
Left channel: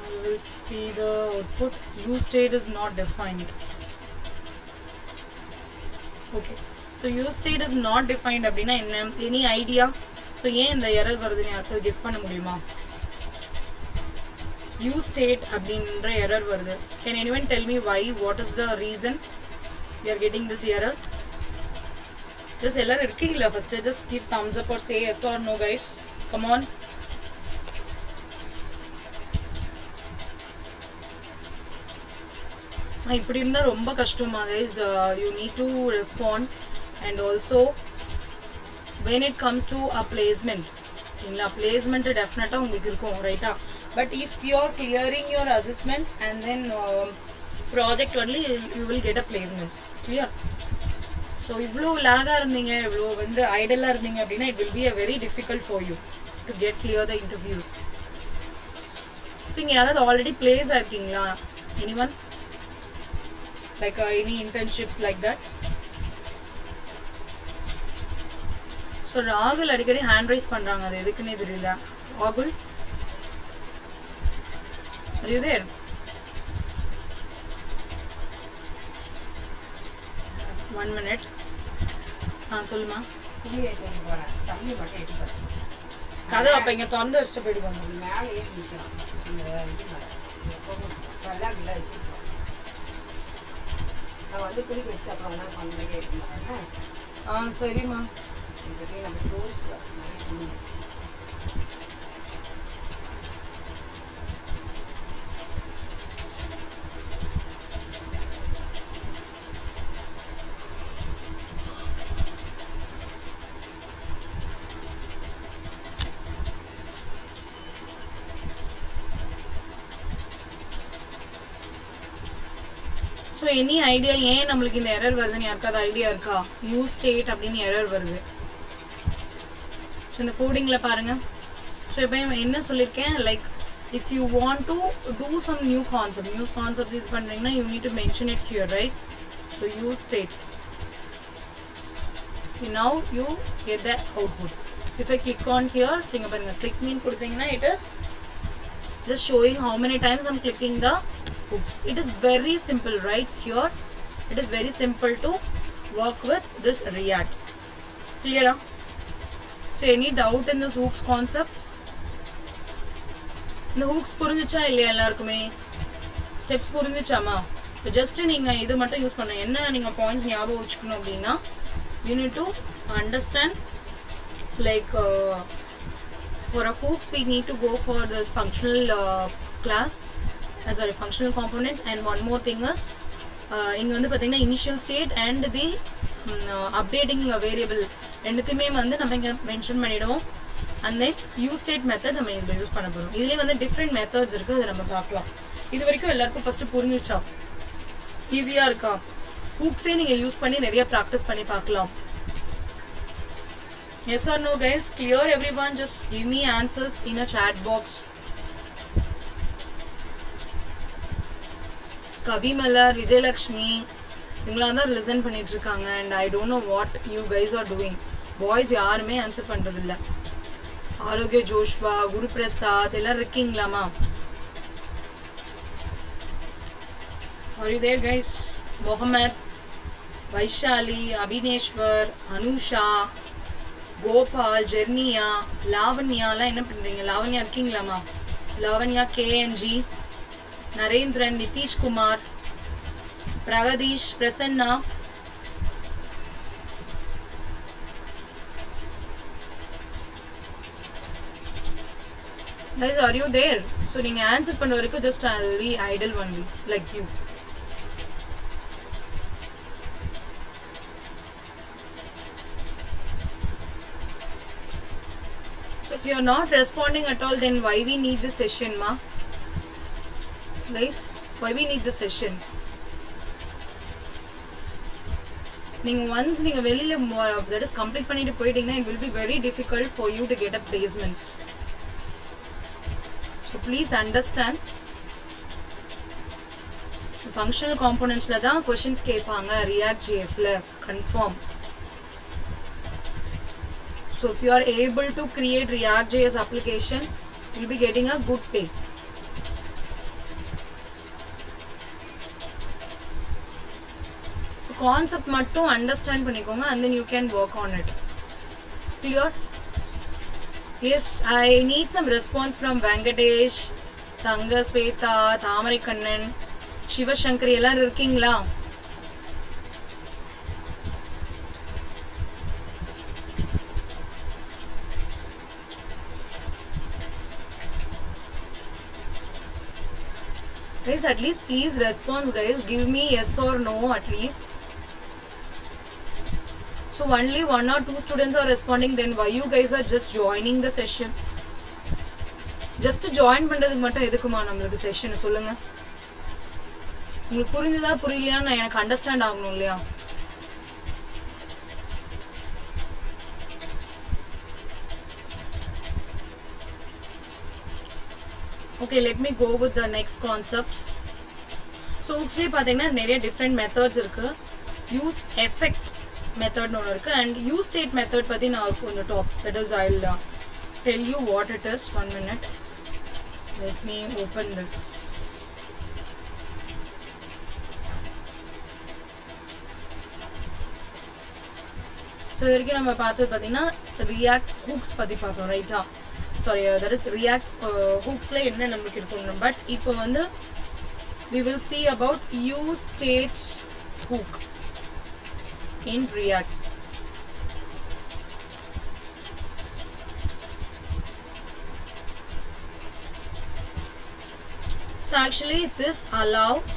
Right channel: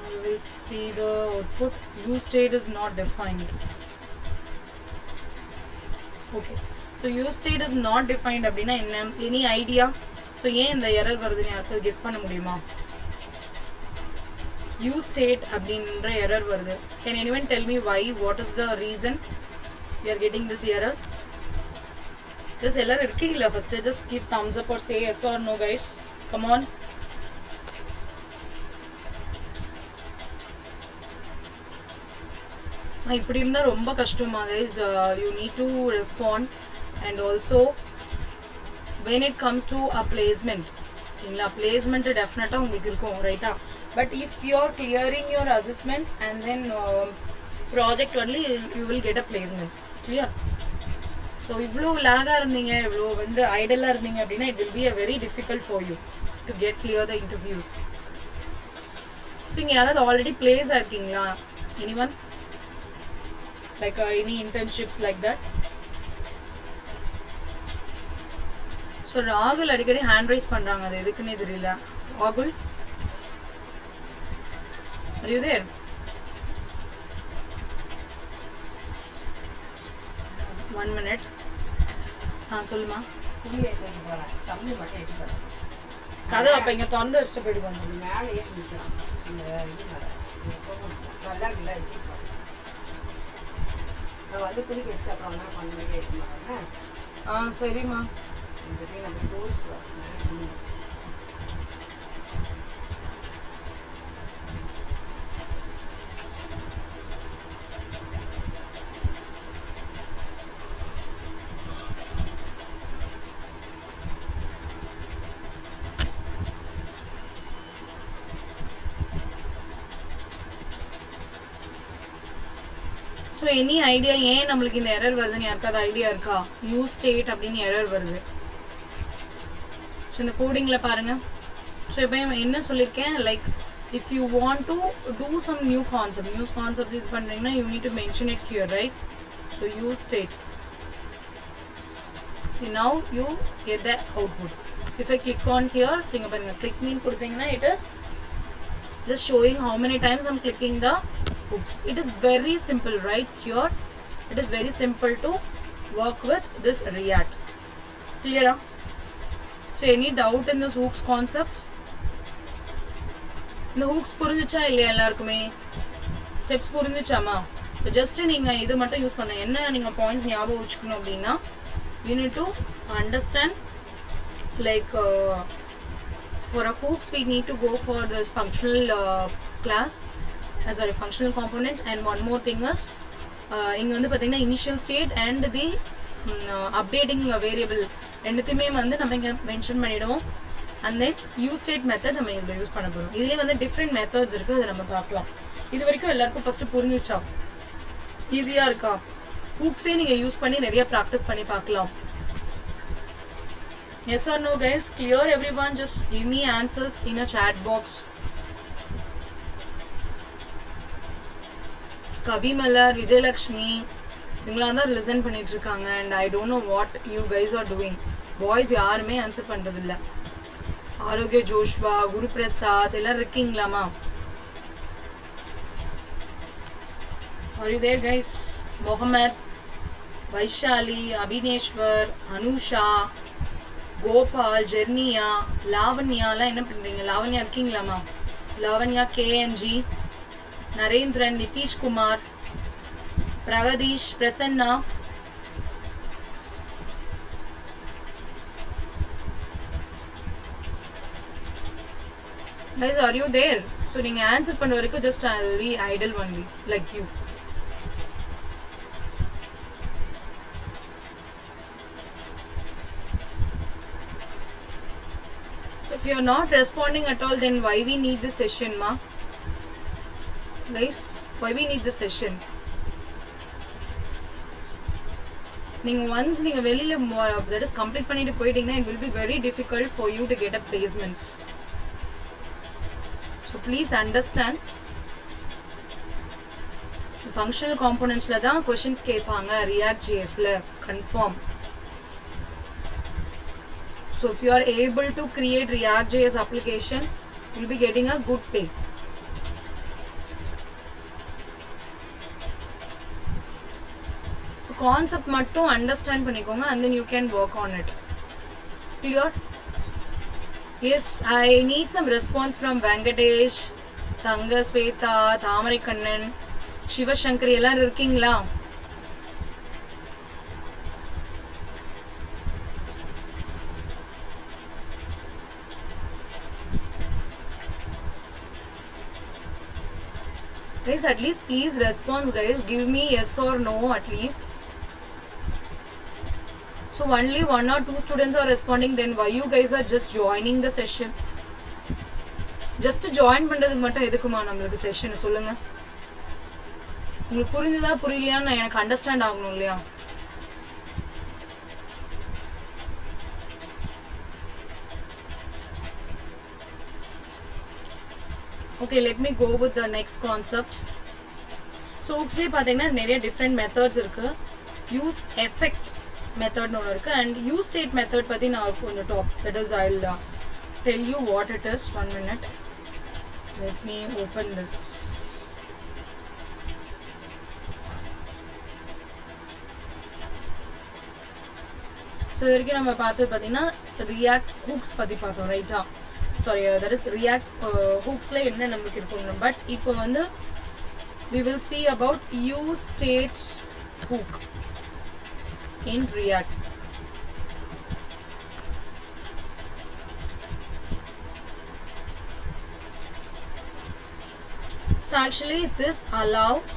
I will see the output. Use state is not defined. Okay, so use state is not defined அப்படினா என்ன, any idea? so ஏன் இந்த எரர் வருதுன்னு யாருக்கு கெஸ் பண்ண முடியுமா? use state அப்படின்ற எரர் வருது. Can anyone tell me why? What is the reason we are getting this error? Just எல்லாரும் இருக்கீங்களா? first just give thumbs up or say yes or no guys. Come on. இப்படி இருந்தால் ரொம்ப கஷ்டமா guys. You need to respond. and also when it comes to a placement, இல்ல placement definitely உங்களுக்கு இருக்கும் ரைட்டா. but if you are clearing your assessment and then project only, you will get a placements. clear? so இவ்ளோ லாகா இருந்தீங்க, இவ்ளோ வந்து ஐடலா இருந்தீங்க அப்படினா it will be a very difficult for you to get clear the interviews. so இங்க யாராவது ஆல்ரெடி பிளேஸ் ஆயிருக்கீங்களா? anyone like any internships like that? so ராகுல் அடிக்கடி ஹேண்ட் ரைஸ் பண்றாங்க, அது எதுக்குன்னு தெரியல. ராகுல், are you there? one minute. சொல்லுமா. கதை அப்ப இங்க திறந்து வச்சுட்டு போயிட்டு வந்து மேலே ஏறி நிற்கிறான். நான் வந்து குளிக்க வச்சு அப்புறம் என்ன பண்ணுறேன். சரிம்மா. நம்ம டோஸ்ட் ஸோ எனி ஐடியா ஏன் நம்மளுக்கு இந்த எரர் வருதுன்னு யாருக்காவது ஐடியா இருக்கா? யூஸ் ஸ்டேட் அப்படின்னு எரர் வருது. ஸோ இந்த கோடிங்கில் பாருங்கள். ஸோ இப்போ என்ன சொல்லியிருக்கேன், like if you want to do some new concept இது பண்ணுறீங்கன்னா you need to mention it here, right? So use state, now you get the output. so if I click on here, so இங்க பாருங்க click mean கொடுத்தீங்கன்னா it is just showing how many times I'm clicking the hooks. It is very simple, right? Here it is very simple to work with this React. Clear? So any doubt in this hooks concept? இந்த hooks புரிஞ்சுச்சா இல்லையா எல்லாருக்குமே? ஸ்டெப்ஸ் புரிஞ்சுச்சாமா? so just நீங்க இது மட்டும் யூஸ் பண்ண என்ன நீங்க பாயிண்ட்ஸ் ஞாபகம் வச்சுக்கணும் அப்படின்னா, you need to understand like for a hooks we need to go for this functional class, sorry, functional component, and one more thing is இங்கே வந்து பார்த்தீங்கன்னா initial state and the updating variable ரெண்டுத்தையுமே வந்து நம்ம இங்கே மென்ஷன் பண்ணிவிடுவோம். And then use state method நம்ம இதில் யூஸ் பண்ண போகிறோம். இதுலேயே வந்து டிஃப்ரெண்ட் மெத்தட்ஸ் இருக்குது, அதை நம்ம பார்க்கலாம். இது வரைக்கும் எல்லாருக்கும் ஃபஸ்ட்டு புரிஞ்சிச்சா? ஈஸியாக இருக்கா? ஹூக்ஸே நீங்கள் யூஸ் பண்ணி நிறைய ப்ராக்டிஸ் பண்ணி பார்க்கலாம். Yes or no guys? Clear everyone? Just give me answers in a chat box. Kavi Mallar, Vijay Lakshmi, இவங்களாம் தான் லிசன் பண்ணிட்டு இருக்காங்க. And I don't know what you guys are doing. Boys யாருமே ஆன்சர் பண்ணுறதில்ல. ஆரோக்கிய ஜோஷ்வா, குரு பிரசாத் எல்லாரும் இருக்கீங்களாமா? Are you there guys? Mohammed, Vaishali, Abhineshwar, Anusha, Gopal, ஜெர்னியா, லாவண்யாலாம் என்ன பண்ணுறீங்க? லாவண்யா இருக்கீங்களாமா? Lavanya, KNG, Narendran, Nitishkumar, Pragadeesh, Prasanna, guys, are you there? So நீங்கள் ஆன்சர் பண்ண வரைக்கும் just I'll be idle only like you. So if you are not responding at all, then why we need this session, ma? Guys, why we need this session? Once you that is complete பண்ணிட்டு போயிட்டீங்கன்னா it will be very difficult for you to get a placements. So please understand. Functional components la தான் questions கேட்பாங்க React.js ல confirm. So if you are able to create React.js application, you will be getting a good pay. So concept mattum understand பண்ணிக்கோங்க and then you can work on it. Clear? Yes, I need some response from Venkatesh, Thanga Sweta, Thamari Kannan, Shiva Shankari எல்லாரும் இருக்கீங்களா? Guys, at least please respond guys. Give me yes or no at least. So only 1 or 2 students are responding. Then why you guys are just joining the session? Just join பண்றதுக்கு மட்டும் எதுக்குமா நமக்கு செஷன் சொல்லுங்க. உங்களுக்கு புரிஞ்சதா புரியலையான்னு எனக்கு அண்டர்ஸ்டாண்ட் ஆகணும் இல்லையா? Okay, let me go with the next concept. So ஹூக்ஸ்லேயே பார்த்தீங்கன்னா நிறைய டிஃப்ரெண்ட் மெத்தட்ஸ் இருக்கு. யூஸ் எஃபெக்ட் மெத்தட்னு ஒன்று இருக்கு அண்ட் யூஸ் ஸ்டேட் மெத்தட் பற்றி நான் கொஞ்சம் that is I'll tell you what it is. 1 minute. Let me open this. So இது வரைக்கும் நம்ம பார்த்தது பார்த்தீங்கன்னா ரியாக்ட் ஹூக்ஸ் பற்றி பார்த்தோம் ரைட்டா? Sorry, that is React hooks la enna namakku irukkum, but ipo vandu we will see about use state hook in React. So actually this allows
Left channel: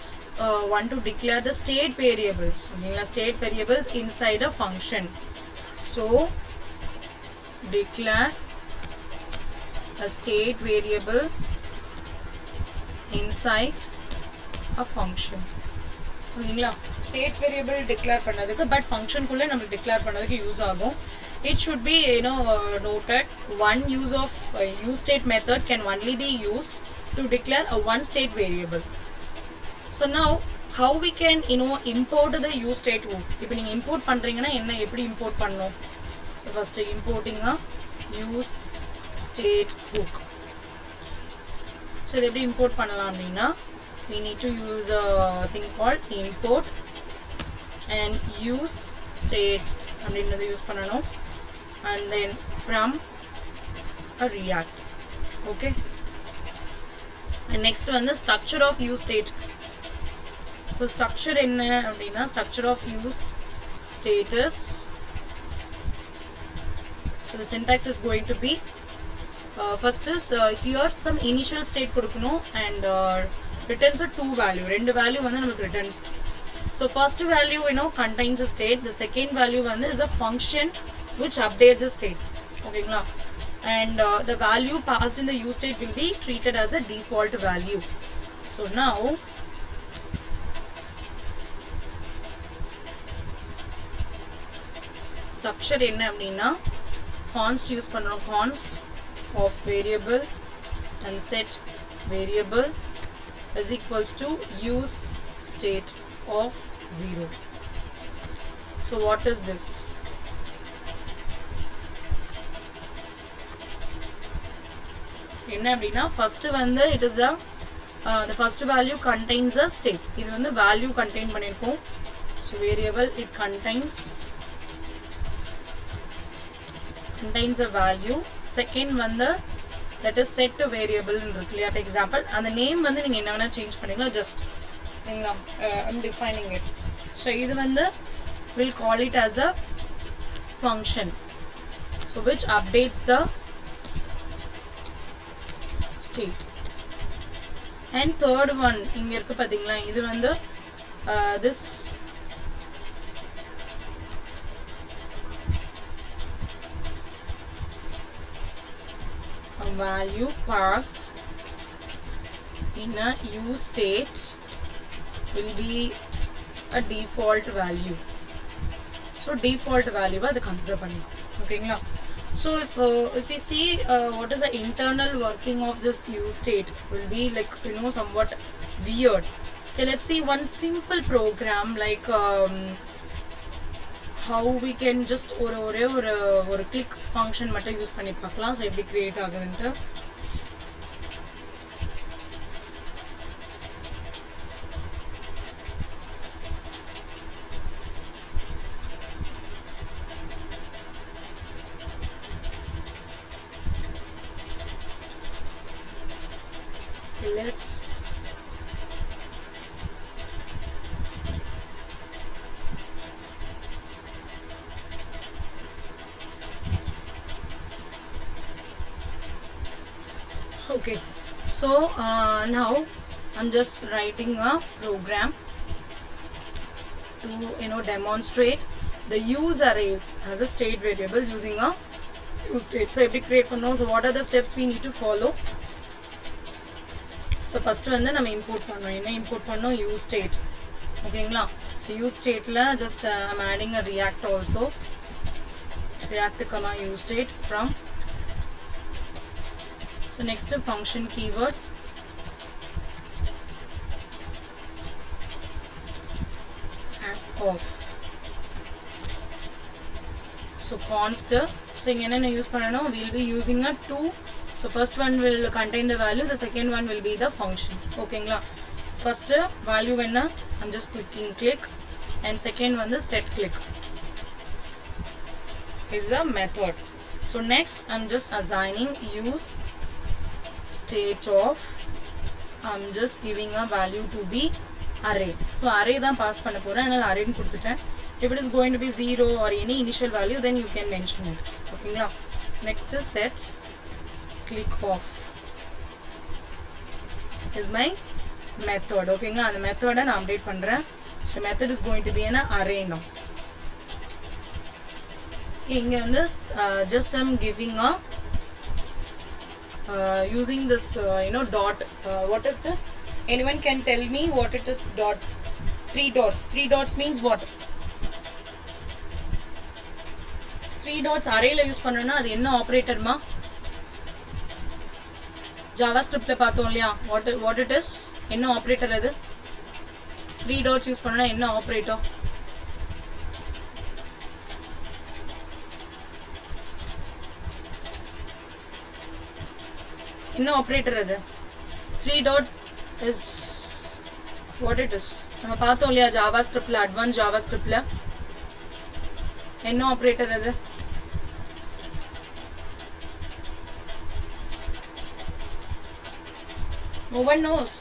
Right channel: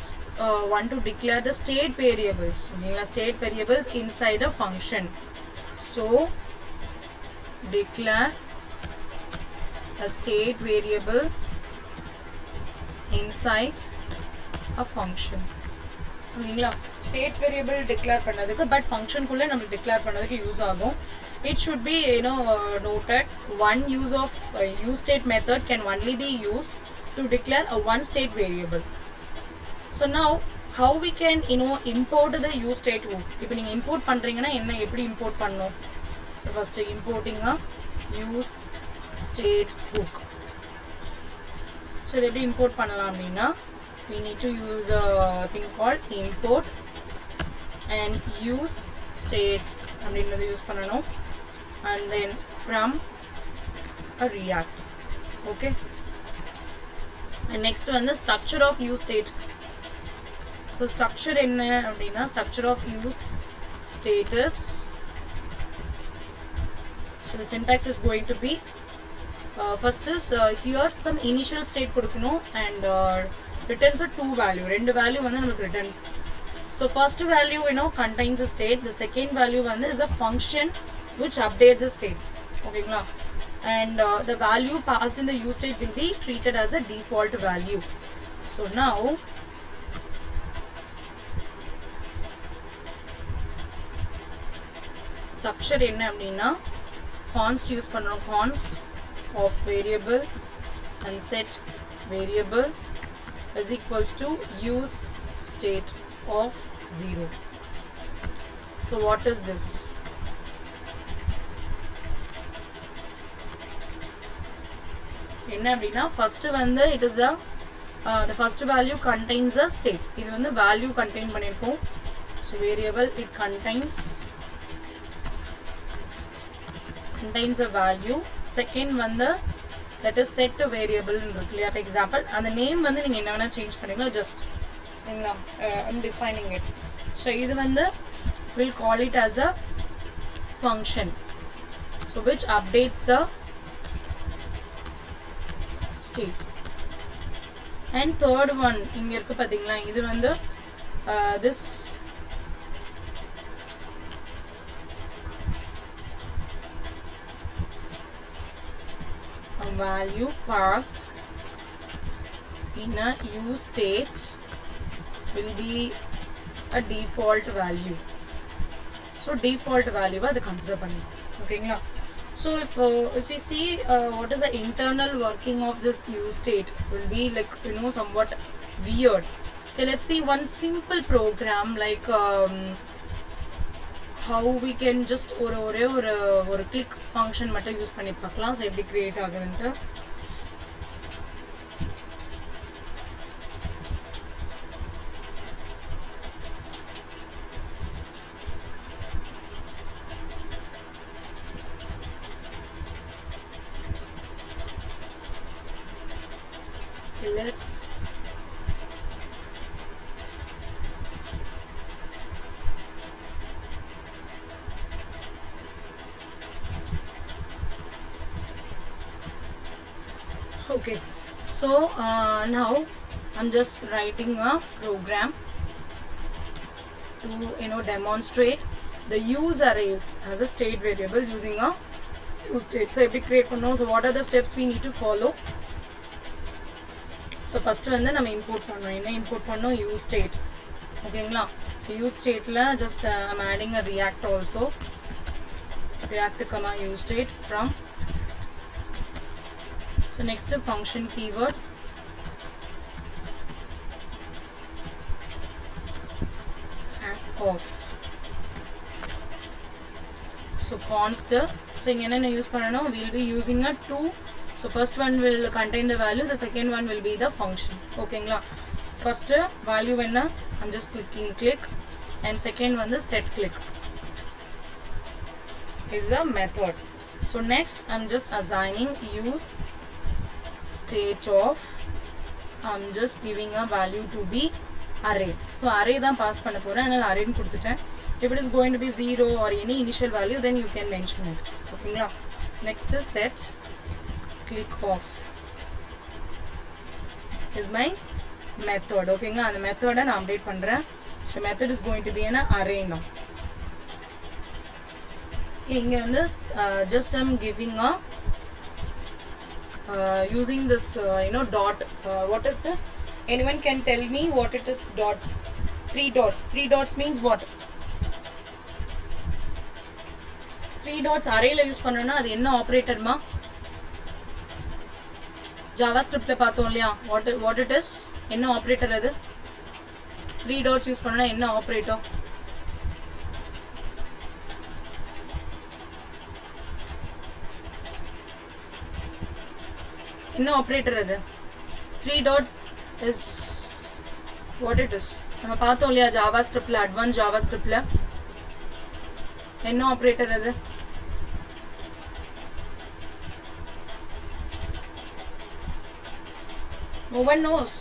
one to declare the state variables. State variables inside a function. So declare a state variable inside a function. ஓகேங்களா? State variable declare பண்ணதுக்கு பட் ஃபங்க்ஷனுக்குள்ளே நம்ம டிக்ளேர் பண்ணதுக்கு யூஸ் ஆகும். It should be noted one use of use state method can only be used to declare a one state variable. So now how we can import the use state hook? இப்போ நீங்க import பண்றீங்கன்னா என்ன எப்படி import பண்ணனும்? So first importing a use state hook. So இதை எப்படி import பண்ணலாம் அப்படின்னா we need to use a thing called import and use state அப்படின்றத யூஸ் பண்ணணும் and then from a React. Okay, and next one the structure of use state. So structure என்ன அப்படின்னா structure of use state is, so the syntax is going to be first is here some initial state கொடுக்கணும் and returns a 2 value. ரெண்டு வேல்யூ வந்து நமக்கு return So first value contains a state. The second value is a function which updates the state. Okay, and the value passed in the use state will be treated as a default value. So now structure enna appadina const use pannom, const of variable and set variable is equals to use state of 0. So what is this? So enna appadina first it is a the first value contains a state. Idu value contain pannirkom. So variable it contains a value. Second that is set to variable for example, and the name neenga enna vena change panningala, just I'm defining it. So idu we'll call it as a function, so which updates the state. And third one inga irukku pathingala, idu this value passed in a use state will be a default value. So default value adu consider panni. Okay la. So if we see what is the internal working of this use state will be like somewhat weird. Okay, let's see one simple program like how we can just ஒரு click function மட்டும் யூஸ் பண்ணி பார்க்கலாம். So எப்படி create ஆகுதுன்னு. Let's okay, so now I'm just writing a program to demonstrate the use arrays as a state variable using a use state. So எப்படி create பண்ணனும்? So what are the steps we need to follow? So first நம்ம import பண்ணனும். என்ன import பண்ணனும்? use state. ஓகேங்களா? So use stateல just I'm adding a react also. React comma use state from. So next function keyword off. So const. So enna use pannanom, we'll be using a two. So first one will contain the value, the second one will be the function. Okay ngla. So first value enna, I'm just clicking click, and second one the set click is a method. So next I'm just assigning use state of, I'm just giving a value to be array. So array தான் pass பண்ண போறேன், அதனால array னு கொடுத்துட்டேன். If it is going to be 0 or any initial value, then you can mention it. ஓகேங்களா? Next is set click off is my method. ஓகேங்களா? அந்த method நான் அப்டேட் பண்றேன். So method is going to be an array now. இங்க வந்து just I'm giving a using this dot. What is this? Anyone can tell me what it is? Dot. 3 dots. 3 dots means what? 3 dots array la use பண்ணனும்னா அது என்ன ஆபரேட்டர் மா? JavaScript ல பார்த்தோம் இல்லையா? What it is? என்ன ஆபரேட்டர் அது? 3 dots யூஸ் பண்ணனும்னா என்ன ஆபரேட்டர்? என்ன ஆபரேட்டர் அது? 3 dot is what it is? நம்ம பார்த்தோம் இல்லையா JavaScript ல, advanced JavaScript ல என்ன ஆபரேட்டர் அது? No one knows.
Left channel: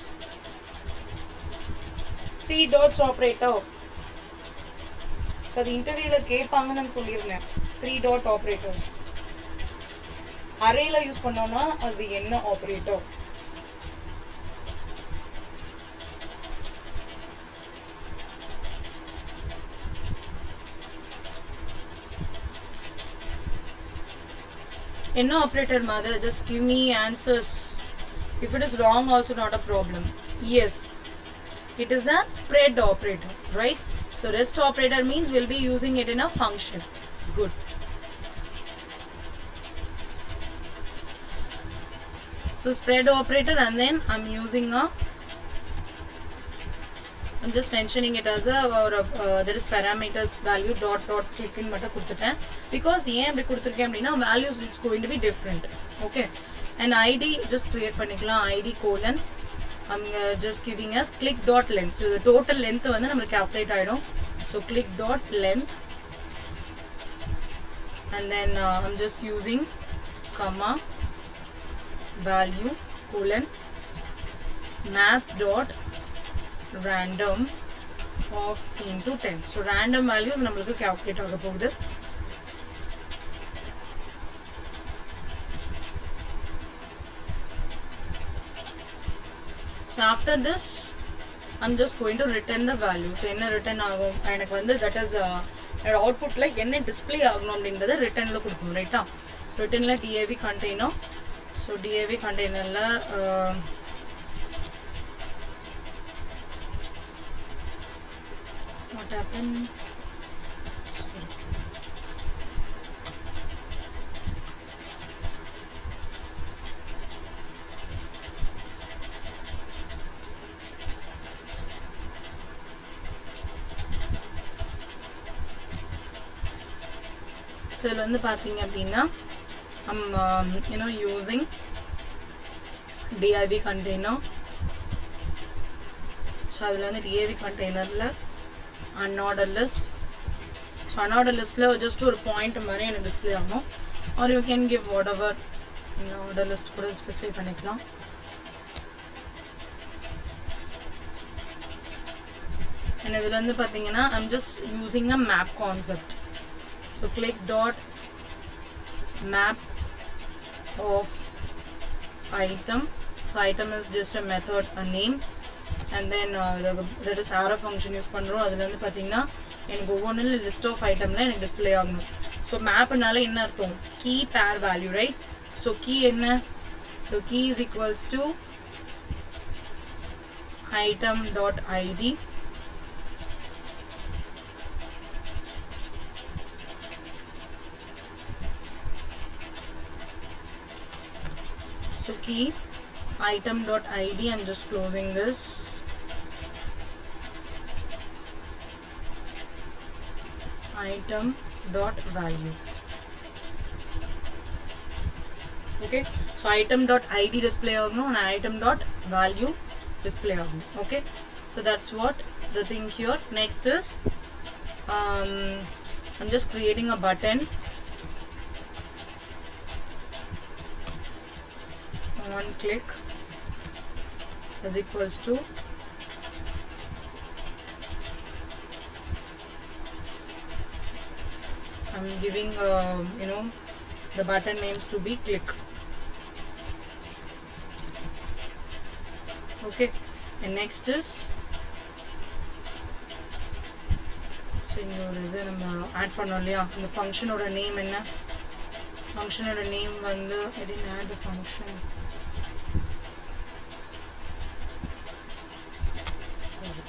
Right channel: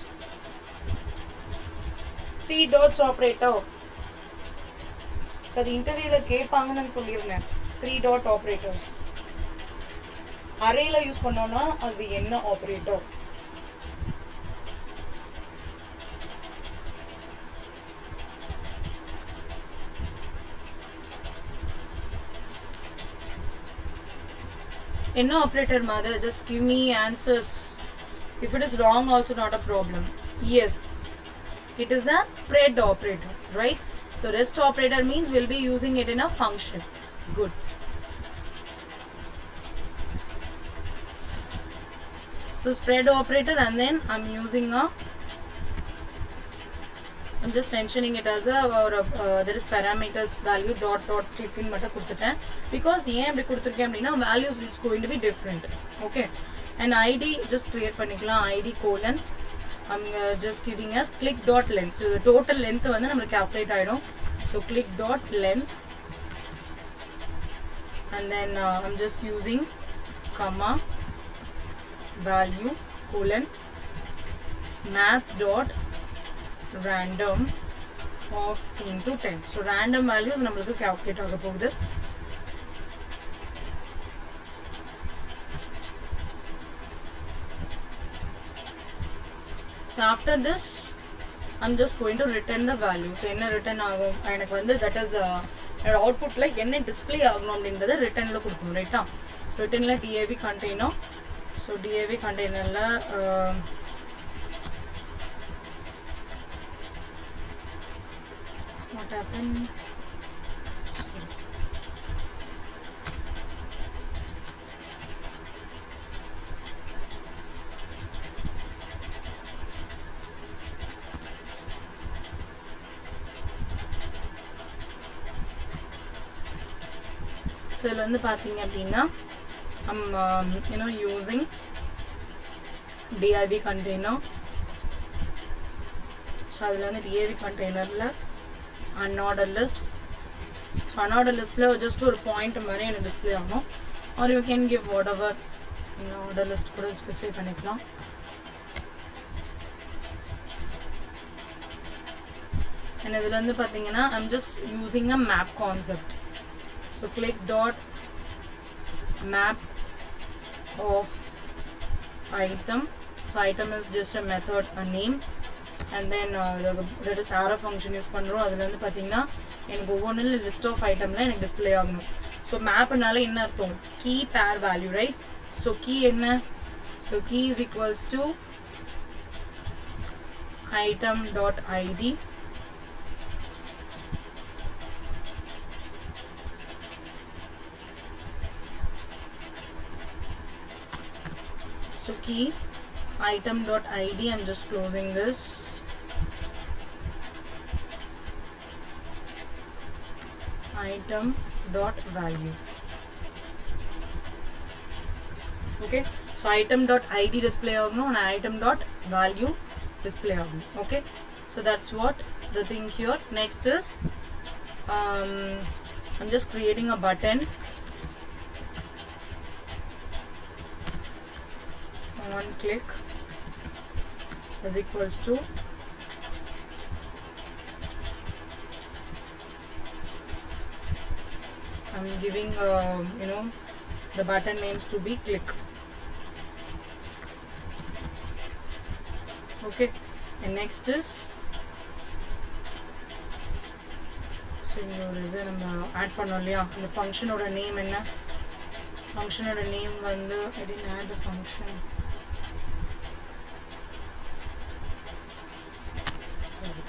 3 dots operator. So the interview la கேட்பாங்கன்னு சொல்லிருந்தேன். 3 dot operators. அரேல யூஸ் பண்ணோம்னா அது என்ன ஆபரேட்டர்? என்ன operator mother? Just give me answers. If it is wrong also not a problem. Yes, it is a spread operator, right? So rest operator means we'll be using it in a function. Good. So spread operator, and then I'm using a, I'm just mentioning it as a, or there is parameters value dot dot click in matter kudutten, because ஏன் அப்படி கொடுத்திருக்கேன் அப்படினா values is going to be different. Okay, and id just create பண்ணிக்கலாம், id colon, I'm just giving us click dot length. So the total length வந்து நமக்கு calculate ஆயிடும். So click dot length, and then I'm just using comma value colon math dot random of into 10. So random values நம்மளுக்கு calculate ஆக போகுது. So after this I'm just going to return the value. So என்ன return ஆகும் எனக்கு வந்து, that is outputல என்ன display ஆகணும் அப்படின்றத returnல கொடுக்கணும், ரைட்டா? So returnல div container. So div containerல what happened? Sorry. So இதில் வந்து பார்த்தீங்க அப்படின்னா I'm using div container. So அதில் வந்து div containerல unordered list. So unordered listல just ஒரு point மாதிரி எனக்கு display ஆகும், or you can give whatever order list கூட specify பண்ணிக்கலாம். and இதில் வந்து பார்த்தீங்கன்னா I'm just using a map concept. So click dot map of item. So item is just a method, a name, and then that is arrow function use பண்றோம். அதுல வந்து பாத்தீங்கன்னா எனக்கு ஒவ்வொன்றுல list of itemல எனக்கு display ஆகணும். So mapனால என்ன அர்த்தம்? key pair value, right? So key என்ன? So key is equals to item dot id so key item dot id. I'm just closing this. Item dot value. Okay, so item dot id display agno and item dot value display agno. Okay, so that's what the thing here. Next is I'm just creating a button. One click is equals to I'm giving the button names to be click. Okay, and next is so இங்க நம்ம ஆட் பண்ணோம் இல்லையா, இந்த ஃபங்க்ஷனோட நேம் என்ன? ஃபங்க்ஷனோட நேம் வந்து I didn't add the function. Sorry.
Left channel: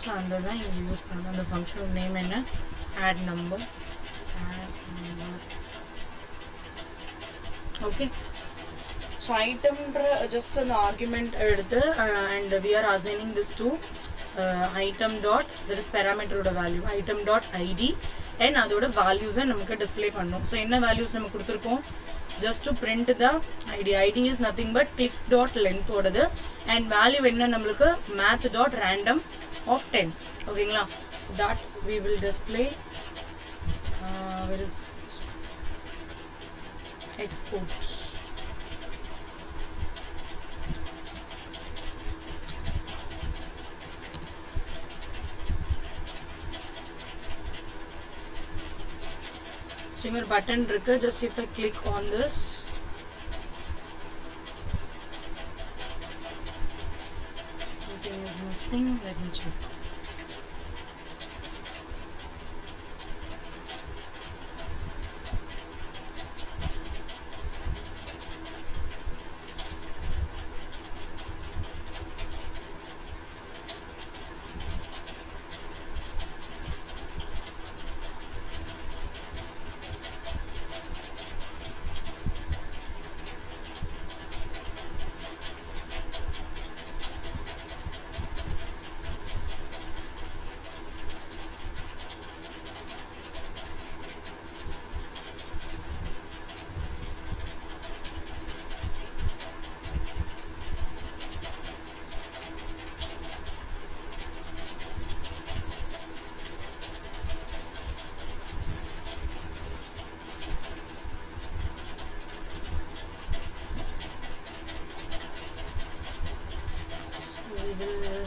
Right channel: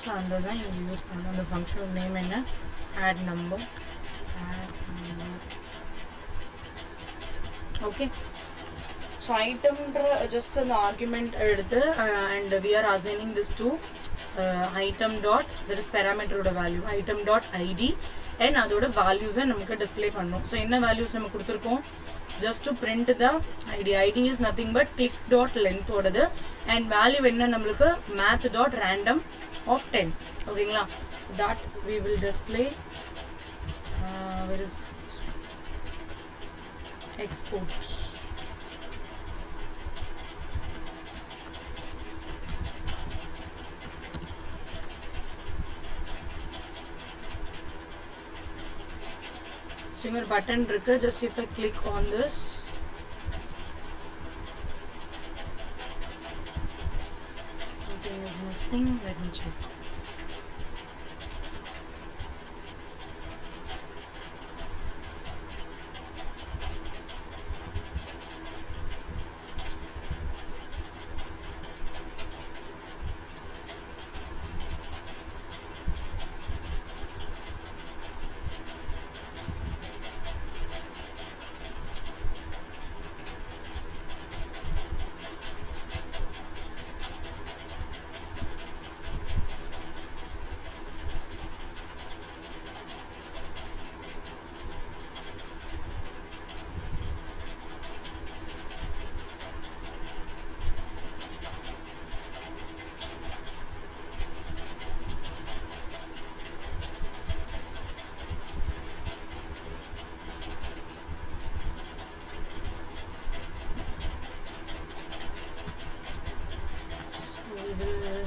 So அந்த தான் இங்க யூஸ் பண்ணணும். அந்த ஃபங்க்ஷனோட நேம் என்ன? add number. Okay, so item just an argument எடுத்து and we are assigning this to item dot, that is parameter oda value item dot id, and அதோட values நமக்கு display பண்ணனும். So என்ன values நமக்கு கொடுத்திருக்கோம்? just to print the id is nothing but click dot length ஓடது, and value என்ன நமக்கு math dot random of 10. ஓகேங்களா? so that we will display where is this? Export. So your button trigger, just if I click on this, something is missing. Let me check. So we will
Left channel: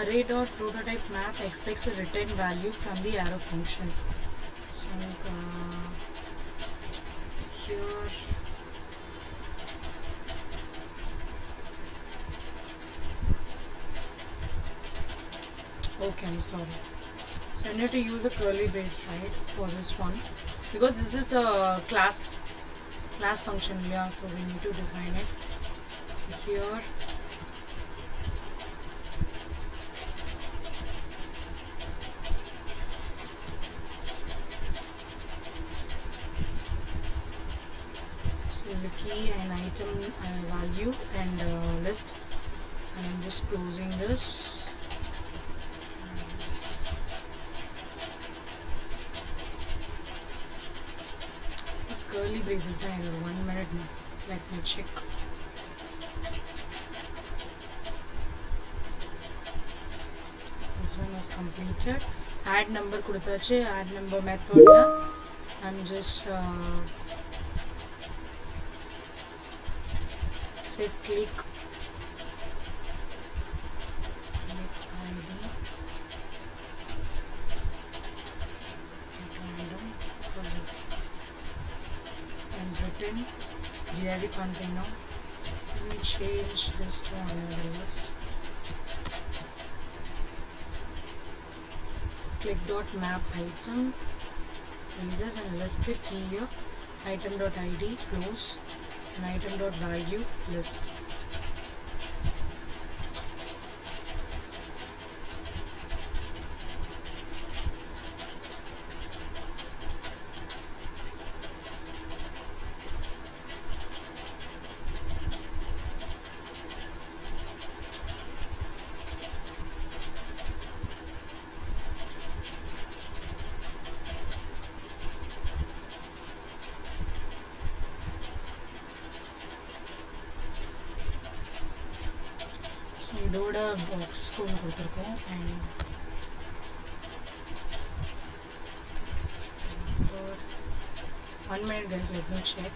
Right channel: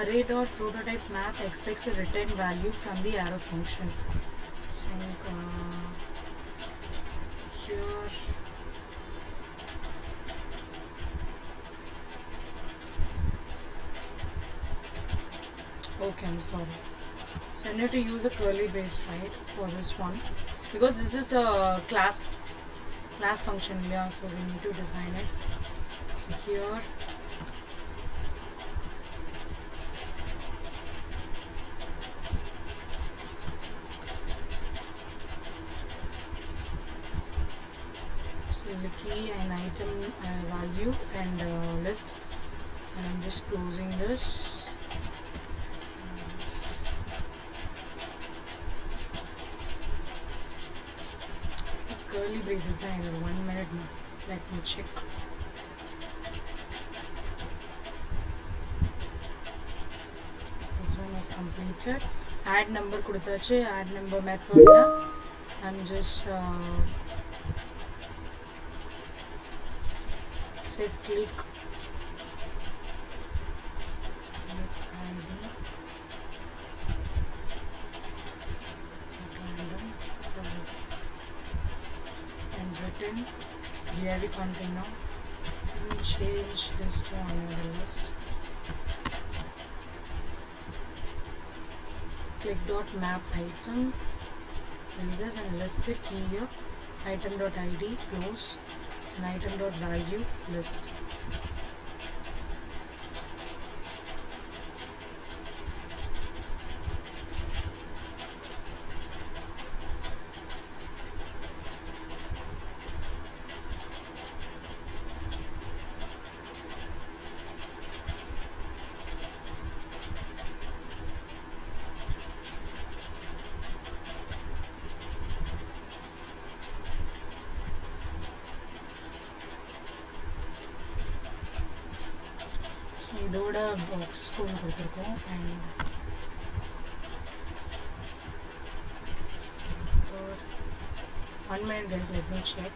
array.prototype map expects a return value from the arrow function. So here okay, I'm sorry. So I need to use a curly brace, right, for this one, because this is a class function, yeah, so we need to define it. So here the key and item value and list, and I'm just closing this. Curly braces there. 1 minute, let me check. This one was completed. Add number kudutache. Add number method la I'm just set click ID random and written div container. Let me change this to another list. Click dot map item traces and list the key here. Item dot id close and item dot value list. இதோட பாக்ஸ் கொண்டு கொடுத்துருக்கோம் and 1 minute guys, let me check.